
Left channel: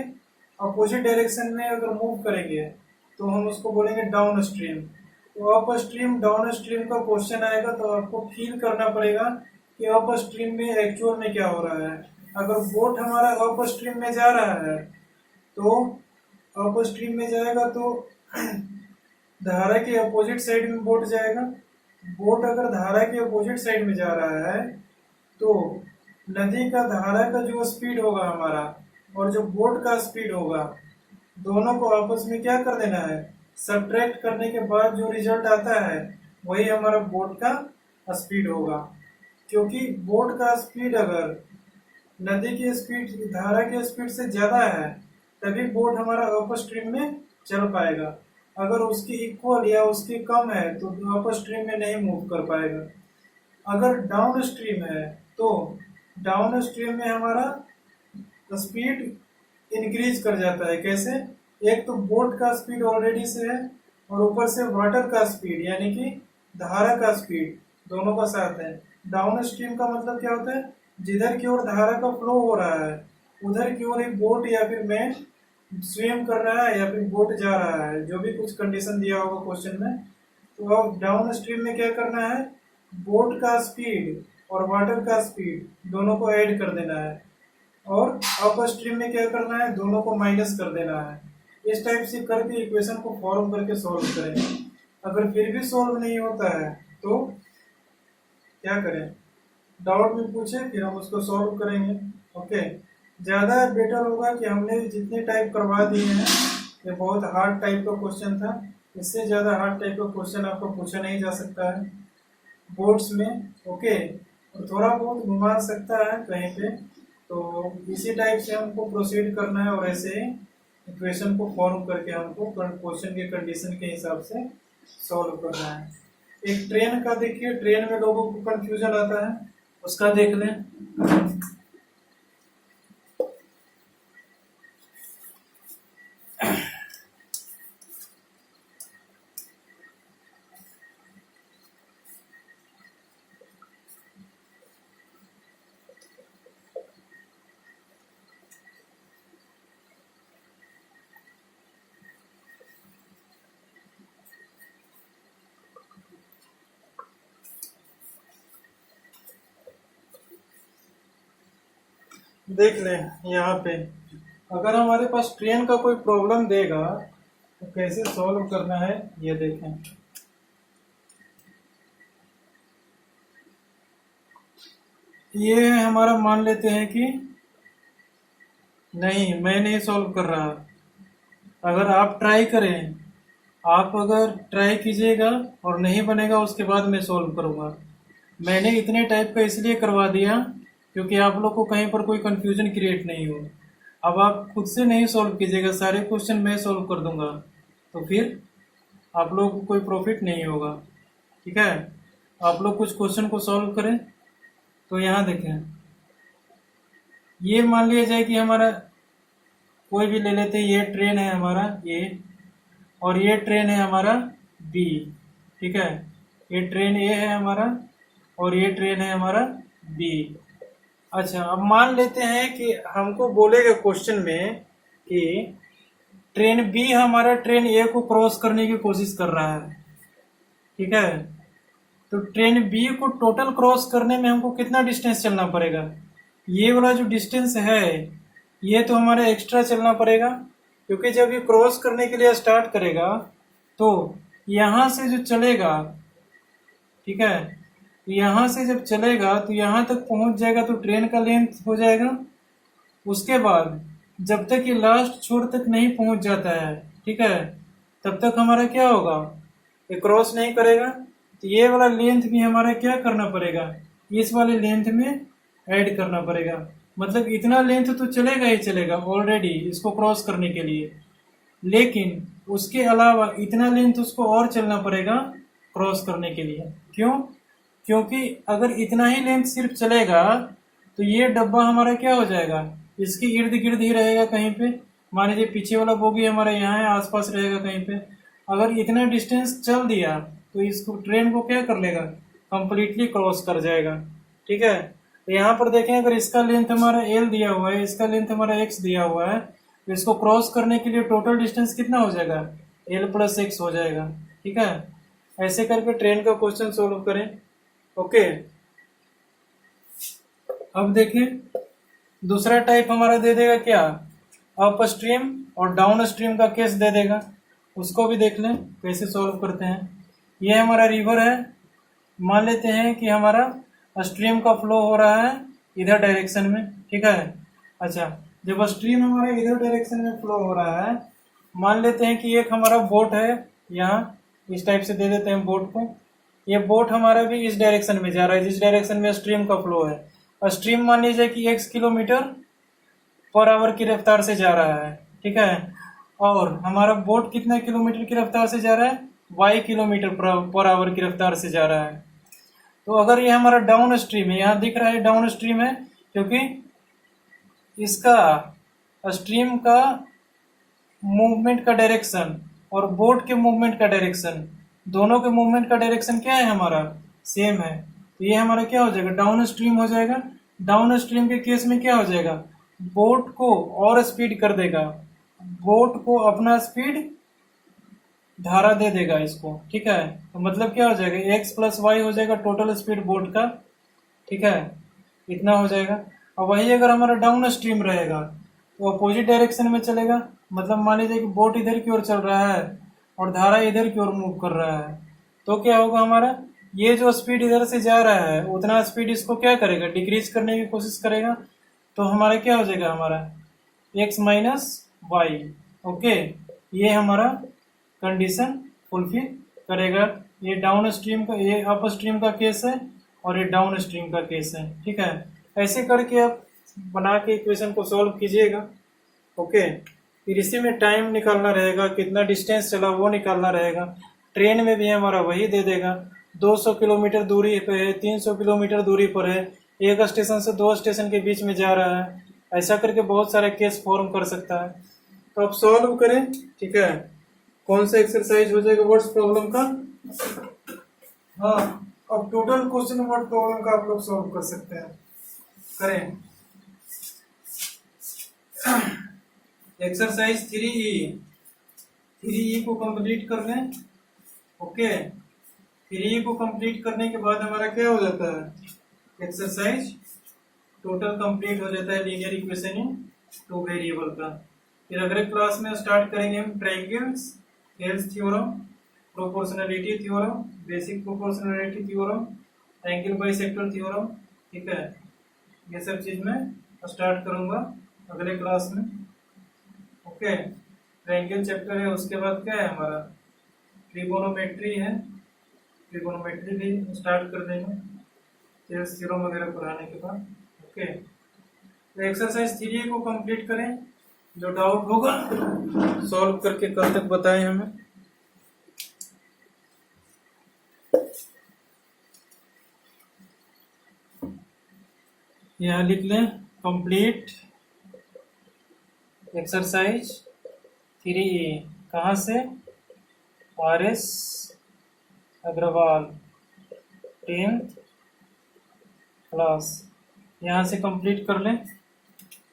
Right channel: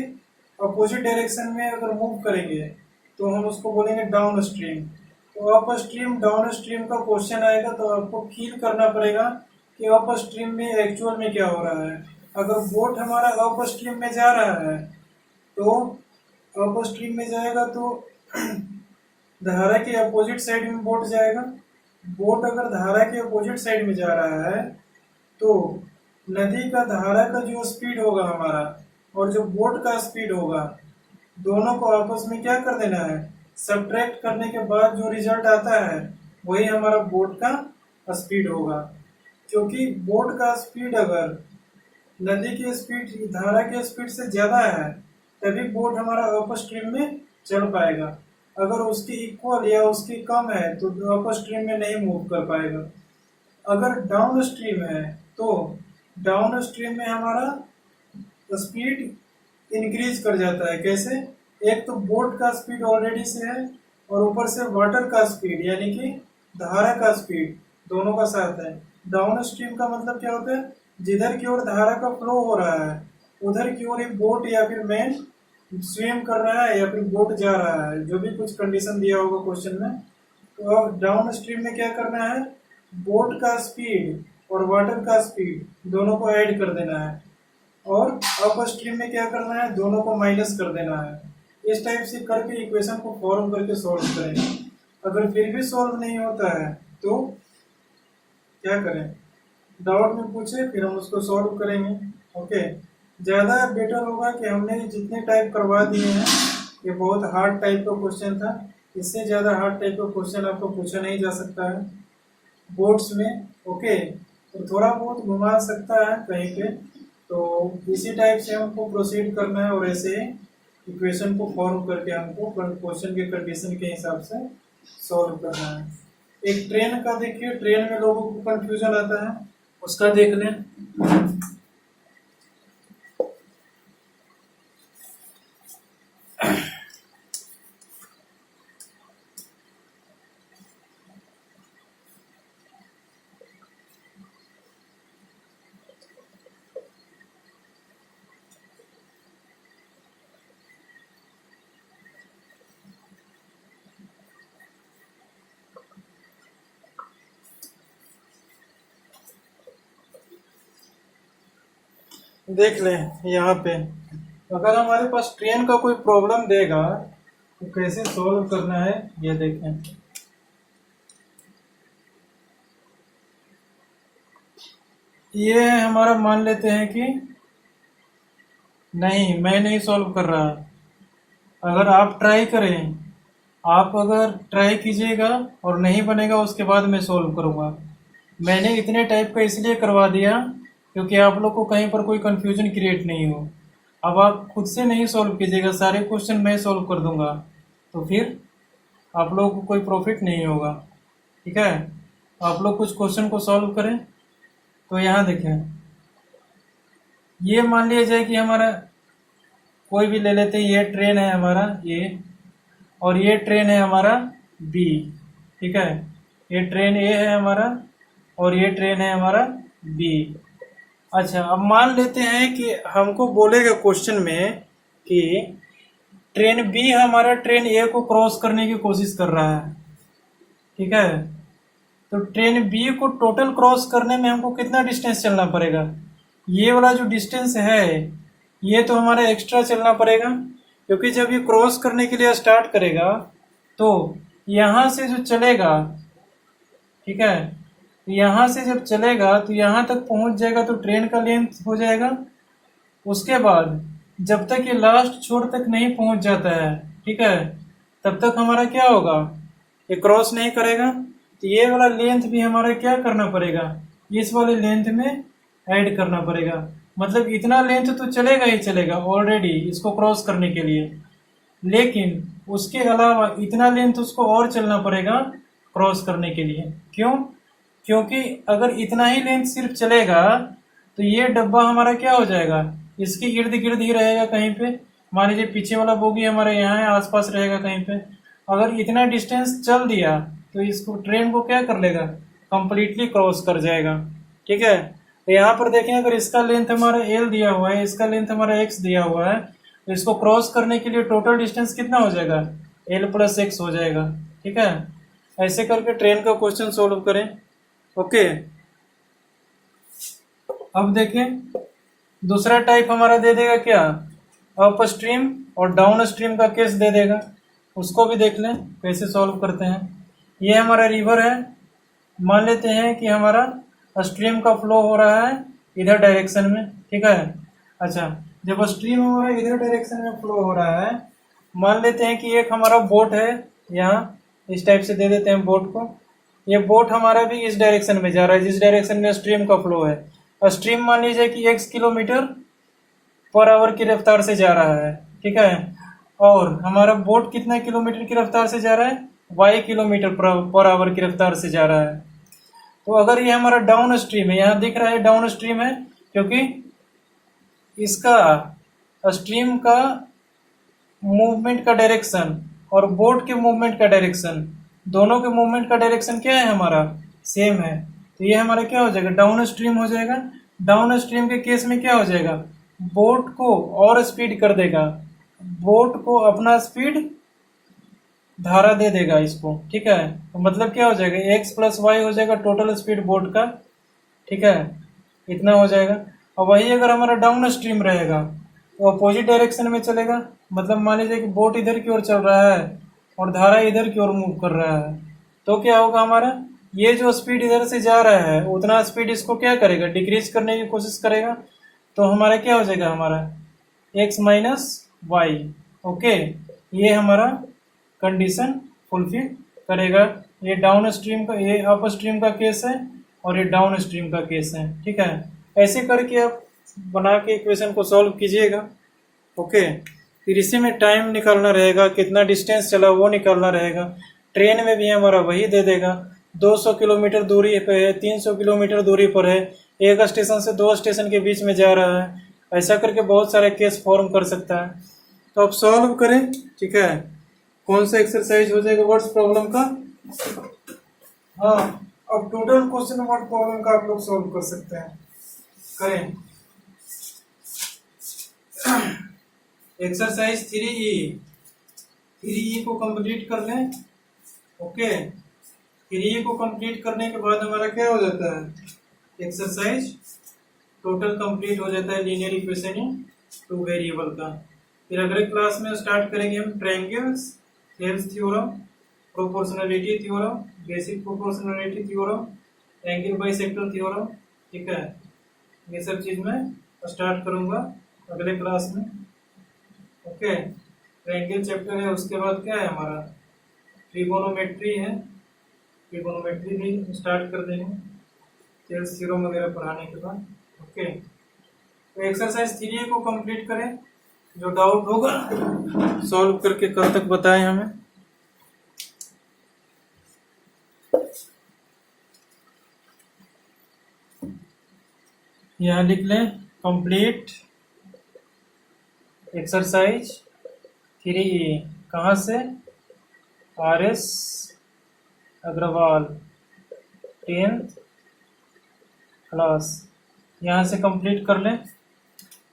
अपोजिट डायरेक्शन में अगर मूव करेंगे तो हम उसको बोलेंगे डाउन स्ट्रीम। तो अप स्ट्रीम डाउन स्ट्रीम का क्वेश्चन आएगा तो आपको फील करना पड़ेगा कि अप स्ट्रीम में एक्चुअल में क्या हो रहा है। अगर बोट हमारा अप स्ट्रीम में जा रहा है तो अप स्ट्रीम में जाएगा तो धारा के अपोजिट साइड में बोट जाएगा। बोट अगर धारा के अपोजिट साइड में जा रहा है तो नदी का धारा का जो स्पीड होगा हमारा और जो बोट का स्पीड होगा, दोनों को आपस में क्या कर देना है, सब्ट्रैक्ट करने के बाद जो रिजल्ट आता है वही हमारा बोट का स्पीड होगा। क्योंकि बोट का स्पीड अगर नदी की स्पीड धारा की स्पीड से ज्यादा है तभी बोट हमारा अप स्ट्रीम में चल पाएगा। अगर उसकी इक्वल या उसकी कम है तो अप स्ट्रीम में नहीं मूव कर पाएगा। अगर डाउन स्ट्रीम है तो डाउन स्ट्रीम में हमारा स्पीड इंक्रीज कर जाता है। कैसे? एक तो बोट का स्पीड ऑलरेडी से है और ऊपर से वाटर का स्पीड यानी कि धारा का स्पीड दोनों का साथ है। डाउन स्ट्रीम का मतलब क्या होता है? जिधर की ओर धारा का फ्लो हो रहा है उधर की ओर एक बोट या फिर मैन स्विम कर रहा है या फिर बोट जा रहा है, जो भी कुछ कंडीशन दिया होगा क्वेश्चन में। तो अब डाउन स्ट्रीम में क्या करना है, बोट का स्पीड और वाटर का स्पीड दोनों को ऐड कर देना है और अप स्ट्रीम में क्या करना है, दोनों को माइनस कर देना है। इस टाइप से करके इक्वेशन को फॉर्म करके सॉल्व करें। अगर फिर भी सॉल्व नहीं होता है तो क्या करें, डाउट में पूछे फिर हम उसको सॉल्व करेंगे। ओके, ज़्यादा बेटर होगा कि हमने जितने टाइप करवा दिए हैं, ये बहुत हार्ड टाइप का क्वेश्चन था, इससे ज़्यादा हार्ड टाइप का क्वेश्चन आपको पूछा नहीं जा सकता है बोर्ड्स में। ओके, तो थोड़ा बहुत घुमा सकता है कहीं पे, तो इसी टाइप से हमको प्रोसीड करना है और ऐसे इक्वेशन को फॉर्म करके हमको क्वेश्चन के कंडीशन के हिसाब से सॉल्व करना है। एक ट्रेन का देखिए, ट्रेन में लोगों को कंफ्यूजन आता है, उसका देख लें। देख लें यहाँ पे, अगर हमारे पास ट्रेन का कोई प्रॉब्लम देगा तो कैसे सॉल्व करना है ये देखें। ये हमारा मान लेते हैं कि नहीं, मैं नहीं सॉल्व कर रहा। अगर आप ट्राई करें, आप अगर ट्राई कीजिएगा और नहीं बनेगा उसके बाद मैं सॉल्व करूँगा। मैंने इतने टाइप का इसलिए करवा दिया क्योंकि आप लोग को कहीं पर कोई कंफ्यूजन क्रिएट नहीं हो। अब आप खुद से नहीं सॉल्व कीजिएगा, सारे क्वेश्चन मैं सॉल्व कर दूंगा, तो फिर आप लोग को कोई प्रॉफिट नहीं होगा। ठीक है, आप लोग कुछ क्वेश्चन को सॉल्व करें। तो यहाँ देखें, ये मान लिया जाए कि हमारा कोई भी ले लेते हैं, ये ट्रेन है हमारा ए और ये ट्रेन है हमारा बी, ठीक है। ये ट्रेन ए है हमारा और ये ट्रेन है हमारा बी। अच्छा, अब मान लेते हैं कि हमको बोलेगा क्वेश्चन में कि ट्रेन बी हमारा ट्रेन ए को क्रॉस करने की कोशिश कर रहा है, ठीक है। तो ट्रेन बी को टोटल क्रॉस करने में हमको कितना डिस्टेंस चलना पड़ेगा? ये वाला जो डिस्टेंस है ये तो हमारा एक्स्ट्रा चलना पड़ेगा, क्योंकि जब ये क्रॉस करने के लिए स्टार्ट करेगा तो यहाँ से जो चलेगा, ठीक है, यहाँ से जब चलेगा तो यहाँ तक पहुंच जाएगा तो ट्रेन का लेंथ हो जाएगा। उसके बाद जब तक ये लास्ट छोर तक नहीं पहुंच जाता है, ठीक है, तब तक हमारा क्या होगा, ये क्रॉस नहीं करेगा। तो ये वाला लेंथ भी हमारा क्या करना पड़ेगा, इस वाले लेंथ में ऐड करना पड़ेगा। मतलब इतना लेंथ तो चलेगा ही चलेगा ऑलरेडी इसको क्रॉस करने के लिए, लेकिन उसके अलावा इतना लेंथ उसको और चलना पड़ेगा क्रॉस करने के लिए। क्यों? क्योंकि अगर इतना ही लेंथ सिर्फ चलेगा तो ये डब्बा हमारा क्या हो जाएगा, इसके इर्द गिर्द ही रहेगा कहीं पे। मान लीजिए पीछे वाला बोगी हमारा यहाँ है, आसपास रहेगा कहीं पे। अगर इतना डिस्टेंस चल दिया तो इसको ट्रेन को क्या कर लेगा, कंप्लीटली क्रॉस कर जाएगा, ठीक है। तो यहाँ पर देखें, अगर इसका लेंथ हमारा एल दिया हुआ है, इसका लेंथ हमारा एक्स दिया हुआ है, तो इसको क्रॉस करने के लिए टोटल डिस्टेंस कितना हो जाएगा, एल प्लस एक्स हो जाएगा, ठीक है। ऐसे करके ट्रेन का क्वेश्चन सोल्व करें। ओके, अब देखें दूसरा टाइप हमारा दे देगा क्या, अप स्ट्रीम और डाउन स्ट्रीम का केस दे देगा। उसको भी देख लें कैसे सॉल्व करते हैं। ये हमारा रिवर है, मान लेते हैं कि हमारा स्ट्रीम का फ्लो हो रहा है इधर डायरेक्शन में, ठीक है। अच्छा, जब स्ट्रीम हमारा इधर डायरेक्शन में फ्लो हो रहा है, मान लेते हैं कि एक हमारा बोट है, यहाँ इस टाइप से दे देते हैं बोट को। ये बोट हमारा भी इस डायरेक्शन में जा रहा है जिस डायरेक्शन में स्ट्रीम का फ्लो है। और स्ट्रीम मान लीजिए कि x किलोमीटर पर आवर की रफ्तार से जा रहा है, ठीक है। और हमारा बोट कितना किलोमीटर की रफ्तार से जा रहा है, y किलोमीटर पर आवर की रफ्तार से जा रहा है। तो अगर ये हमारा डाउन स्ट्रीम है, यहाँ दिख रहा है डाउन स्ट्रीम है, क्योंकि इसका स्ट्रीम का मूवमेंट का डायरेक्शन और बोट के मूवमेंट का डायरेक्शन, दोनों के मूवमेंट का डायरेक्शन क्या है हमारा, सेम है। तो ये हमारा क्या हो जाएगा, डाउन स्ट्रीम हो जाएगा। डाउन स्ट्रीम के केस में क्या हो जाएगा, बोट को और स्पीड कर देगा, बोट को अपना स्पीड धारा दे देगा इसको, ठीक है। तो मतलब क्या हो जाएगा, एक्स प्लस वाई हो जाएगा टोटल स्पीड बोट का, ठीक है, इतना हो जाएगा। और वही अगर हमारा डाउन स्ट्रीम रहेगा तो अपोजिट डायरेक्शन में चलेगा। मतलब मान लीजिए कि बोट इधर की ओर चल रहा है और धारा इधर की ओर मूव कर रहा है, तो क्या होगा, हमारा ये जो स्पीड इधर से जा रहा है उतना स्पीड इसको क्या करेगा, डिक्रीज करने की कोशिश करेगा। तो हमारा क्या हो जाएगा, हमारा एक्स माइनस वाई। ओके, ये हमारा कंडीशन फुलफिल करेगा। ये डाउन स्ट्रीम का, ये अप स्ट्रीम का केस है और ये डाउन स्ट्रीम का केस है, ठीक है। ऐसे करके आप बना के इक्वेशन को सॉल्व कीजिएगा। ओके, फिर इसी में टाइम निकालना रहेगा, कितना डिस्टेंस चला वो निकालना रहेगा। ट्रेन में भी हमारा वही दे देगा, 200 किलोमीटर दूरी पे है, 300 किलोमीटर दूरी पर है, एक स्टेशन से दो स्टेशन के बीच में जा रहा है। ऐसा करके बहुत सारे केस फॉर्म कर सकता है। तो आप सॉल्व करें, ठीक है। कौन सा एक्सरसाइज हो जाएगा, वर्ड्स प्रॉब्लम का। हाँ, अब टोटल क्वेश्चन वर्ड प्रॉब्लम का आप लोग सॉल्व कर सकते हैं। करें एक्सरसाइज 3E को कंप्लीट कर लें। ओके, 3E को कंप्लीट करने के बाद हमारा क्या हो जाता है, एक्सरसाइज टोटल कंप्लीट हो जाता है, linear equation in two variable का। फिर अगले क्लास में स्टार्ट करेंगे हम triangles, Thales theorem, proportionality theorem, basic proportionality theorem, angle bisector theorem, ठीक है। ये सब चीज मैं स्टार्ट करूंगा अगले क्लास में। ओके, ट्रायंगल चैप्टर है, उसके बाद क्या है हमारा, ट्रिगोनोमेट्री है, ट्रिगोनोमेट्री भी स्टार्ट कर देंगे थेल्स थ्योरम वगैरह पढ़ाने के बाद। ओके, तो एक्सरसाइज 3 को कंप्लीट करें, जो डाउट होगा सॉल्व करके कल तक बताएं हमें। यहाँ लिख लें कंप्लीट एक्सरसाइज 3A। कहाँ से? RS Agrawal 10th class. यहाँ से कंप्लीट कर लें,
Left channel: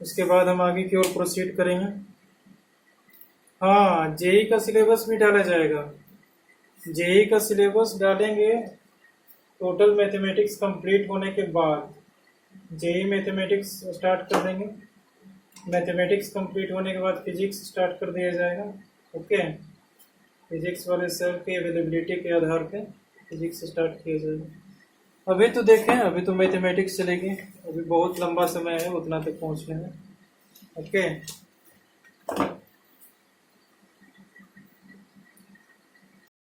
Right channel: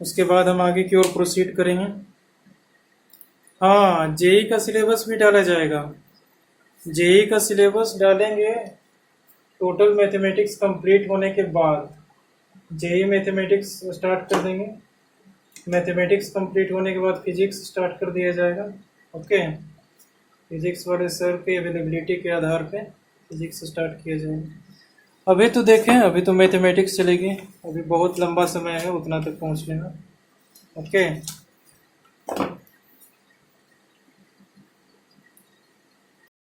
उसके बाद हम आगे की ओर प्रोसीड करेंगे। हाँ, जेई का सिलेबस भी डाला जाएगा। जेई का सिलेबस डालेंगे टोटल मैथमेटिक्स कंप्लीट होने के बाद। जेई मैथमेटिक्स स्टार्ट कर देंगे, मैथमेटिक्स कंप्लीट होने के बाद फिजिक्स स्टार्ट कर दिया जाएगा। ओके, फिजिक्स वाले सर की अवेलेबिलिटी के आधार पे फिजिक्स स्टार्ट किया जाएगा। अभी तो देखें, अभी तो मैथमेटिक्स चलेगी, अभी बहुत लंबा समय है उतना तक पहुंचने में। ओके।